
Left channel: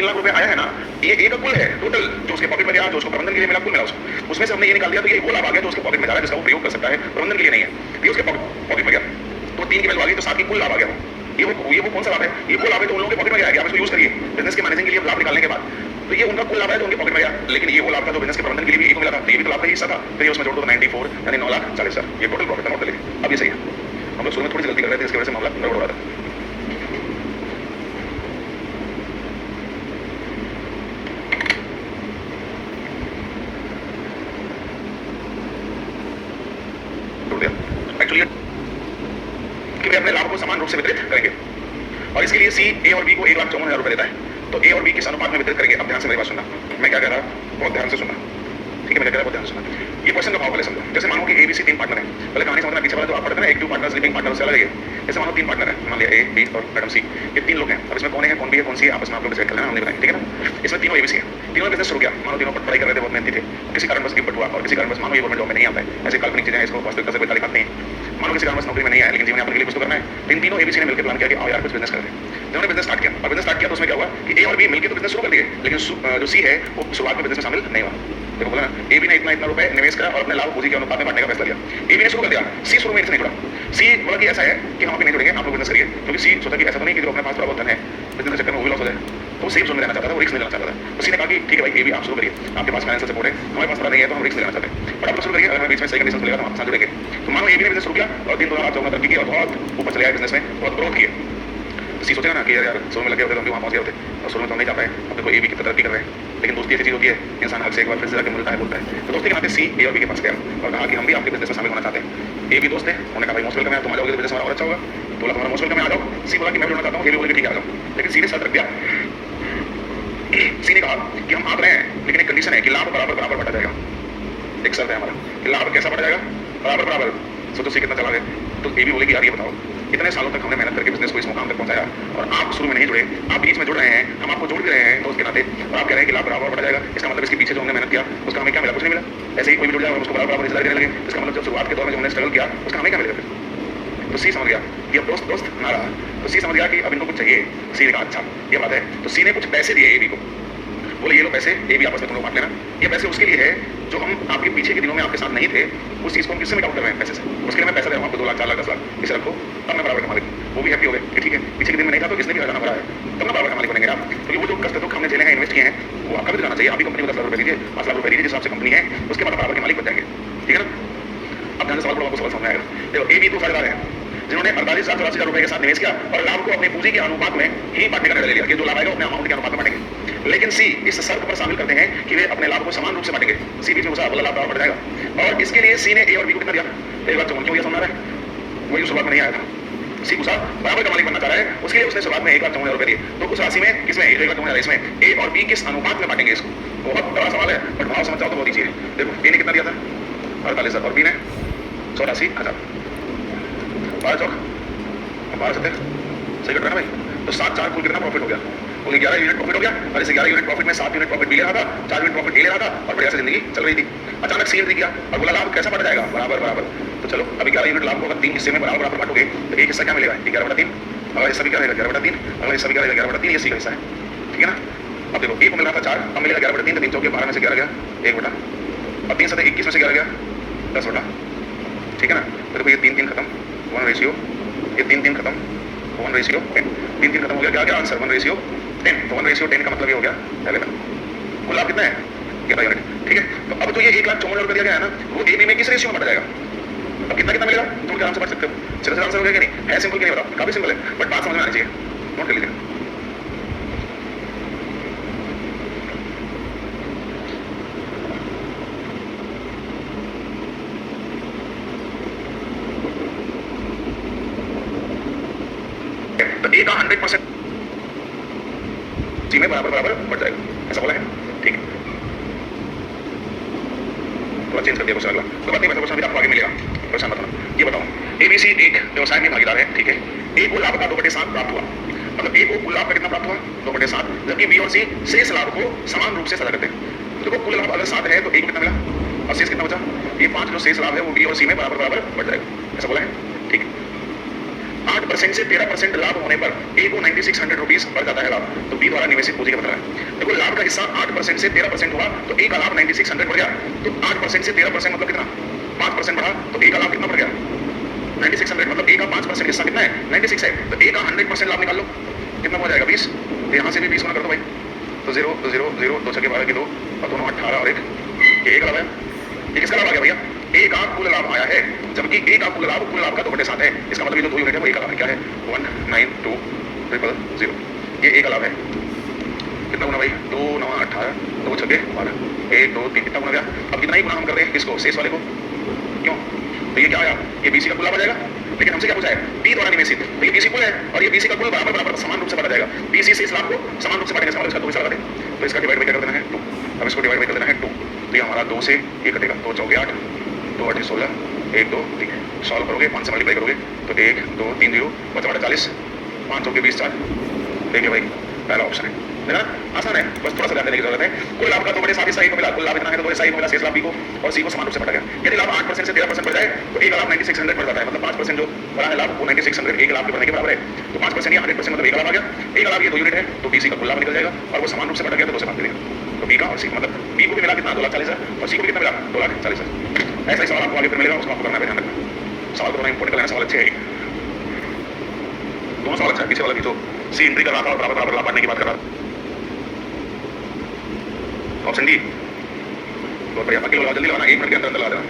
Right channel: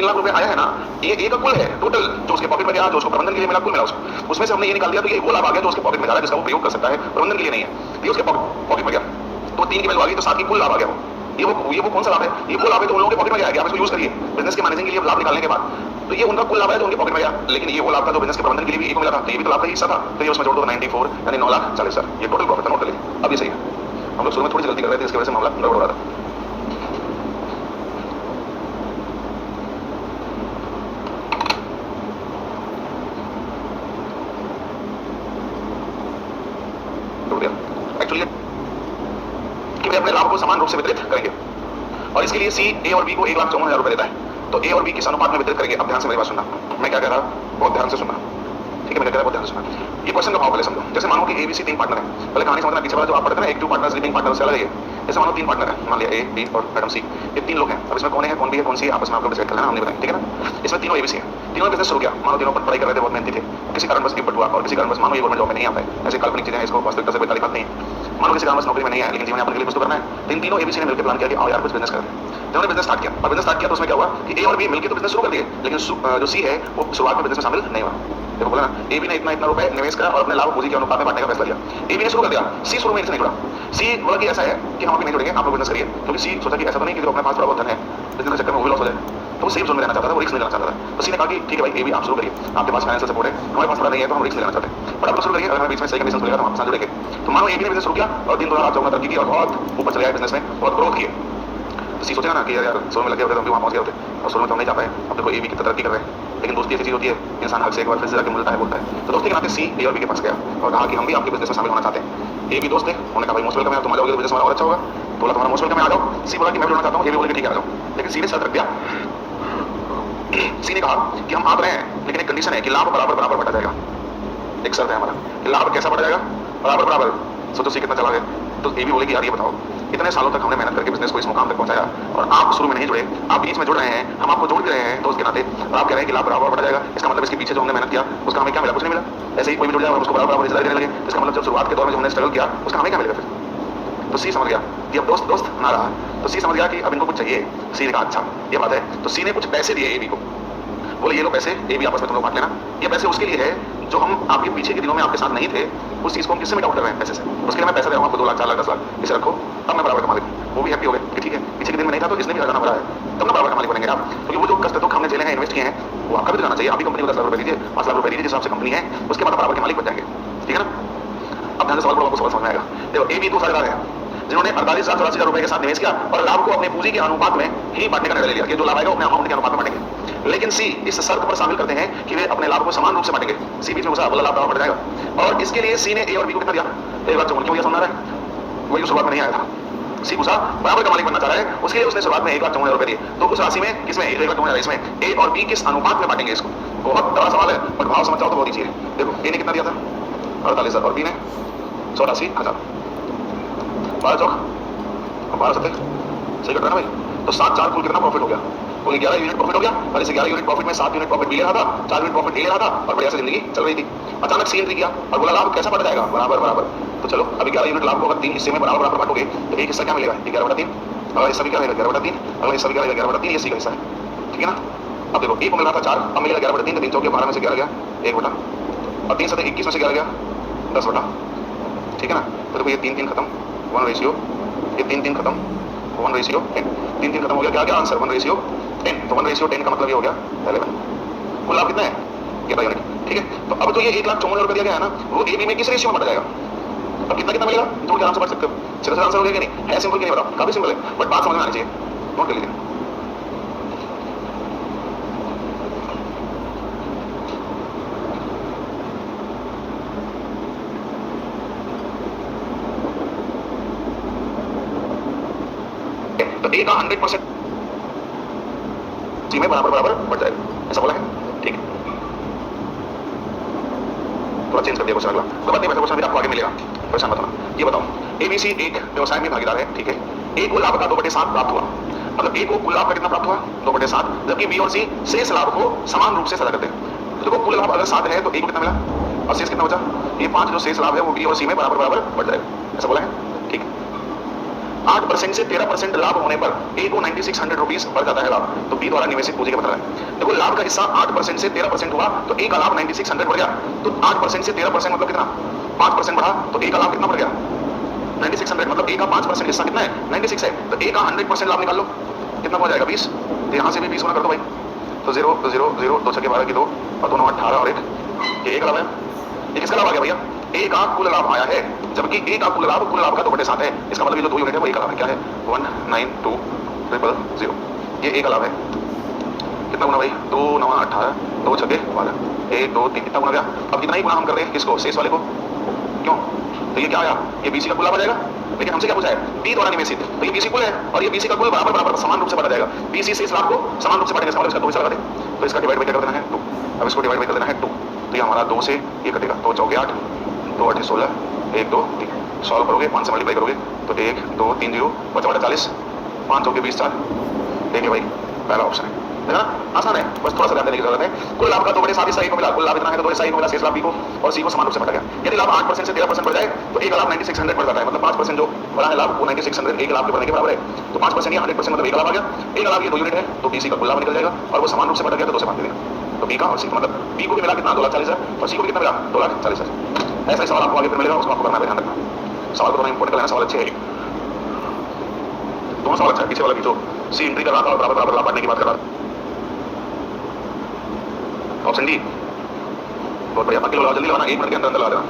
लाख रुपए आया है ना, ये ए का कुल है टोटल, जो उसके पॉकेट में गया, जो उसको प्रबंधन के लिए मिला, कुल मिला उसको। उसमें से हमने ये निकाल दिया, तो ये वो लाभ आ गया जो उसके पॉकेट में जा रहा है, जिसका वो प्रयोग कर सकता है, प्रबंधन के लिए नहीं है। ये उसके पॉकेट में गया, तो 3 की वैल्यू आ गई, तो 7 की कुल लाभ आ गया वो। ये वो कौन सा लाभ है? ये वो लाभ है जो उन लोगों के पॉकेट में गया है। आप इसको यूज करिए बिजनेस के मैनेजिंग के लिए लाभ निकालने के बाद। तो ये उनका कुल लाभ है जो उनके पॉकेट में गया, लेकिन ये वो लाभ था जो बिजनेस के प्रबंधन के लिए भी एक को मिला था, तो ये भी तो लाभ का हिस्सा था। फिर ये उसमें जोड़ दो 94 यानी 9,40,000, ये टोटल प्रॉफिट था। नोट कर लीजिए, अब ये सही है। हम लोग शुरू में थोड़ी सी गलती कर रहे थे, इसकी वजह से मामला गड़बड़ हो रहा था। एक्चुअली कि वे अपने लाभ को समान रूप से वितरित करेंगे, और इसके लिए सी ए और बी को 1,54,000 रुपए देता है, तो ए और बी किस अनुपात में वितरित करेंगे? अब ध्यान से मेरी बात सुनना, मैं क्या कह रहा, बहुत ध्यान से सुनना, ठीक है? मैं क्या कह रहा, बहुत ध्यान से सुनना। ये क्वेश्चन का भाव पहले समझो। जैसे मानो कि ए बी सी 3 पार्टनर है, पहले कहानी समझना, पीछे वाला जो आप पढ़ते हैं ना, एक 2 पार्टनर, स्लीपिंग पार्टनर से अलग है। जैसे मानो 3 पार्टनर है, मान लिया ए बी और मैडम सी, ये 3 लोग हैं। अब इसमें कौन है, कौन बी है, कौन सी है, आपस में आप लोग डिसाइड कर लेना, हमने बताया, ठीक है ना? इसमें तीनों एबीसी है, तीनों बिजनेस शुरू किया। मानो तीनों पढ़ाई कर रहे थे, बहुत मेहनती थे, किसी कारण बस गिफ्ट हुआ, और किसी कारण बस मानो ये गवर्नमेंट जॉब में नहीं आता है, ऐसे काल्पनिक चीजें हैं, इसको वास्तविकता से कोई ताल्लुकात नहीं है। मानो किसी कारण बस नौकरी में नहीं आया, लेकिन जीवन यापन के लिए कुछ तो करना है। तीनों एबीसी ने मिलकर प्लान किया कि आओ यार कुछ बिजनेस करते हैं। जिन्होंने बिजनेस स्टार्ट किया, और बिजनेस स्टार्ट किया तो उसमें क्या हुआ कि ए और बी मिलकर तो बिजनेस शुरू कर दिए, लेकिन जो सी है वो शुरुआत में बिजनेस में शामिल नहीं हुआ। देखो बोला ना, ए बी ने इतना रुपए निवेश करा और अपने लाभ पूंजी के अनुपात में बांटने का फैसला लिया। ए बी ने शुरू कर दिया, सी शुरू में इससे नहीं जुड़ा। सी बोला कि ऐसा है कि हम अभी नहीं जुड़ेंगे, आप लोग बिजनेस करिए, क्योंकि सी सोचा कि ऐसा तो नहीं कि जो अपने पास थोड़ा बहुत धन है बिजनेस के चक्कर में वो भी लॉस हो जाए, तो वो सेफ जोन में रहना चाहता था, वो रिस्क नहीं लेना चाहता था। तो सी ने कहा कि ठीक है भाई, ए बी आप शुरू करिए, आपके पास फाइनेंशियल सपोर्ट है, हमारे पास थोड़ा नहीं है, तो हम रिस्क लेना चाहते हैं, बट आप लोग शुरू करिए, अगर हमें बीच में सही कंडीशन मिलेगा तो हम आपके साथ जुड़ेंगे। तो मानो ए बी ने बिजनेस शुरू किया और दिन दोनों आप तरक्की की और बहुत ऊपर चले आए बिजनेस में, बहुत ग्रोथ किए। तो सी सोचेगा ना कि यार शुरू में लगे होते तो हम भी वहाँ पहुँच गए होते, और शुरू में तो हम नहीं जा पाए, अब देखो ए बी कितना तरक्की कर रहे हैं। लेकिन दोस्ती ऐसी चीज होती है, इंसान हक से एक बार फिर से जाकर मिलता है, बोलता है। तो दोस्ती के नाते सी ए और बी के पास गया और कहा कि हम भी आपके बिजनेस में शामिल होना चाहते हैं। ए बी दोस्त थे, उन्होंने कहा भाई मोस्ट वेलकम है, तुम आ जाओगे तो बिजनेस हमारा और अच्छा होगा। बोला तुम्हारा मोस्ट वेलकम है, आ जाओ। सी बोला कि मैं भी होना चाहता हूँ, ए बी बोला कि ठीक है आ जाओ। लेकिन सी ने शर्त रख दिया, सी ने कहा कि हम आ रहे हैं, लेकिन एक कंडीशन है कि लाभ बराबर बराबर बटा जाएगा। एक शर्त है हमारा कि लाभ कैसा बढ़ जाएगा, बराबर बराबर। सोचो सी कितना चला गया। तो ए भी बोलेगी यार ये बताओ, इतने सालों तक हमने मेहनत करके बिजनेस को इस मुकाम तक पहुंचाया और आप शुरू में नहीं जुड़े, आप बीच में जुड़ रहे हैं, हम आपको जोड़ भी रहे हैं दोस्त के नाते, और आप कह रहे हैं कि लाभ बराबर बढ़ जाएगा। इसका मतलब इसके पीछे जो हमने मेहनत किया उसका हमें क्या मिला? कुछ नहीं मिला। ऐसे ही कोई भी जुड़ जाए और उसको बराबर बराबर हिस्सा देने लगे, इसका मतलब जब शुरुआत के दौर में जो हमने स्ट्रगल किया उसका हमें क्या मिलेगा फिर? तो सी समझ गया कि अब दोस्त दोस्त ना रहा, तो सी समझ गया कि अब इनको कुछ चाहिए। सी ने कहा अच्छा ये बात है, तो सी ने कुछ पैसे दिए ए बी को, बोले ये लो पैसे, ए भी आपस में तुम लोग बांट लेना। ये पैसे उसके लिए है जो हम आपके पीछे के दिनों में आपके साथ नहीं थे, उस चीज को हम किससे मिट आउट कर रहे हैं पैसे से। उसके लिए मैं पैसा दे रहा हूँ आपको 2 लाख 4 लाख 10 लाख, इसे रखो, अब मैं बराबर का मालिक हूँ। वो भी हैप्पी हो गए कि ठीक है, पीछे के दिन में नहीं था तो इसने भी हजाना भरा है, तब ना बराबर का मालिक बनेंगे आप, क्योंकि वो जो कष्ट दुख हमने झेले हैं, इन्वेस्ट किए हैं, वो आपका भी जाना चाहिए। आप भी कंपनी को 10 लाख रुपए दीजिए, 5 लाख रुपए दीजिए, जिस हिसाब से कंपनी है उसके बाद बराबर के मालिक बन जाएंगे, ठीक है ना? अब ध्यान से सवाल पढ़ो, आपको सवाल समझ में आएगा। देखो ए बी दो साझेदार हैं जिन्होंने 48,84,000 रुपए के साथ निवेश किया और लाभ को अपने पूंजी के अनुपात में ही बांटने का निर्णय ले लिया कि जो लाभ आएगा अपने अमाउंट के अनुपात में बांटेंगे। लेकिन सी इस शर्त पर शामिल करते हैं कि वे अपने लाभ को समान रूप से बांटेंगे। सी बीच में घुसा, बोला लाभ बढ़ जाएगा और इसके लिए सी ने ए और बी को कितना दिया, 1,54,000। क्यों, ये समझ रहा है, वही शुरुआत में नहीं आया था। सी घुसा, बराबर का मालिक बनना चाह रहा है, उसके लिए उसने शुरुआत में 1,54,000 रुपए दिए। तो उस राशि में किसमें 1,54,000, इसमें ए और बी किस अनुपात में बांटेंगे इसको। बहुत बड़ा सवाल है, बट भाव समझ जाओ तो बहुत ईजी है। देखो ए ने कितना दिया था, 48,000 और बी ने 84,000। 12 चौक 12 सत्ते सही कट रहा है ना भाई। तो 7 4 कुल कितना प्रॉफिट हो गया, कुल 11 यूनिट प्रॉफिट हो गया। और इस 11 यूनिट प्रॉफिट में 7 यूनिट प्रॉफिट बी ले रहा था, 4 यूनिट प्रॉफिट ए ले रहा था और बढ़िया से जिंदगी चल रही थी। अचानक सी एंट्री किया और बोला लाभ कैसा बढ़ जाएगा, बराबर बराबर। तो चलो अभी 11 यूनिट लाभ को अगर 3 हिस्से में बराबर बराबर बांटोगे तो एक हिस्सा क्या मिलेगा, 11/3। अगला हिस्सा भी क्या रहेगा, 11/3। अगला हिस्सा भी क्या रहेगा, 11/3। ये सी का हिस्सा है, ठीक है ना। अब देखो ए को मिल रहा था 4, अब मिलेगा 11/3। तो 3 चौके 12 में से 11 गया 1 बटा, और 3 सत्ते 21 में से 11 गया 10 बटा, ठीक है ना। तो देखो ये 3 खत्म, 1 रेशियो, ये 3 खत्म, 1 रेशियो 10। 3 खत्म हो गया, क्या क्या आंसर 1 रेशियो 10। तो 1 रेशियो 10 का मतलब ये हो गया 11। कुल लाभ कितना है, 11 यूनिट, ठीक है। तो अब जो ये 1,54,000 रुपए दिया गया है ना, वो ए बी में किस रेशियो में बढ़ जाएगा। अब कितना कितना मिलेगा, जोड़ के आराम से बढ़ सकते हो। चलो आंसर हो गया कि नहीं, है सिंपल कि नहीं बताओ, काफी सिंपल है, बट बात समझ में आनी चाहिए, नोट कर लीजिए। तो ए का 100% सी में बराबर बराबर बढ़ जाएगा, ऐसा बोला है, ठीक है। थोड़ा चेंज कर दिया क्वेश्चन अगला, तो बात नहीं, वैसे क्वेश्चन भी आपको आगे मिलेगा, परेशान मत होना। ये बताओ एबीसी एक व्यवसाय में भागीदार है, ठीक है। ए को लाभ का 2/7 प्राप्त हुआ, मतलब ए को कुल लाभ का कितना प्राप्त हुआ, 2/7, जबकि बी और सी शेष लाभ को समान रूप से साझा करते हैं। तो देखो कुल लाभ अगर 7 है तो ए को कितना मिला और शेष कितना बचा, ये 5 जो शेष लाभ है वो बी और सी में बराबर बराबर बढ़ जाएगा, ऐसा बोला है, ठीक है। 8% से 13% लाभ होने पर ए को 9600 रुपीज बढ़ जाता है लाभ, तो बी द्वारा निवेशित पूंजी का पता है। देखो लाभ का हिस्सा 8% से 13% हुआ तो ए का लाभ 9600 बढ़ गया। तो 8% से 13% मतलब कितना, 5% बढ़ा, तो ए का लाभ कितना बढ़ गया 9600, मतलब ए का 5% हिस्सा कितना है 96 है। तो ए का 100% लाभ निकाल लो, कितना हो जाएगा 20। तो यहाँ से भी 20 गुना कर दो भाई, तो 0 0 0 2 6 12 की 2 और दोनों 18 और 1, ये एक लाभ है। ये किसका लाभ आ गया भैया, ए का कुल लाभ आया है, जबकि ए का कुल लाभ का 2/7 है। इसका मतलब ये जो 2 यूनिट है वो ए का लाभ है, क्या है 192,000, ये ए का लाभ है। कितना गुना भाई, 2 9 18, 2 6 12, 1 2 3, कितना गुना गया। अब कितना ही गुना हम कर रहे हैं किसको, शेष वाले को, क्यों, तो ये क्या आया, ये बीसी का कुल लाभ आ जाएगा। लेकिन हमसे क्या पूछा है, बी द्वारा निवेशित, तो ये बीसी कुल है और ये बीसी का कुल बराबर बराबर समान रूप से बढ़ा जाएगा। बीसी शेष लाभ को समान रूप से बढ़ेगा, इसका मतलब इसका 2 हिस्सा लगा दे, तो इसका डिवाइड बाई कर देना है 2। अब इसको डिवाइड बाई कर देना है 2, तो ये हमारा 2 से ये कटेगा, 2 चौके 8, 2 8 16, 1 2 3, सॉल्व करोगे 5 से मल्टीप्लाई करोगे तो 1 2 3 0 बचा 40, 5 चौके 20 4, देखिए भाई पहला ऑप्शन है, है ना, आसान है, बस थोड़ा सा ध्यान देने की जरूरत है। कुल लाभ का 2/7 हिस्सा ए को मिला, कुल लाभ इतना है तो 2/7 को मिला, शेष लाभ बी को और सी को समान रूप से बढ़ा गया। यदि लाभ 8% से 13% बढ़ जाए तो ए का लाभ 9600 बढ़ जाता है, मतलब 5% जो बढ़ा है लाभ वो 9600 ए के लाभ के बढ़ने के बराबर है। तो 5% या 100% मतलब ए का लाभ आ गया। ए का लाभ ये 2 यूनिट है तो बी सी का कुल लाभ निकल जाएगा और वो समान रूप से बढ़ गया तो 2 से भाग देगा। तो बी का और सी का मतलब बी को भी मिला कितना 2,40,000 और सी को भी कितना मिला 2,40,000। ऐसा ही सवाल आपको आगे फिर मिलेगा, उसको आपको करना है, ध्यान रखना। सवाल को थोड़ा इंपॉर्टेंट लेना, सवाल अच्छे है, दोनों सवाल अच्छा है। पीछे वाला भी तो सी एंट्री कर रहा था और बराबर बराबर लाभ बांटने की बात कर रहा था। ऑप्शन डी बहुत बढ़िया, बाकी लोग जल्दी लगाना, 1 मिनट के अंदर अंदर लगा देना।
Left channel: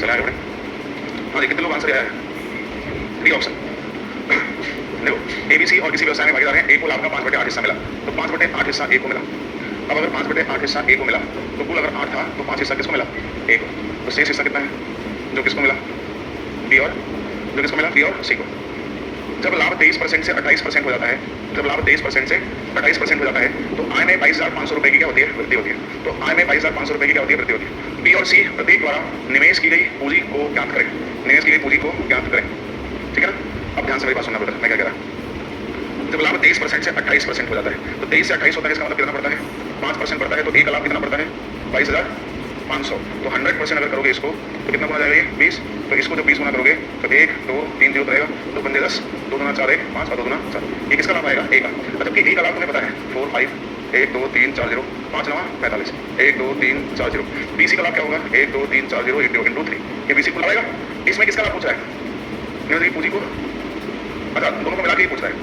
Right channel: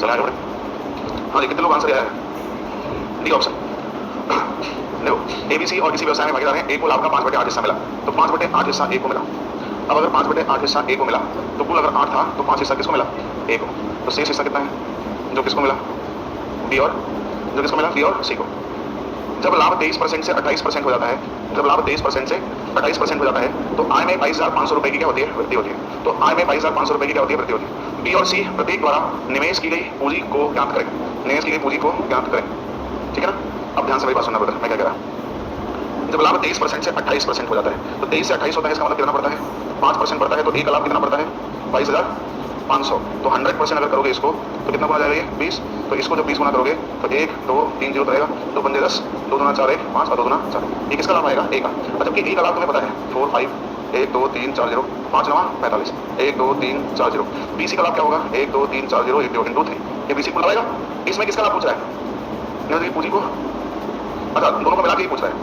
चला आगे बढ़े। हाँ कितने लोग आंसर आया है, डी ऑप्शन। देखो एबीसी और किसी व्यवसाय में भागीदार है, ए को लाभ का 5/8 हिस्सा मिला, तो 5/8 हिस्सा ए को मिला। अब अगर 5/8 हिस्सा ए को मिला तो कुल अगर 8 था तो 5 हिस्सा किसको मिला, ए को। तो शेष हिस्सा कितना है जो किसको मिला, बी और जो किसको मिला, बी और सी को। जब लाभ 23% से 28% हो जाता है, जब लाभ 23% से 28% हो जाता है तो आय में 22,500 रुपए की क्या होती है, वृद्धि होती है। तो आय में 22,500 रुपए की क्या होती है, वृद्धि होती है। बी और सी प्रत्येक द्वारा निवेश की गई पूंजी को ज्ञात करें, निवेश की गई पूंजी को ज्ञात करें, ठीक है ना। अब ध्यान से मेरी बात सुनना ब्रदर, मैं क्या कह रहा हूं। जब लाभ 23% से 28% हो जाता है तो 23 से 28 होता है, इसका मतलब कितना पड़ता है, 5% पड़ता है। तो ए का लाभ कितना पड़ता है, 22,500। तो 100% अगर करोगे इसको तो कितना गुना जाएगा ये 20। तो इसको जब 20 गुना करोगे तो 1 2 3 0 रहेगा, 2 पंजे 10, 2 दूना 4 1 5 और 2 दूना 4। ये किसका लाभ आएगा, ए का। जबकि ए का लाभ तुम्हें पता है 4 5 1 2 3 4 0 5 9 45 1 2 3 4 0। बीसी का लाभ क्या होगा, 1 2 3 4 0 1 2 इंटू 3। ये बीसी को लाएगा। इसमें किसका लाभ पूछ रहा है, निवेश की पूंजी को। अच्छा दोनों को मिला के ही पूछ रहा है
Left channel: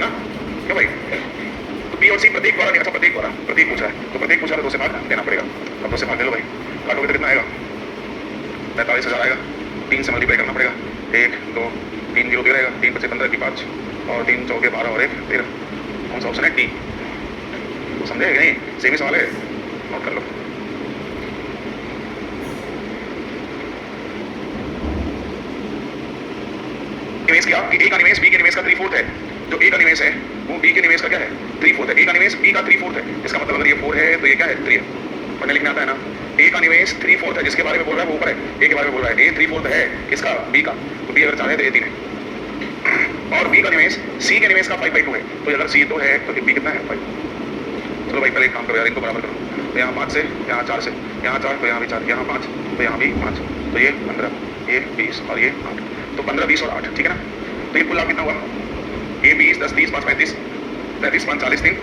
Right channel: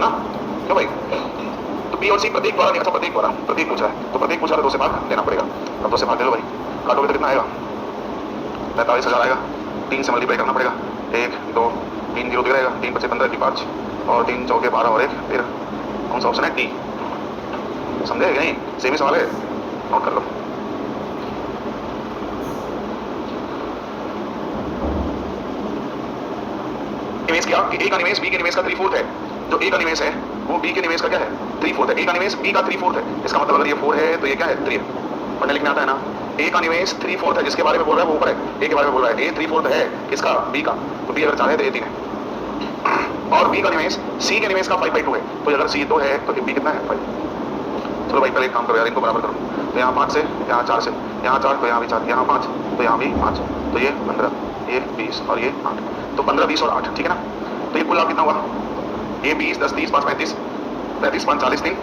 ना, क्यों भाई। तो बी और सी प्रत्येक द्वारा, अच्छा प्रत्येक द्वारा, प्रत्येक पूछ रहा है तो प्रत्येक पूछा तो 2 से भाग देना पड़ेगा। अब 2 से भाग दे लो भाई, काटोगे तो कितना आएगा, 45,000 आएगा। 3 से मल्टीप्लाई करना पड़ेगा, 1 2 3 0 रहेगा, 3 5 15 की 5 और 3 चौके 12 और 1 13। कौन सा ऑप्शन है, डी। समझे कि नहीं, सेम ही सवाल है, नोट कर लो। निवेश किया कि ए का निवेश बी के निवेश का 3/4 है। जो ए का निवेश है वो बी के निवेश का क्या है, 3/4 है। ए का निवेश बी का 3/4 है, इसका मतलब अगर ये 4 है तो ये क्या है, 3 है। पढ़ने लिखने आता है ना। ए का निवेश 3/4 है, जिसके बारे में बोल रहा है वो ऊपर है, ए के बारे में बोल रहा है। ए 3/4 है किसका, बी का। तो बी अगर 4 है तो ए 3 है। और बी का निवेश सी के निवेश का 5/2 है। तो अगर सी 2 है तो बी कितना है, 5। चलो भाई पहले एक काम करो यार, इनको बराबर करो। तो यहाँ 5 से यहाँ 4 से यहाँ 4 तो यहाँ भी 4, यहाँ 5 तो यहाँ भी 5, तो ये 15, ये 20 और ये 8। तो 15 20 और 8, ठीक है ना। तो ये कुल लाभ कितना हुआ, ये 20 10 30 5 35 35 5 40 3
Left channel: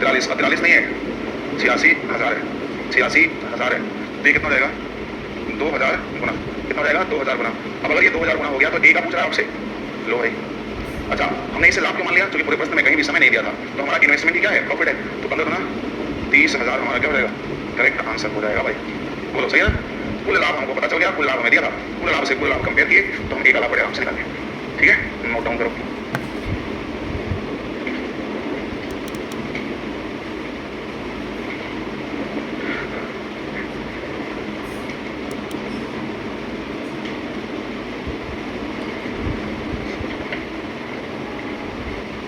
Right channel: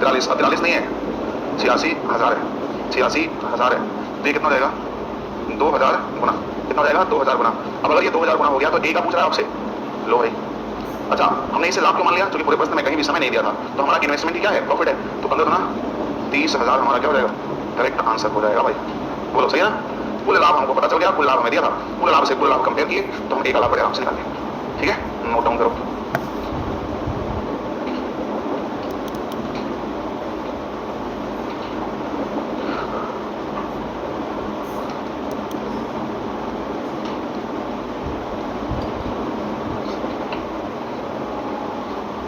43, 43 नहीं है, 86,000 है, 86,000 है। तो ये कितना रहेगा, 2,000 गुना, कितना रहेगा 2,000 गुना। अब अगर ये 2,000 गुना हो गया तो ए का पूछ रहा है आपसे, लो भाई। अच्छा हमने इसे लाभ क्यों मान लिया, क्योंकि पूरे प्रश्न में कहीं भी समय नहीं दिया था। तो हमारा इन्वेस्टमेंट क्या है, प्रॉफिट है। तो 15 गुना 30,000 हमारा क्या हो जाएगा, करेक्ट आंसर हो जाएगा भाई। बोलो सही है ना। कुल लाभ हमको पता चल गया, कुल लाभ हमें दिया था, कुल लाभ से कुल लाभ कंपेयर किए तो हम ए का लाभ बड़े आराम से निकाल लें, ठीक है। नोट डाउन करो।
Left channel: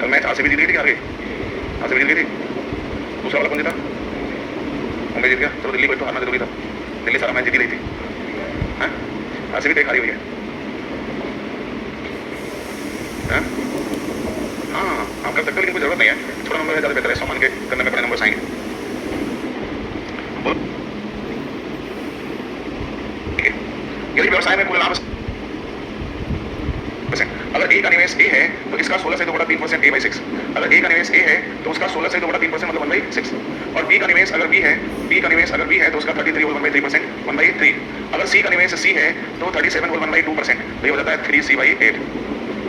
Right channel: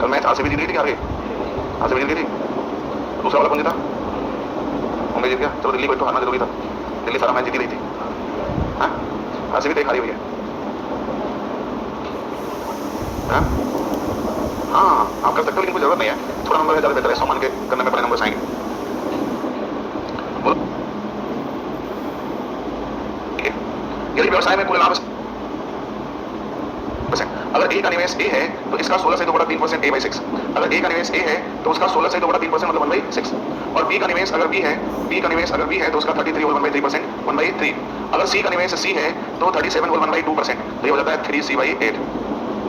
कल मैच आरसीबी जीत गई थी, आगे आरसीबी जीत गई थी। दूसरा वाला कौन जीता, मुंबई जीत गया। चलो दिल्ली को तो हारना जरूरी था, दिल्ली सारा मैच जीती रही थी। हाँ आरसीबी तो एक हारी हुई है। हाँ आप कर सकते हो लेकिन कोई जरूरत नहीं है, थोड़ा नंबर है ज्यादा बेहतर है, 100 मान के करने में बड़े नंबर आएंगे। यदि व्यवसाय में कुल लाभ, अगर ए का निवेश ए है तो इसका 16 से 2/3% a/6। अगर ए का निवेश ए है तो उसका 16 से 2/3% मतलब 1/6। और बी का निवेश अगर बी है, बी का निवेश अगर बी है तो उसका 33 होल 1/3%, 1/3। अगर सी का निवेश सी है तो 37 होल 1/2%, तो ये हो जाता है 3c/8,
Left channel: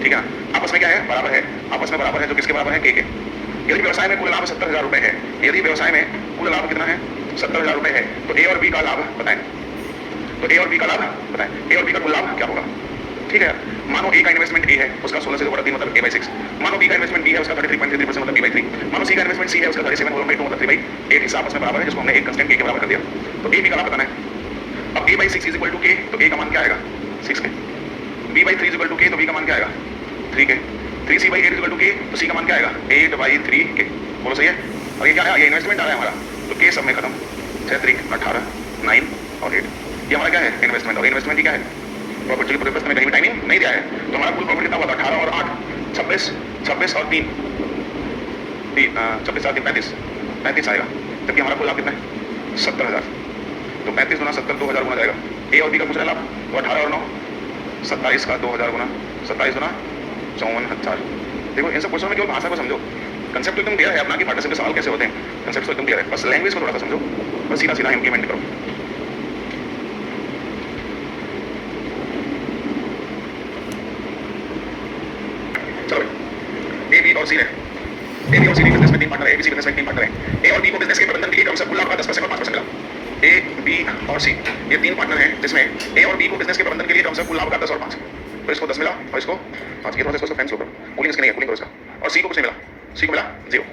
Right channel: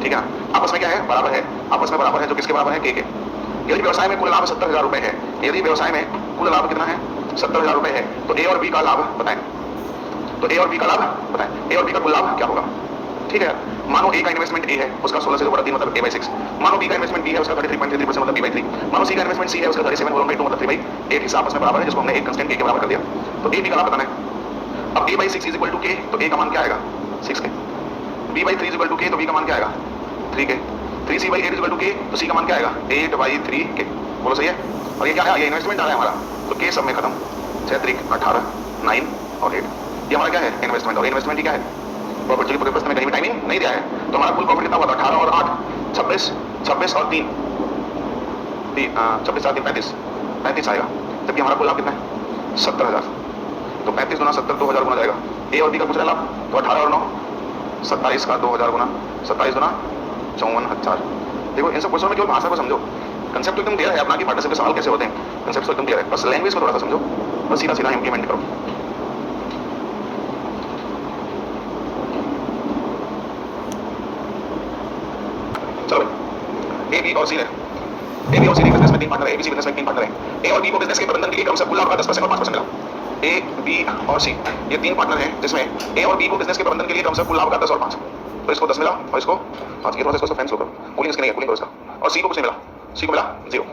ठीक है। आपस में क्या है, बराबर है, आपस में बराबर है, जो किसके बराबर है, के। यदि व्यवसाय में कुल लाभ 70,000 रुपए है, यदि व्यवसाय में कुल लाभ कितना है, 70,000 रुपए है, तो ए और बी का लाभ बताएं। तो ए और बी का लाभ बताएं, ए और बी का कुल लाभ क्या होगा, ठीक है। मानो ए का इन्वेस्टमेंट ए है, उसका 16 से 2/3 मतलब a/6। मानो बी का इन्वेस्टमेंट बी है, उसका 33.33% मतलब b/3। मानो सी का इन्वेस्टमेंट सी है, उसका 37 होल 1/2 मतलब 3/8 हिस्सा आपस में बराबर है, जिसको हमने एक कांस्टेंट k के बराबर कर दिया। तो ए बी का लाभ बताना है। अब a/6 is equal to k, तो a का मान क्या आएगा, 6k। b/3 is equal to k, तो b का मान क्या आएगा, 3k। 3c/8 is equal to k, तो c का मान क्या आएगा, 8/3k। बोलो सही है। और ये क्या है, ये इन्वेस्टमेंट आ रहा है हमारा, तो k सब में खत्म, 6 3 18 9 और 8। ये हमारा क्या है, इन्वेस्टमेंट। और इन्वेस्टमेंट ही क्या है, प्रॉफिट। जो पूरे प्रश्न में कहीं भी टाइमिंग नहीं दिया है, तो हमारा कुल प्रॉफिट कितना हुआ था, 18 और 8 26, 26 और 3 26 7 35 35 आएगा। जबकि हमारा कुल लाभ कितना है, 70,000। तो 35 गुना 70 2,000 गुना जाएगा। ए और बी का पूछ रहा लाभ, तो 18 और 9 27 का 2,000 गुना, 27 गुना 54,000। देखो इन सब क्वेश्चन में केवल भाषा को समझो, कंसेप्ट तो एकदम क्लियर है अपना कि पार्टनरशिप के सवाल कैसे होते हैं, कंसेप्ट तो एकदम क्लियर है, बस लैंग्वेज को थोड़ा सा समझो, बस सीधा सीधा इंप्लीमेंट करो। चलो भाई, ए बी और सी है, ए बी और सी बिजनेस में 3 पार्टनर है, ए बी सी बिजनेस में 3 पार्टनर है। ए और बी को बिजनेस के प्रबंधन के लिए क्रमशः कुल लाभ का 10% और 5% मिला। ए बी और सी ये 3 पार्टनर हैं, जिसमें ए और बी को बिजनेस के प्रबंधन के लिए क्रमशः कुल लाभ का 10 और 5। तो इसको 10 मिला और इसको 5। ये थोड़ा सा इसको फैंस लो करो, कूलिंग इसकी नहीं है, कूलिंग करो इसका। और सी को कुछ नहीं मिला, सी को मिला 0।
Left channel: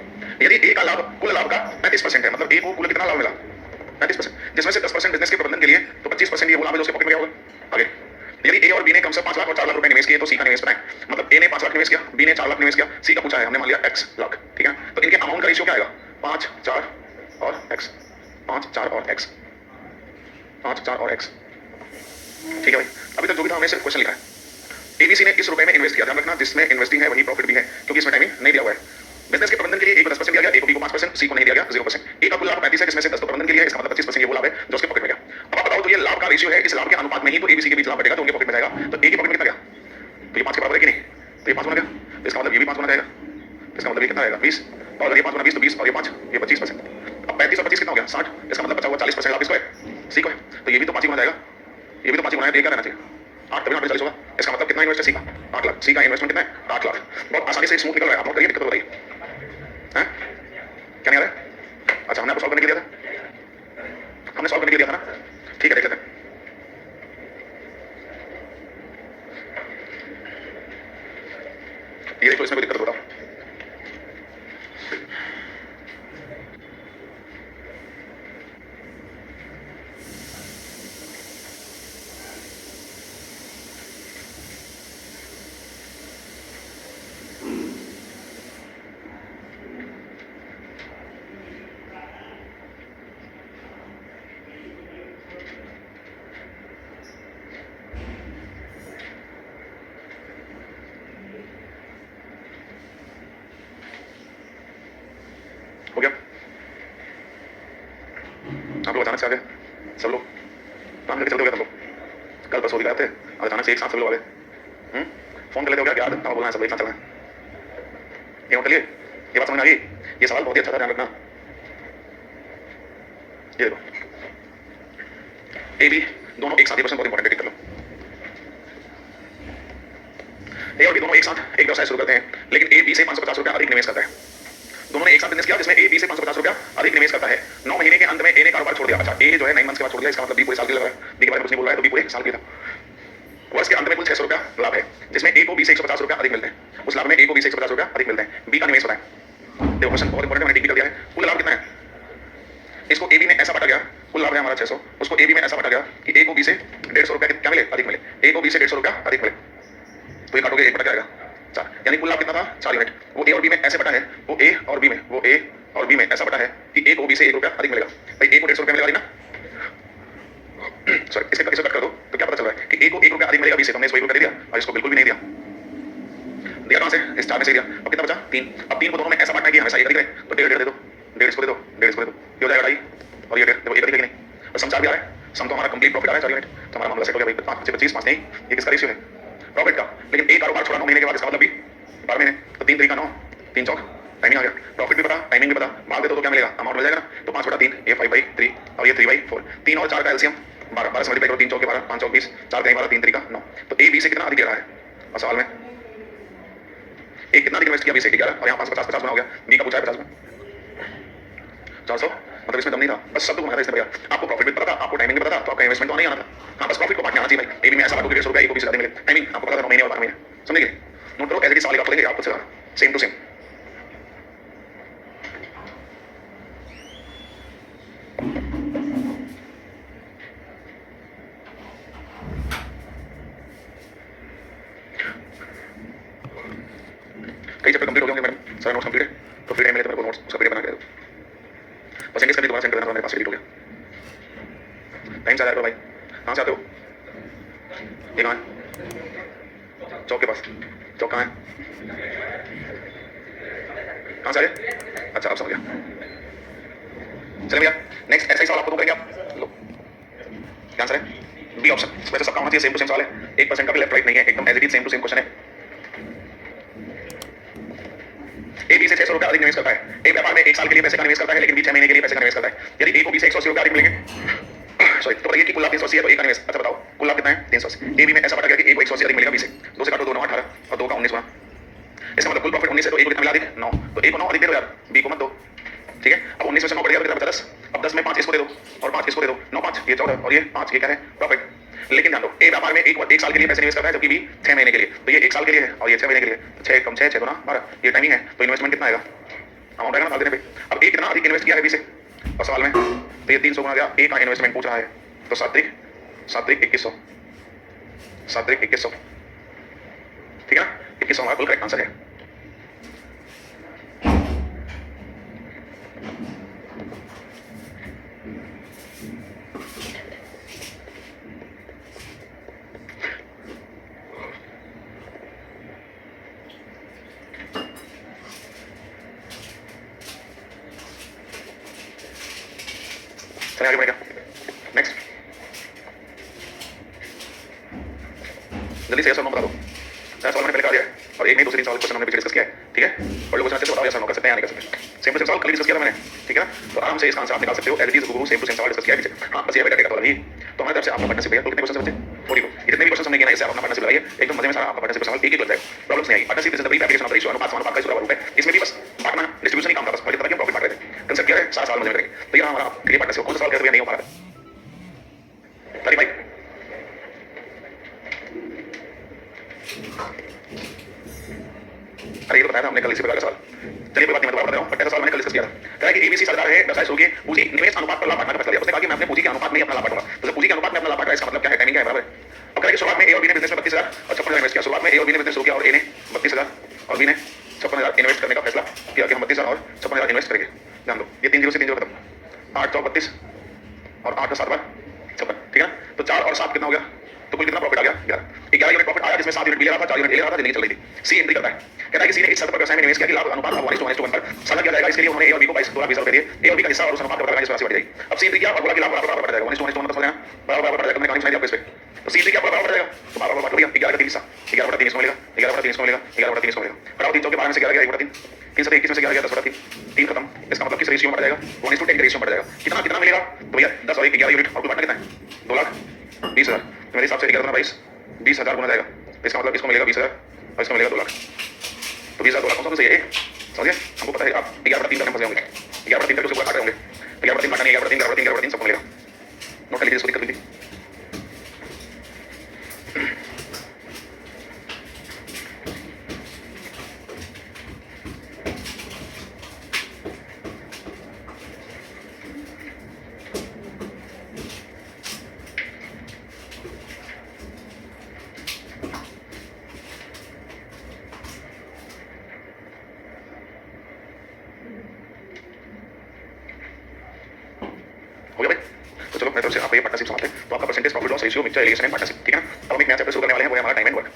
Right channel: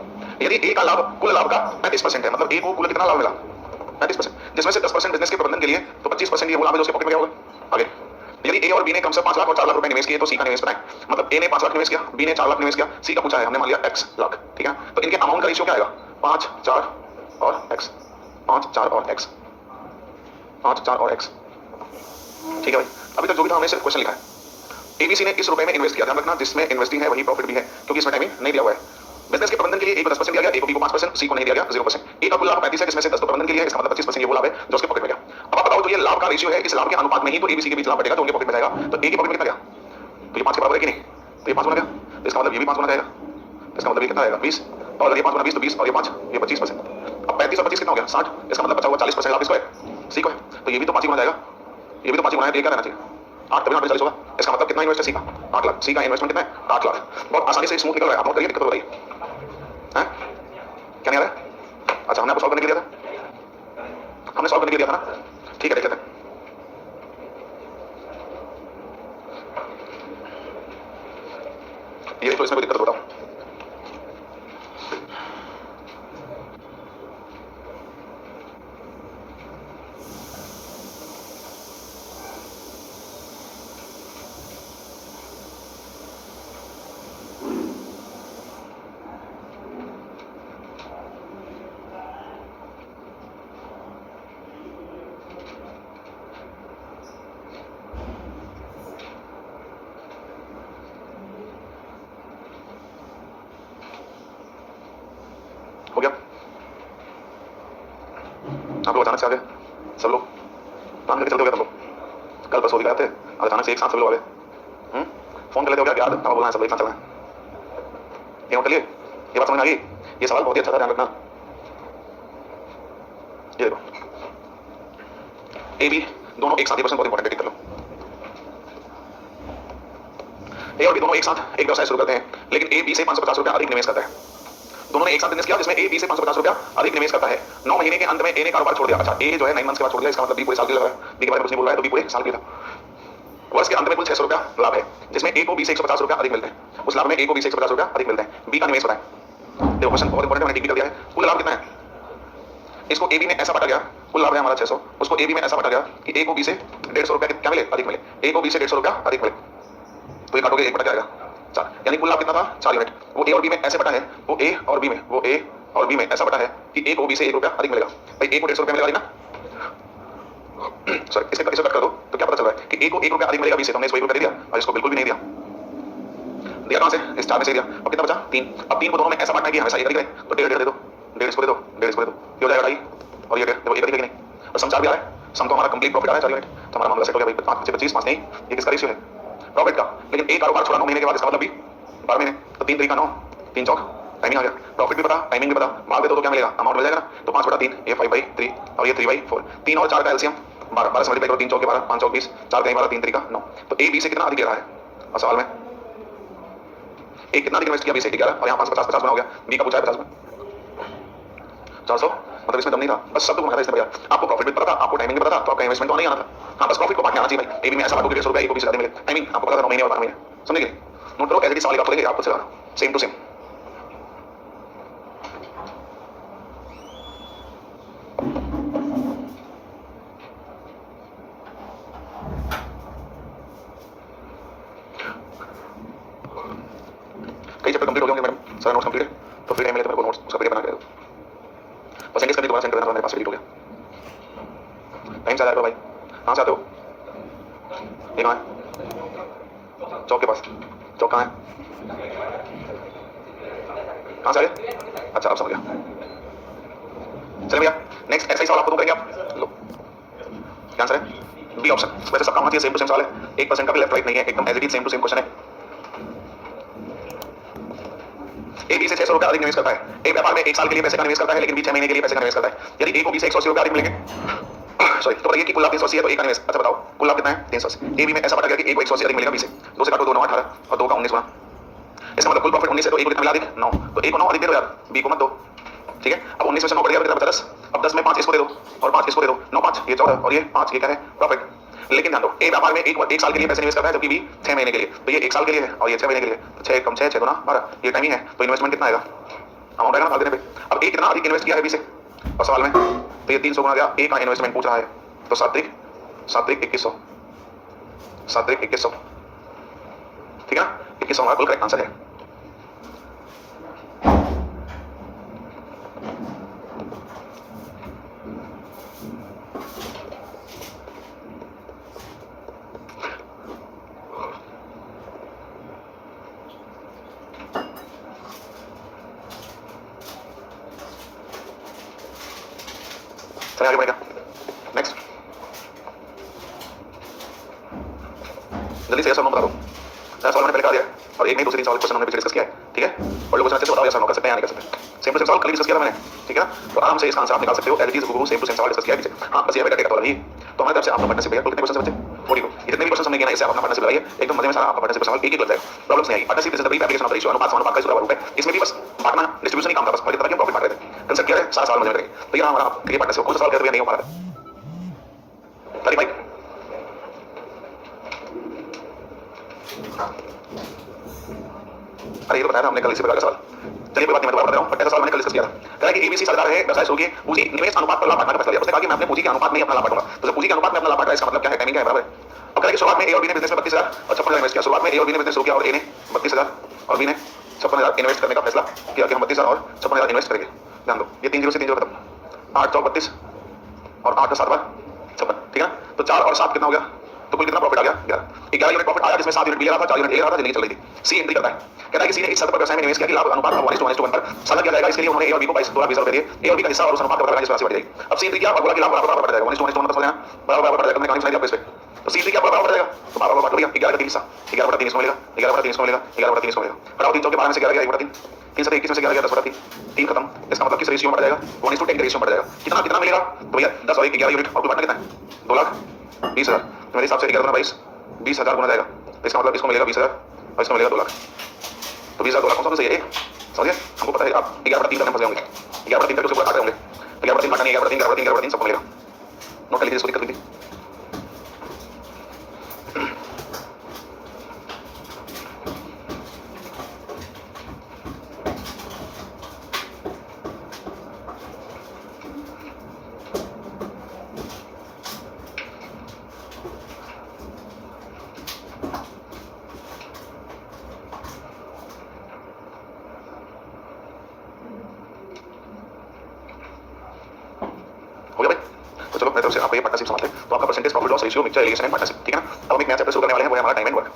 यदि ए का लाभ कुल लाभ का 35% है, मतलब ए को कुल कितना लाभ मिला, 35%, जिसमें से 10% बिजनेस के प्रबंधन के लिए, तो 25% ये वो लाभ है जो उसके पॉकेट में गया होगा। आगे यदि ए और बी ने कम से 5 लाख और 4 लाख रुपए निवेश किए तो सी का निवेश बताएं। मतलब ए ने 5 लाख निवेश किया, बी ने 4 लाख निवेश किया, सी का पूछा है हमने मान लिया x लाख, ठीक है। तो इनके अमाउंट का रेशियो क्या आएगा? 5 4 और x, 5 4 और x, 5 4 और x, ठीक है भाई। अभी तक जो भी था हमने सिर्फ क्वेश्चन लिखा है। एबीसी ने इस रुपए में इन्वेस्ट किया, ध्यान रखना जिसमें इन्वेस्टिंग है वही प्रॉफिट भी है, क्योंकि इसमें टाइमिंग नहीं दिया हुआ है। बिजनेस के प्रबंधन के लिए ए को 10% दिया गया, ए को बी को 5%, सी को नहीं दिया गया 0%। ए का कुल लाभ 35 है जिसमें से 10 तो प्रबंधन के लिए है, इसका मतलब 25% ये वो लाभ है जो उसके पॉकेट में गया। अब आप बताओ तो ये लाभ का रेशियो है, इस लाभ के अनुपात में ही तो एबीसी के बीच लाभ बढ़ेगा, तो उनके पॉकेट में जाएगा। तो ए के पॉकेट में कितना गया? तो ये 5 के बराबर है कि नहीं? तो ये 5 गुना गया, इसका मतलब ये भी 5 गुना जाएगा, इसका मतलब ये कितना आएगा 20, और अगर ये 5 गुना 20 तो 20 और ये 5 ये 25%। अब 35 और 25 कितना हो गया? 60, इसका मतलब बचा हुआ 40% लाभ किसको है? सी को है। तो ये भी तो 5 गुना जाएगा, ये भी तो 5 गुना है, तो ये क्या रहना चाहिए? 8 तभी 8 40 होगा। इसका मतलब कितना इन्वेस्ट है सी का? 8 लाख। सी का इन्वेस्टमेंट कितना है? 8 लाख। बहुत आसानी से स्मूथ निकल रहा है, आप नोट करिए, दिक्कत हो रही है हैं? क्या नहीं आ रहा है? अच्छा हमने आपको सॉल्व करने के लिए दिया था, हमने सॉल्व करने के लिए दिया था ना, ठीक है देख लेते हैं। ये देखो इसमें कोई दिक्कत बताओ। हो गया? आप लोग अचानक से आ गए सब लोग, प्लान करके चलते हो गया तुम लोग? कल परसों भी गए थे, आज अचानक से एक साथ सब लोग आ गए। फोन कर लेते हो क्या? याद बोलना है सब एक साथ चलना है, ये नोट करिए। ये बात समझ में आ गई? ये सवाल बहुत ही अच्छा था, ध्यान रखना। ये देखो ए बी दोनों एक साथ, ये क्वेश्चन बहुत इंपॉर्टेंट है, टिक कर लो। ए और बी दोनों एक साथ एक व्यवसाय शुरू करते हैं, लेकिन ए बी से 550 रुपया अधिक निवेश करता है। दोनों ने एक साथ बिजनेस किया जिसमें ए बी से 550 रुपया अधिक निवेश करता है। 9 महीने के अंत में ए ने कारोबार छोड़ दिया। अच्छा ए जो है 9 मंथ्स के बाद छोड़ दिया, इसका मतलब बी पूरे साल के लिए लगा है, बी के बारे में कुछ नहीं बोल रहा है, तो बी पूरे साल के लिए था। वर्ष के अंत में कुल 600 रुपया लाभ है, जिसमें ए को बी से 150 रुपया अधिक मिलते हैं। उस लाभ में ए को बी से 150 रुपया अधिक मिलते हैं। बी का निवेश बताएं। देखो क्वेश्चन बहुत इंपॉर्टेंट है, मैंने टिक कर दिया है। कुल लाभ कितना है? इसको ए बी में ऐसा बांटा गया, कुल लाभ है हमारा 600, उसको ए बी में ऐसा बांटा गया कि ए को बी से 150 रुपया क्या मिले? अधिक मिले। ए को बी से 150 रुपया अधिक मिले, तो ये काटोगे 1 बटा क्या आएगा? 4, यानी कुल लाभ कितना था? 4 यूनिट। वो ए और बी में ऐसे बटा है, वो ए और बी में, वो ए और बी में ऐसा बटा है कि ए को बी से 1 रुपया अधिक मिलेगा। भाई ए को 150 रुपया मिलेगा ना, सॉरी इसे कट कर दो तो क्या पता चल रहा है कि ए को 1 रुपया अधिक मिलेगा बी से, तो हमने इसको 1 रुपया दे दिया और इसको बिल्कुल भी नहीं दिया। दिया कहां से? इस 4 में से दिया। अब कितना बचा? 3। अब 3 को दोनों में ऐसा बांटना है कि हमेशा एक अधिक रहे, तो 1.5 दे दो, 1.5 इसको दे दो, 1.5 इसको दे दो, ये हो जाएगा 2.5 और ये देखो एक अधिक है कि नहीं। और सम 4 भी आ रहा है, सम तो हमारा कंप्लीट प्रॉफिट आ रहा है 4 यूनिट, तो हमारा मामला सेट हो गया भाई। 5 से 25 5 नहीं, ये किसका रेशियो है? प्रॉफिट का। लेकिन एक कारोबार छोड़ा 9 महीने के बाद, इसका मतलब भी 12 महीने, तो 3 तरीका 9, 3 चौक टाइमिंग आ गया। प्रॉफिट भी पता, टाइमिंग भी पता, भाग दे दो तो क्या मिलेगा? अमाउंट मिल जाएगा ना। तो 5/3, ये 5/3 और ये 3/4। 3 और 4 का एलसीएम 12, 12 से मल्टीप्लाई करो, 3 चौके 12, 5 चौक 20, 4 कहीं 12, 3 तरीका 9। तो ए बी से कितना अधिक ले रहा है? और सवाल में ए कितना अधिक इन्वेस्ट किया? बी से 11, और यहाँ 550 50 गुना हो गया। बी का पूछा है 50 में 400, मतलब इसमें दम नहीं था, बस शब्द घुमाया था इसने भैया। आपको प्रॉफिट भी पता था, आपको टाइमिंग भी पता था, तो आपका इन्वेस्टमेंट तो नहीं आना था। हाँ बस प्रॉफिट को बांटने आना चाहिए भाई। ए बी में ऐसा बांटो कि 150 रुपया ए को 20 ज्यादा मिले। टाइमिंग आपको पता था 9 महीने और 12 महीने, समझे? नोट करो, एज इट इज सवाल आप खोलेंगे, आप खुद से सेम टू सेम। कई चैप्टर कंप्लीट हो गए होंगे मैडम, सारा नोट्स कंप्लीट है, तो फ्री टाइम मिले तो मेरे को नोट्स उसका पीडीएफ बना के दे दो। बस एंगेज करके दोबारा सेंड कर देना, मेरे पास डिलीट हो गया। टाइम से आ जाएगा भाई। कहाँ से आते हो? ये कहाँ है? चौक के पास। चौक कहाँ है? कहाँ से आए? अच्छा अब समझ गया। चलिए भैया नेक्स्ट ऐसा ही सवाल आपको दो करेंगे आप लो। क्या आंसर है? B option. वैसे सबका होना चाहिए, सेम टू सेम सवाल है, 1% का भी लेफ्ट राइट नहीं है, एकदम as it is same to same question है। ए बी से 600 रुपया अधिक निवेश करता है। एक व्यापार में 1 साल के लिए पैसे का निवेश करता है, लेकिन बी 6 महीने के लिए पैसे का निवेश करता है। यदि ए को बी से 180 रुपया अधिक मिलेंगे, सॉरी, तो बताइए कि कुल लाभ 380 है, तो ए का निवेश, अच्छा बताओ कुल लाभ कितना है? 380। ए बी में ऐसा बांटा गया कि ए को 180 अधिक मिलेगा बी से, 2 से काटो 2 9 18 और 2 का 19 गुना, इसका मतलब कुल प्रॉफिट 19 है, तो ए को कितना मिला अधिक? 9, तो ए को 9 अधिक दे दो यार, बी को मत दो, ठीक है। अब 19 में से 9 कट गया तो कितना बचा? 10। अब 10 में 5 इसको दे दो और 5 इसको दे दो, 9 5 ये 14 और ये 5 ये क्या है? प्रॉफिट। लेकिन ध्यान दो, ए व्यापार में एक साल के लिए पैसे निवेश करता है, जबकि बी 6 महीने के लिए, तो ये 1 साल के लिए है और ये 6 महीने के लिए, तो 6 कम 6 6 गुना 12, ये टाइमिंग है, तो इन्वेस्टमेंट कितना आएगा? अमाउंट आएगा ना भाग देने पे। अब ए कितना अधिक इन्वेस्ट किया है बी से, और सवाल में तो ये 300 गुना गया, ए का इन्वेस्टमेंट पूछ रहा है, तो 7 3 2100, 7 3 2100, ठीक है ना? 2100 हमारा कुल करेक्ट आंसर है। चलिए आगे बढ़ेगा। नेक्स्ट, जल्दी से यस और नो बता दो। सवाल मैंने पहले करा दिया है और एक नहीं दूसरे 3 सवाल क्वेश्चन हमने पीछे डिस्कस किया है, ठीक है? और लोग क्वेश्चन अच्छे से बताओ यस और नो कर सकते हैं या नहीं कर सकते। सेम टू सेम सवाल कल डिस्कस किया था मैंने, ठीक है ना? तो आराम से इसका आंसर आप निकाल सकते हो। As it is same to same सवाल डिस्कस किया है पीछे। हाँ बस ये बेटा टेक वाला नहीं। तो हमारी तरफ से आपका पार्टनरशिप भैया कितने क्वेश्चन बचे? 42। जितने भी क्वेश्चन हमने किए ना इससे आप अपना पार्टनरशिप लगाइए, एकदम मजे में सारा आपका पार्टनरशिप सवाल एक लग जाएगा, प्रॉब्लम्स नहीं आएगी। Partnership is the brief application of the ratio अनुपात समानुपात का सूत्र रूप है। इसमें भी बस बांटना डिस्ट्रीब्यूशन ही काम था, बस और तरह के प्रॉफिट बांट रहे थे। कंसेप्ट क्या है? सारा सवाल मजे में करेंगे। तो ये हमारा क्रिएट पार्टनरशिप कौन सा सवाल कहते हुए नहीं हो पा रहा है? तारीफ भाई अरे ये तो बताया था हमने कल इसी प्रकार का सवाल। चलिए कोई बात नहीं, मैं दोबारा बता रहा हूं, बट ऐसा सवाल मैंने कल डिस्कस किया था। कह रहा है कि एबीसी साझेदार है, व्यवसाय शुरू किए, पूंजी निवेश अनुपात पर लाभ बांटने का फैसला लिया। उसने कहा कि मैं अपने पूंजी के अनुपात में ही अपना लाभ बांटूंगा। तो जब पूंजी के अनुपात में अपना लाभ बांट रहा है इसका मतलब क्या है? टाइमिंग क्या है? बराबर है। अब कह रहा है कि शुरुआत में ए और बी ने बिजनेस में 32,000 और 56,000 इन्वेस्ट किया। शुरुआत में ए और बी ने बिजनेस शुरू किया और ए ने 32,000 और बी ने 56,000 इन्वेस्ट करने का फैसला किया कि हम 32,000 और 56,000 इन्वेस्ट करेंगे। ध्यान दो, ये 3 0 से 3 0 खत्म। 8 चौक 32 और 8 का 7 बार 56, ठीक है ना? तो 4 और 7 कितना हो गया? तो कुल कितना प्रॉफिट आ गया? 11 यूनिट प्रॉफिट आया, जिसमें 7 यूनिट बी ले रहा था, 4 यूनिट ए ले रहा था, जिंदगी चल रही थी। सी एंट्री करता है, कहता है कि सी ने इस शर्त पर व्यवसाय में निवेश किया कि लाभ अनुपात 1:1 पर साझा किया जाएगा। इसके लिए उन्होंने ए और बी को 22,20,000 रुपए दिए। ए और बी का हिस्सा और उस अनुपात का पता लगाने से राशि बढ़ जाएगी। अब सी एंट्री किया और बोला कि लाभ बराबर बढ़ जाएगा, 1:1 का समझ लेना, बराबर बढ़ जाएगा। मैंने कहानी सुनाई दी आपको इस पे। तो सी एंट्री किया बराबर बढ़ जाएगा, तो बराबर बढ़ गया। 11 का 3 हिस्सा 11/3 इसको मिलेगा, 11/3 इसको मिलेगा, 11/3 इसको मिलेगा। घटाओ 3 चौके 12 में से 11 गया 1/3, 3 से 21 में से 11 गया 10/3, 3 खत्म। इसका मतलब किस रेशियो में बढ़ जाएगा? 1:10 के रेशियो में बढ़ जाएगा। कितना कितना मिलेगा? तो भैया 10 और 1 11 यूनिट और कुल बांटना कितना है? 2,20,000। तो मेरे हिसाब से 11 22 20,000 गुना जाएगा। इसका मतलब इसको मिलेगा 20,000 और इसको मिलेगा 2 लाख। तो 20,000 2 लाख कौन सा सही है? समझिए, हमको पता है आप 11/3 करने में फंसे होंगे। 11/3 करके उसको काट रहे होंगे। तो 11/3 काटना नहीं, 11/3 11/3 11/3 सबको मिलेगा। नोट कर लीजिए, इसको दिक्कत नहीं थी। हो गया भाई? तो चलो मेरी तरफ से आपका ये पार्टनरशिप समाप्त है। तो आपका percentage profit loss ratio mixture allegation and partnership, ठीक है ना? अब हम एक नया चैप्टर शुरू करने वाले हैं, वो है हमारा टाइम एंड वर्क।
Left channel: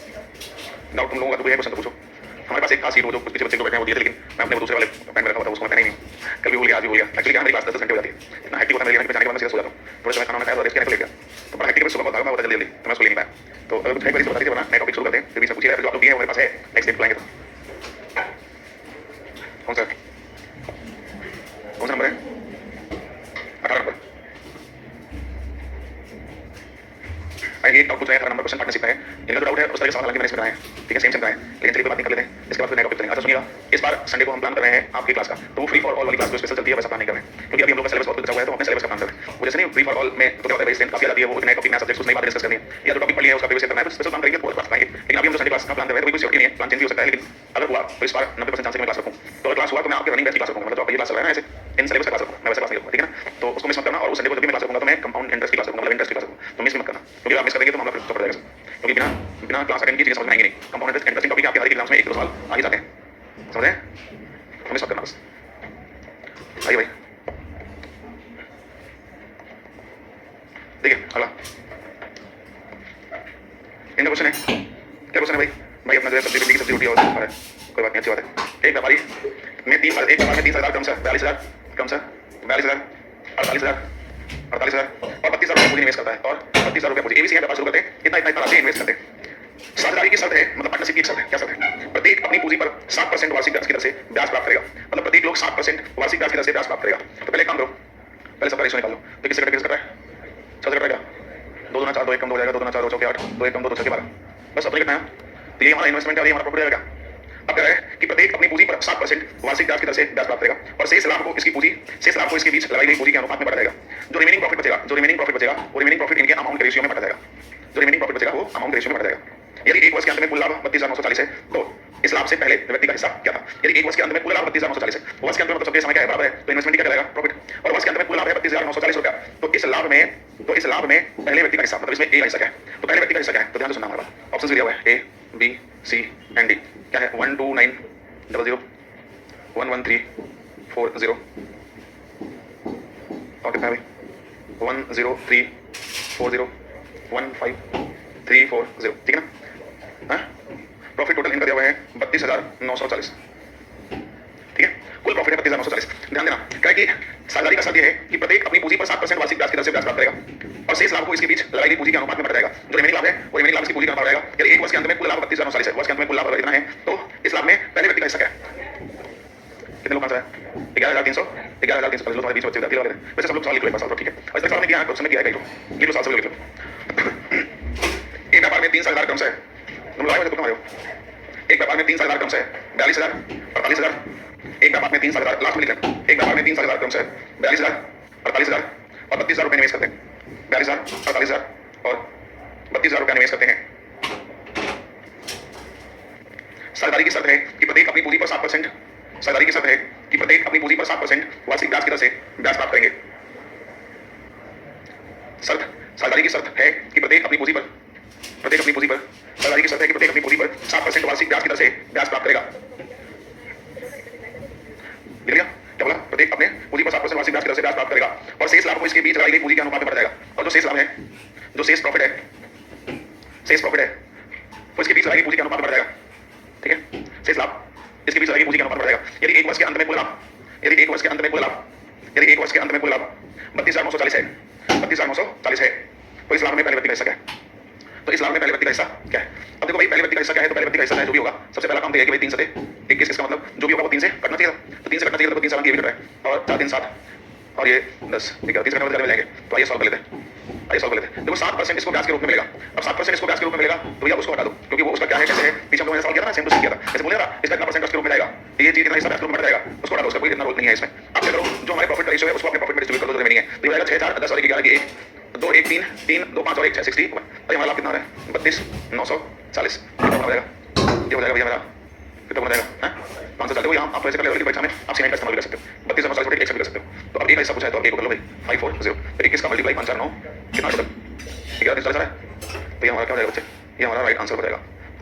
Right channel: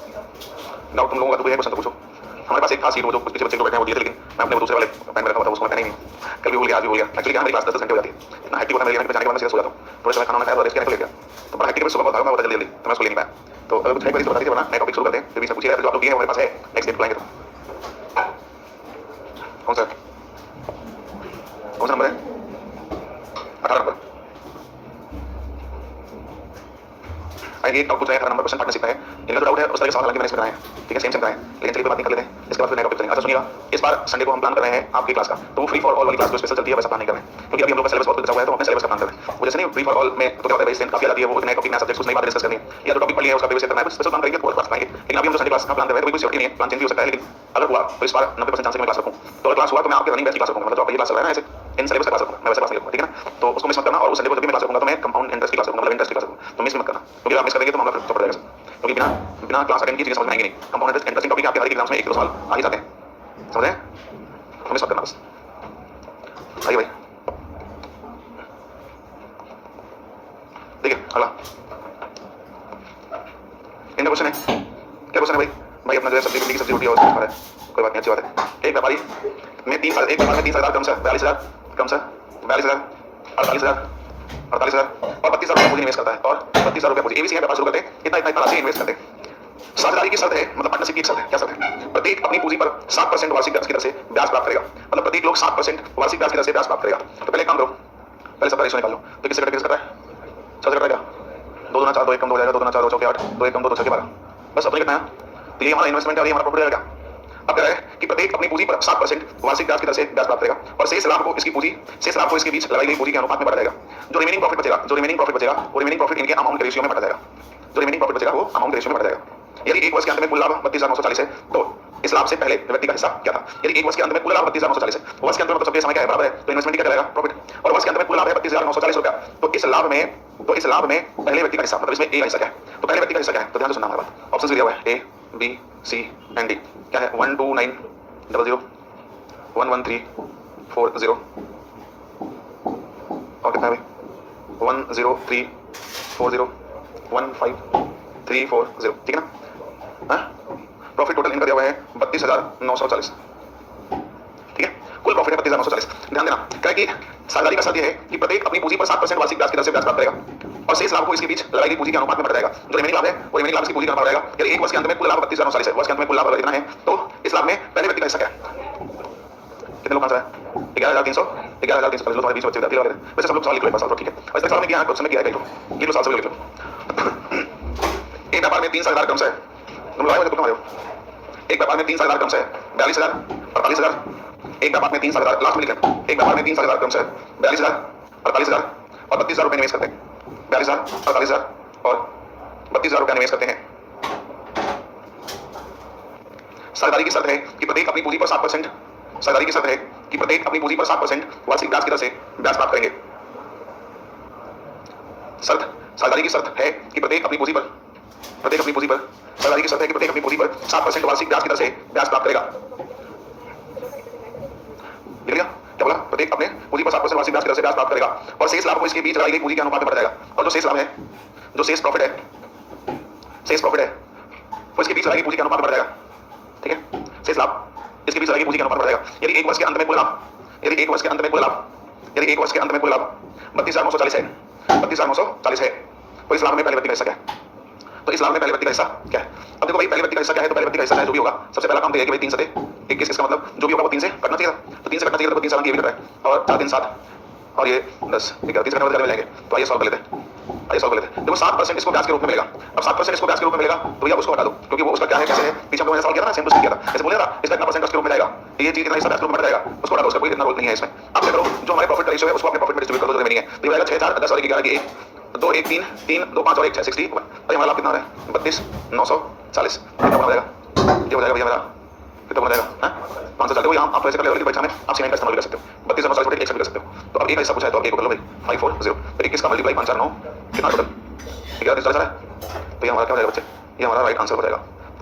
डाउट तुम लोगों का तो कोई है क्वेश्चन तो पूछो। हमारे पास एक था सीट, वो जो कुछ पीछे बच्चे जो बैठे हैं वो दिए थे, लेकिन मैं अपने वो दूसरे वाले पेन में रखा हुआ था, उसको मैं पहना ही नहीं। कल भी भूल गया, आज भी भूल गया। एक्चुअली क्या मेरी क्लास 10 घंटे हो जाती है, इतना हेक्टिक होता है मेरे लिए, जाने के बाद मैं सीधा सो जाता हूँ। थोड़े समय खाना खाया और रेस्ट करने को ले गया, तो बड़ा हेक्टिक सुबह बहुत भागा, मैं जल्दी जल्दी तो मैं उसको ले नहीं पाया। तो अगर कुछ है तो बता दीजिए, वरना नया टॉपिक शुरू करते हैं। फिर बीच में पूछिए, जो आप लोग दिए हैं हमारे पास है, नेक्स्ट डे बुलाएंगे। तो कौन सा नंबर है? 18 नंबर। आइए एक डाउट पूछ रहे हैं, 18 नंबर क्वेश्चन पार्टनरशिप का है। इनका जो डाउट है उस तरह के सवाल हालांकि मैंने इसमें बनाए हैं, ठीक है? सेम सेम बनाए हैं, लेकिन चलिए कोई बात नहीं, कर लेते हैं। इसके बाद फिर नया टॉपिक करेंगे। अच्छा सुनिएगा, इस बार संडे को हम प्लान कर रहे हैं आपकी क्लास का, तो वो फ्री फॉर ऑल वाली क्लास जो स्पेशल चलती है वैसा प्लान नहीं कर रहे हैं, क्योंकि अभी हम लोग का सिलेबस बहुत बचा हुआ है, तो अपने सिलेबस का प्लान कर रहे हैं। वो जैसे नहीं फ्री फॉर ऑल में तो क्या होता है, स्ट्रेंथ काफी आ जाती है, वो नए टॉपिक नया सब्जेक्ट कुछ नई बात डिस्कस करनी है, या जो टॉपिक पढ़ी है उसका प्रीवियस करना है, कुछ स्पेशल काम करेंगे तो क्लास पाएंगे। लेकिन अभी हम जो संडे क्लास का प्लान कर रहे हैं तो कोई श्योरिटी नहीं है, प्लान चेंज भी हो सकता है, लेकिन अगर हुआ तो इस बार 90% चांस है कि मैं क्लास रखूँ। तो अगर क्लास हुआ तो मैं आपके रनिंग बैच की क्लास रखूँगा, मतलब आपका ये क्लास चल रहा है ना ऐसे इन सिलेबस का क्लास रखूँगा, मैं वैसे क्लास नहीं रखूँगा, ठीक है ना? तो उसको मिस मत करना। और उस संडे को जब भी मैं क्लास रखूँगा तो मैं कंपाउंड इंटरेस्ट की क्लास रखूँगा, मतलब इंटरेस्ट की क्लास रखूँगा, तो मिस मत करना, क्योंकि आप मिस करेंगे तो मामला फिर चौपट जाएगा। क्योंकि बिना बिना क्लास अटेंड की चीजें समझ में आएंगी नहीं। कंपाउंड इंटरेस्ट इंटरेस्टिंग टॉपिक आपके हर एक एग्जाम्स में 1-2 साल आ ही जाते हैं, समझ रहे हैं? मिस मत करना बस। आइए भाई, देखिए अगला इनका क्वेश्चन है। क्या क्वेश्चन है भाई? भाई अपना जो है सब्जी भिंडी की सब्जी रोटी और खा रहा है, कोई बात नहीं, अच्छी बात है। एक व्यापारी में एक व्यापार में 30,000 क्रम से 42,000 क्रम से 42,000 48,000 48,000 और 32,000 रुपये पूंजी निवेश करता है, और 32,000 रुपये पूंजी एबीसी है व्यापार शुरू करते हैं, इतना इतना राशि इन्वेस्ट करते हैं। साझेदारी की शर्त है, मतलब पार्टनरशिप की शर्त है। क्या शर्त है? प्रत्येक अपनी पूंजी पर 7% वार्षिक ब्याज की दर से ब्याज प्राप्त करेगा, मतलब प्रत्येक लोग 7% वार्षिक ब्याज की दर से ब्याज प्राप्त करेगा। तो पहले काम करो, पहले सबका रेशियो निकाल लो। तो किससे कट रहा है? 6 से कट रहा है, 2 दूना 4 2 1 कम 2 हो जाएगा, 2 दूना 4 2 चौके 8 2 1 कम 2 2 छक्के 12, बस अपने कितना है? तो ये हमारा इन्वेस्टमेंट है और ये हमारा प्रॉफिट रहेगा। अब कह रहा है कि प्रत्येक अपनी पूंजी पर 7% वार्षिक ब्याज की दर से ब्याज प्राप्त करेगा, और शेष लाभ को इसकी बीच लगाई गई पूंजी के अनुपात में बढ़ा जाएगा। जो रिमेनिंग प्रॉफिट बचेगा वो रिमेनिंग प्रॉफिट इनके अमाउंट के रेशियो में बढ़ा जाएगा। जो रिमेनिंग प्रॉफिट बचेगा वो अमाउंट के रेशियो में बढ़ा जाएगा। यदि एक वर्ष के अंत में कुल लाभ 32,940 है, तो इस लाभ से पहले व्यक्ति का हिस्सा क्या था। यदि एक वर्ष के अंत में कुल लाभ 32,940 है, वर्ष के अंत में मतलब समय क्या है बराबर है, तो इन्वेस्टमेंट क्या कहलाएगा, प्रॉफिट। और वर्ष के अंत में कुल लाभ है 32,940 रुपया। तो इस लाभ में पहले व्यक्ति का हिस्सा, मतलब इसमें ए का हिस्सा क्या है, तो पहले व्यक्ति का हिस्सा क्या है, तो ध्यान से सुनना हमारा बात। ऑप्शन दिया हुआ है A B C and D. क्या है 12900 11340 और कितना है भाई 10340 15340, ठीक है ना। प्रॉफिट टोटल इनका दिया हुआ है 32,940, ठीक है। कुल प्रॉफिट है 32,940। ध्यान देना क्या है कि साझेदारी का शर्त यह है कि प्रत्येक अपनी पूंजी पर 7% वार्षिक ब्याज की दर से ब्याज प्राप्त करेगा और शेष लाभ को इसके बीच लगाई गई पूंजी के अनुपात में बढ़ जाएगा। जो रिमेनिंग लाभ है वो रिमेनिंग लाभ इसकी पूंजी का अनुपात रहेगा। यदि एक वर्ष के अंत में कुल लाभ 32,940 है, वर्ष के अंत में कुल लाभ इतना है, तो इस लाभ में पहले व्यक्ति का हिस्सा क्या है, कितने लोग आंसर है 11,300 11,340 तुम्हारे बीच बच्चे लगे। वैसे सब लोग सवाल लिख लो एक बार, ठीक है। वैसे सवाल में किया क्वेश्चन में किया है, लिख लो सवाल लिख लो। एक व्यापार में 3 साझेदार क्रम से तुम लोग आए हो, तुम आए हो। एक व्यापार में 3 साझेदार क्रम से 42,000 48,000। एक व्यापार में 3 साझेदार, लास्ट में लिख लें, एक व्यापार में 3 साझेदार क्रम से 42,000 48,000 और 32,000 रुपए निवेश करते हैं। 42,000 48,000 और 32,000 रुपया निवेश करते हैं। साझेदारी की शर्त है कि प्रत्येक अपनी पूंजी पर 7%, साझेदारी की शर्त है कि प्रत्येक अपनी पूंजी पर 7% वार्षिक ब्याज की दर से ब्याज प्राप्त करेंगे। साझेदारी की शर्त है कि प्रत्येक अपनी पूंजी पर साझेदारी की शर्त है कि प्रत्येक अपनी पूंजी पर 7% वार्षिक ब्याज की दर से ब्याज प्राप्त करेगा। लिख लिया क्या बोला, प्रत्येक अपने पूंजी पर 7% वार्षिक ब्याज की दर से ब्याज प्राप्त करेगा और शेष लाभ को इसके बीच लगाई गई पूंजी के अनुपात में बढ़ जाएगा। और जो शेष लाभ है, जो शेष प्रॉफिट है वो इसके बीच लगाई गई पूंजी के अनुपात में बढ़ जाएगा, ठीक है। शेष लाभ इसके बीच लगाई गई पूंजी के अनुपात में बढ़ जाएगा। यदि एक वर्ष के अंत में कुल लाभ 32,940 है, 32,940 है, तो इस लाभ में पहले व्यक्ति का हिस्सा क्या है, तो इस लाभ में पहले व्यक्ति का हिस्सा क्या है। अब देखो भाई पहले व्यक्ति का हिस्सा क्या है, तो पहले व्यक्ति का हिस्सा है जो भी होगा, सबसे पहला काम तो है कि भाई 3 से 21, इसका मतलब जो भी होगा वो 3 से कटना चाहिए था, तो 3 से कटना चाहिए था, तो 3 साल की ये भी कट रहा है और 4 3 7 और ये 10, ठीक है। 3 से कटने में जाएंगे, तो आइए सॉल्व कर लेते हैं, देखो 7% इसको ब्याज के रूप में मिलेगा। अब 7% इसको ब्याज के रूप में मिलेगा तो भैया उसको हटा दो, क्योंकि वो उसका क्या है, कैसे है, पीछे हमने सॉल्व किया था ना, सेम टू सेम किया था, जैसे बोले था इसका इतना परसेंट के रूप में जाएगा, ये चीज इतना हिस्सा ब्याज के रूप में जाएगा, उसको हटा दो, उसका कोई इतना रोल नहीं है इसमें। अब क्या करो, जो हमारे प्रॉफिट का रेशियो है उसको अपने प्रॉफिट में डिस्ट्रीब्यूट कर दो, जो रिमेनिंग है, तो ये आएगा 6 4 10 और 11 की 1 2 1 3 3 2 5 और 1 6 60। अरे हमारा लाभ कितना है 32,940, कितना बन जाएगा, ये हो जाएगा भैया मेरा कितना बन जाएगा 540। यहाँ आप ऐसे कर लेवल की परीक्षा में आप सीमेंट का इस्तेमाल कर सकते हो, 32,940 एक से भी कर सकते हो। तो अब एक हिस्सा पूछा है तो अब एक को कर लो भाई 540, 21 का मल्टीप्लाई 5 4 9 कितना टोटल 11,340 है, तो ये हमारा क्या हो जाएगा बच्चे, ये हमारा राइट आंसर हो जाएगा।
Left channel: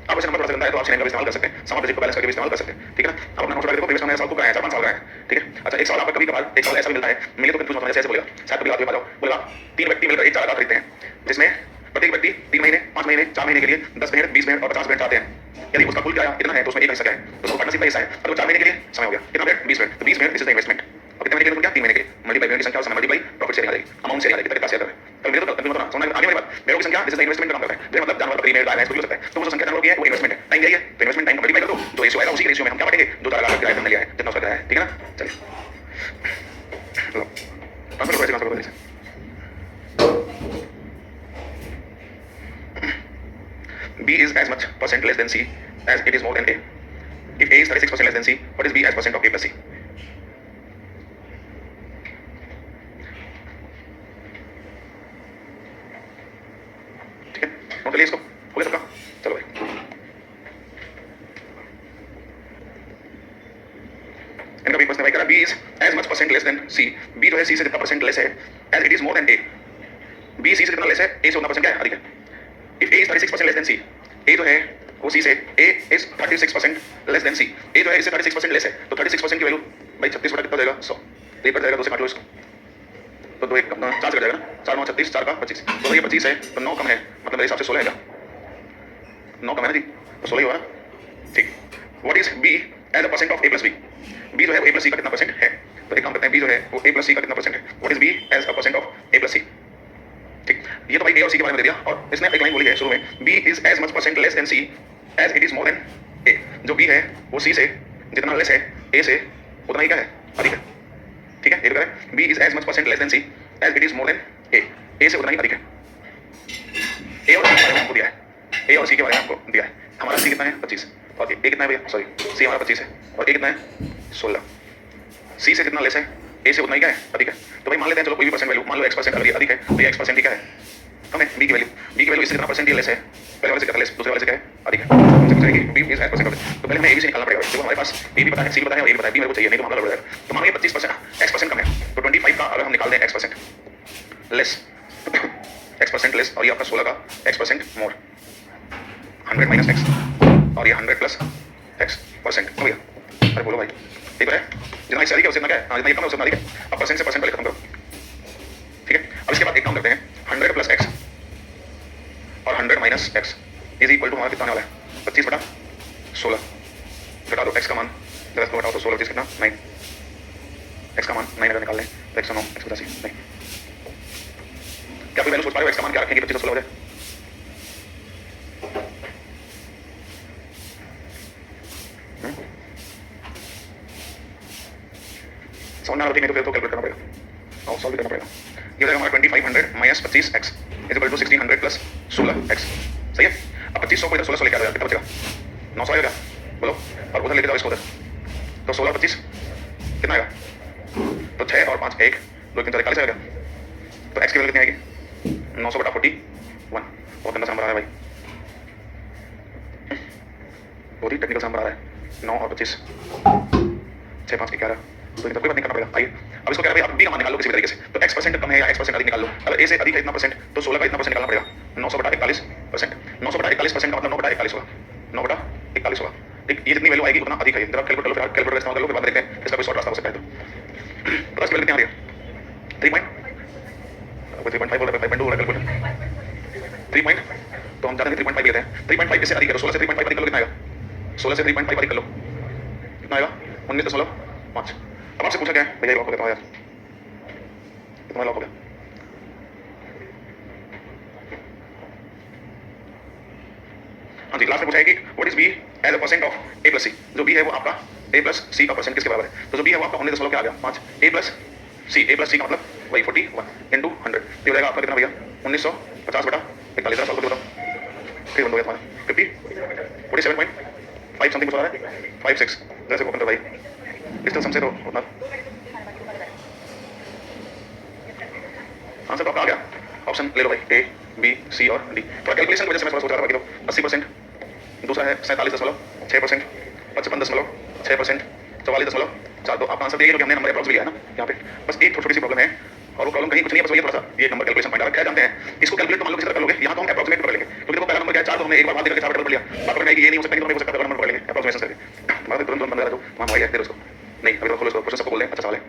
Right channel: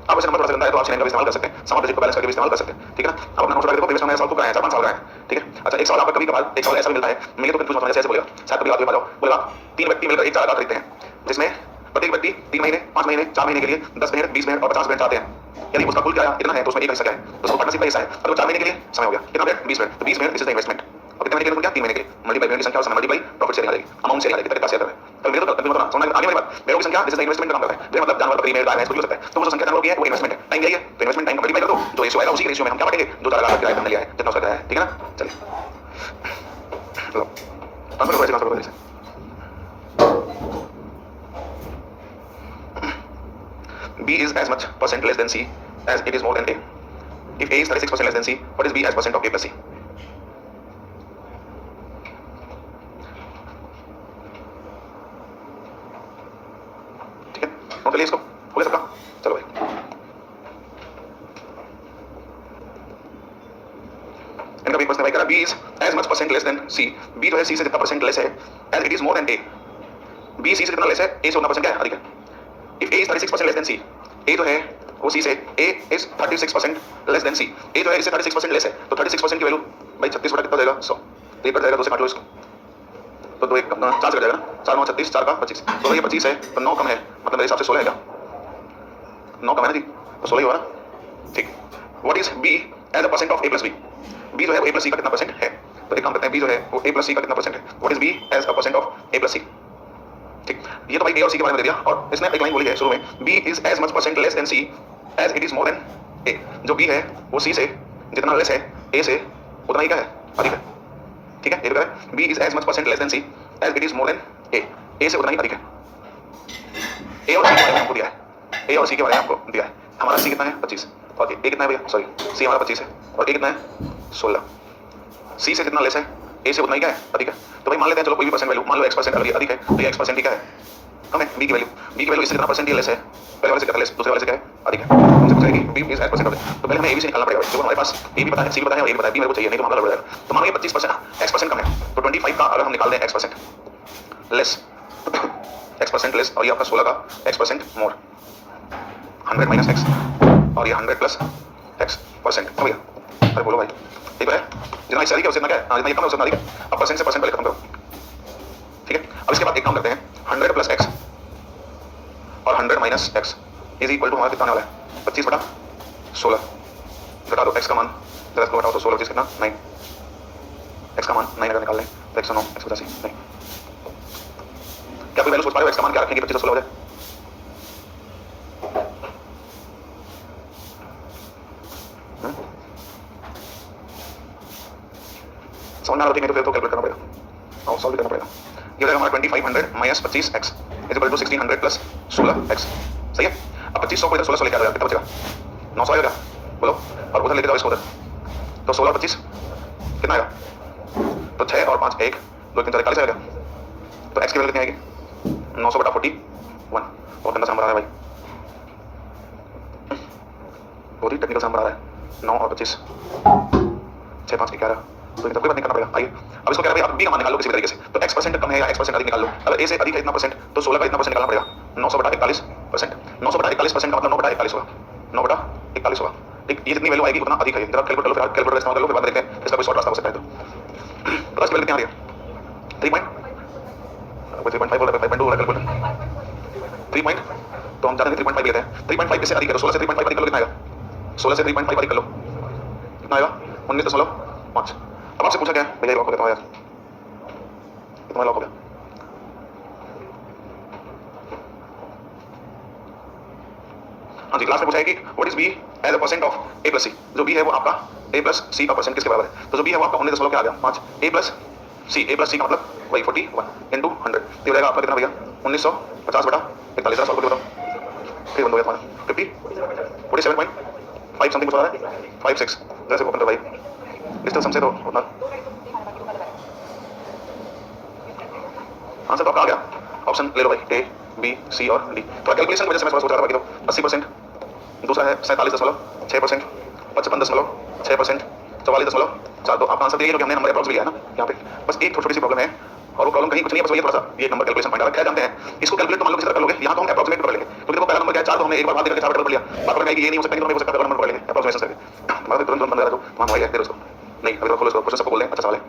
आप ऐसे नंबर थोड़ा सा गंदा है तो आप सीमेंट का इस्तेमाल कर सकते हैं, समान डिजिट को बैलेंस करके भी इस्तेमाल कर सकते हैं, ठीक है ना। अब अपना नोट देखो, प्रीवियस हमने सवाल को कराया 4 5 साल का है, ठीक है। अच्छा एक सवाल आपका कभी कभार एक सवाल ऐसा मिलता है, मिले तो कंफ्यूज मत होना, जैसे बोलेगा शायद कभी आप भी आ जाओ, बोलेगा 3 व्यक्ति मिलकर एक चारा खरीदते हैं, जिसमें प्रत्येक व्यक्ति 3 महीने 5 महीने 4 महीने के लिए 10 भेड़ 20 भेड़ और 50 भेड़ चाहते हैं। यदि उसका कुल किराया इतना है तो उसमें एक हिस्सा क्या है, तो उसको पार्टनरशिप का हिस्सा है, और 4 महीने के लिए समय हो गया कितना भेड़ 20 भेड़, तो 20 भेड़ दिस इज द इन्वेस्टमेंट। और कितने महीने के लिए क्या 3 महीने के लिए, मल्टीप्लाई भेड़ की संख्या और मल्टीप्लाई प्रॉफिट शेयरिंग आ जाएगी, अमाउंट शेयरिंग आ जाएगी, कितना शेयर कर रहे हैं। तो मेरे तो समझ में आगे वाली बात, भेड़ों की संख्या दिस इज द इन्वेस्टमेंट का काम करता है, भेड़ मतलब जानवर बकरी भेड़ गाय भैंस कुछ हो सकता है, तो वो जो संख्या जानवरों की है वो इन्वेस्टमेंट है। टाइम दिया है तो इन्वेस्टमेंट टाइम मल्टीप्लाई कर दो, जो रेशियो आएगा उसी रेशियो में हम क्या बांटेंगे, जो चारा लाख किराया हमने लिया है जितना उसका किराया है, ठीक है ना। चलिए ट्रांसफर करो, ऐसे ट्रांसफर करो, B is as much percent less than C as it is more than A. If A is 36% less than C, what is B as percent of A plus C? ठीक है, नोट कर लिया इसको, हो गया सबका। चलो भाई इनका भी प्रश्न भाई करा, B is as much percent less than C. B जो है C से कितना परसेंट लेस है, as it is more than A. B C से कितना लेस है, A से उतना परसेंट क्या है, अधिक है। If A is 36% less than C, A जो है वो C से A is 36% less than C, A जो है इससे 36% लेस है, तो 36% की वैल्यू भाई 36 बटा कितना हो जाएगा 100, तो ये कट जाएगा 2 से काट लो इसको, तो 2 1 4 से कट जाएगा ना, 4 9 36 4 का 25, तो ये 25 है तो 9 कम है, मतलब मेरे हिसाब से 16 है क्या, 9 कम है ना जी, तो 16 ही होगा ना, ठीक। What is B as a percent of A plus B? B जो है वो A plus C का कितना परसेंट है, तो एक काम करते हैं B जो है वो A plus C का कितना परसेंट है, What is B as a percent of A plus C? ठीक, ये तो भाई A और C के बारे में दे दिया, और इसने एक लाइन बोली है शुरू में, B is as much percent less than C as it is more than A. जो B है वो C से जितना लेस है A से उतना ही क्या है, अधिक है, ठीक है। ये तो कह रहा है B is as much percent less than C as it is more than A. A से उतना ही अधिक है। A और C के बारे में आपको दिया है, A और C के बारे में आपको दिया है। हमारा C कितना है 25 और A कितना है भैया, सॉरी C हमारा 25 है और A कितना है 16। C से जितना लेस है A से उतना ही क्या है, अधिक है। तो भाई मान लेते हैं चलो कोई भी परसेंट वैल्यू, मान लो X% अगर ये अधिक है तो ये X% ही क्या है, कम है बी की वैल्यू इससे कितना परसेंट लेस है, पहले वाले से कितना लेस, दूसरे वाले से क्या है अधिक है। हमसे पूछा है कि बी इज एज परसेंट, तो पहले हमें ए बी से निकालना पड़ेगा। देखो हमारे पास ए भी पता है, सी भी पता है और ए भी पता है, बी मेरे को चाहिए नहीं तो मामला लड़ जाएगा। तो मानो ये 25% एक्स परसेंट कम है, तो 25 का अगर हम निकाल दें x percent less, x percent less, और ये आपका 16 का x percent more, 100 minus x और ये 100 प्लस एक्स परसेंट। हो गया? अरे बोलो भाई, ठीक है? जितना एक्स अधिक है उससे इतना क्या है, जितना ये कम है उससे इतना अधिक है। अब परसेंट से परसेंट पहले खत्म करो, ठीक है? अब इसके बाद एक काम करते हैं, 100 प्लस एक्स और 100 minus X is equal to हमारा कितना आने वाला है, 25 बटा 16। घटा दो एक्स का मान, जब इसको घटाओ तो 16 25 कितना 9, एक्स का मान 9 अगर निकाल लें तो 109 185 नहीं। क्या कोई वैल्यू सोच पा रहे हो एक्स का मान क्या रखेंगे 25 और 16 हो जाए? समझ ना नहीं तो फिर तो कैलकुलेट करना पड़ेगा और सॉल्व करना पड़ेगा। ये हो जाएगा हमारा 2500 minus 25 X is equal to 1600 plus 16 X. सही है? अब 2500 को इधर 1600 लेके आ जाएगा, कितना बचेगा 900 आएगा, बोलो, और उधर लेके जाओ इसको उधर, तो 16 और 25 कितना आएगा, तो 6 और 5 1 2 3 4 41 आएगा। तो एक्स की वैल्यू कितनी आएगी 900 बटा 41, बहुत गंदा नंबर आ रहा है भाई, बहुत ही टेक्निकल नंबर आ रहा है। 9 और 25 6 5 11, तो कोई बात नहीं करना पड़ेगा। आइए अब इसको कह रहा है आप बी का मान निकाल लो किसी भी तरीके से, तो एक्स परसेंट कम है या एक्स परसेंट अधिक निकाल लो। अगर ए से अधिक है इतना परसेंट तो 16 का इतना परसेंट निकालना पड़ेगा, 900 बटा 41%। 900 बटा 41% का मतलब 9 बटा 41 होगा, 9 बटा 41 होगा। ठीक, ये जितनी वैल्यू आएगी उतना अधिक है। जरा कैलकुलेट कर लो, फिर कैलकुलेटर इस्तेमाल कर लो, फिर बाद देखते हैं इसका कोई शॉर्ट रास्ता हो सकता है। तो बस वैल्यू कितनी आ रही है 3.5 बोल रहा है, 5.2 बोल रहा है कैलकुलेटर 3 पॉइंट, तो हम जानते हैं 3.5 लेते हैं। 3.5 इससे अधिक है, 16 से 3.5 अधिक कर लो, कितना आएगा 16 से 3.5 अधिक कर लो, कितना आएगा 19.5। अब आपसे पूछा क्या है भैया, लॉक हो गया यार, तुम्हारा लॉक हो गया। हाँ जी, लास्ट में पूछा है कि what is B as a percent of A plus C. जो बी है वो आपका ए प्लस सी का परसेंट किसके बराबर है, तो जो बी है वो आपका 19 क्या आ गया 5, ए प्लस सी का मतलब वही 41 इंटू 100, ये हो जाएगा आपका कितना भैया 1950 बटा 41। जरा सॉल्व करके बताओ, ठीक बन गया तुम्हारा 47.5 समथिंग कुछ आ रहा है 56। जैसे ओपन कर भाई, इसका समझे तो उतना आंसर तो आपका आ गया। ऑप्शन ले लो भाई, ए बी सी और डी। तो कैलकुलेशन की वजह से मैं थोड़ा सोच रहा था, बाकी तो 80%, दूसरा है 47.6%, 55.6%, 44.4। तो आपका आंसर देखिए, क्योंकि हमने नंबर अप्रॉक्स भी लिया है ना यहाँ पे। बस एक छोटी सी प्रॉब्लम है, और वो प्रॉब्लम कहीं कुछ नहीं है, बस वही थोड़ा सा ये नंबर कैलकुलेशन पॉइंट आ रहा है। क्या जानते हैं इसको कैलकुलेट तो मान लो किसी तरह कर लोगे, यहाँ तो हम अप्रॉक्सीमेट कर लेंगे, क्योंकि देखो पहला नंबर क्या है 4, तो हमने एक बार बात करके 4 कर लिया, बात करके ये नहीं हो सकता कि तो हमें हो सकता है पहला नंबर कर लेंगे अप्रॉक्सीमेशन करके। हमारा तुरंत बंद करा दो, वहाँ भाई है, फिर उसको नहीं अभी तो खोलो इसको, क्वेश्चन सबको बोल दें अच्छा सवाल है।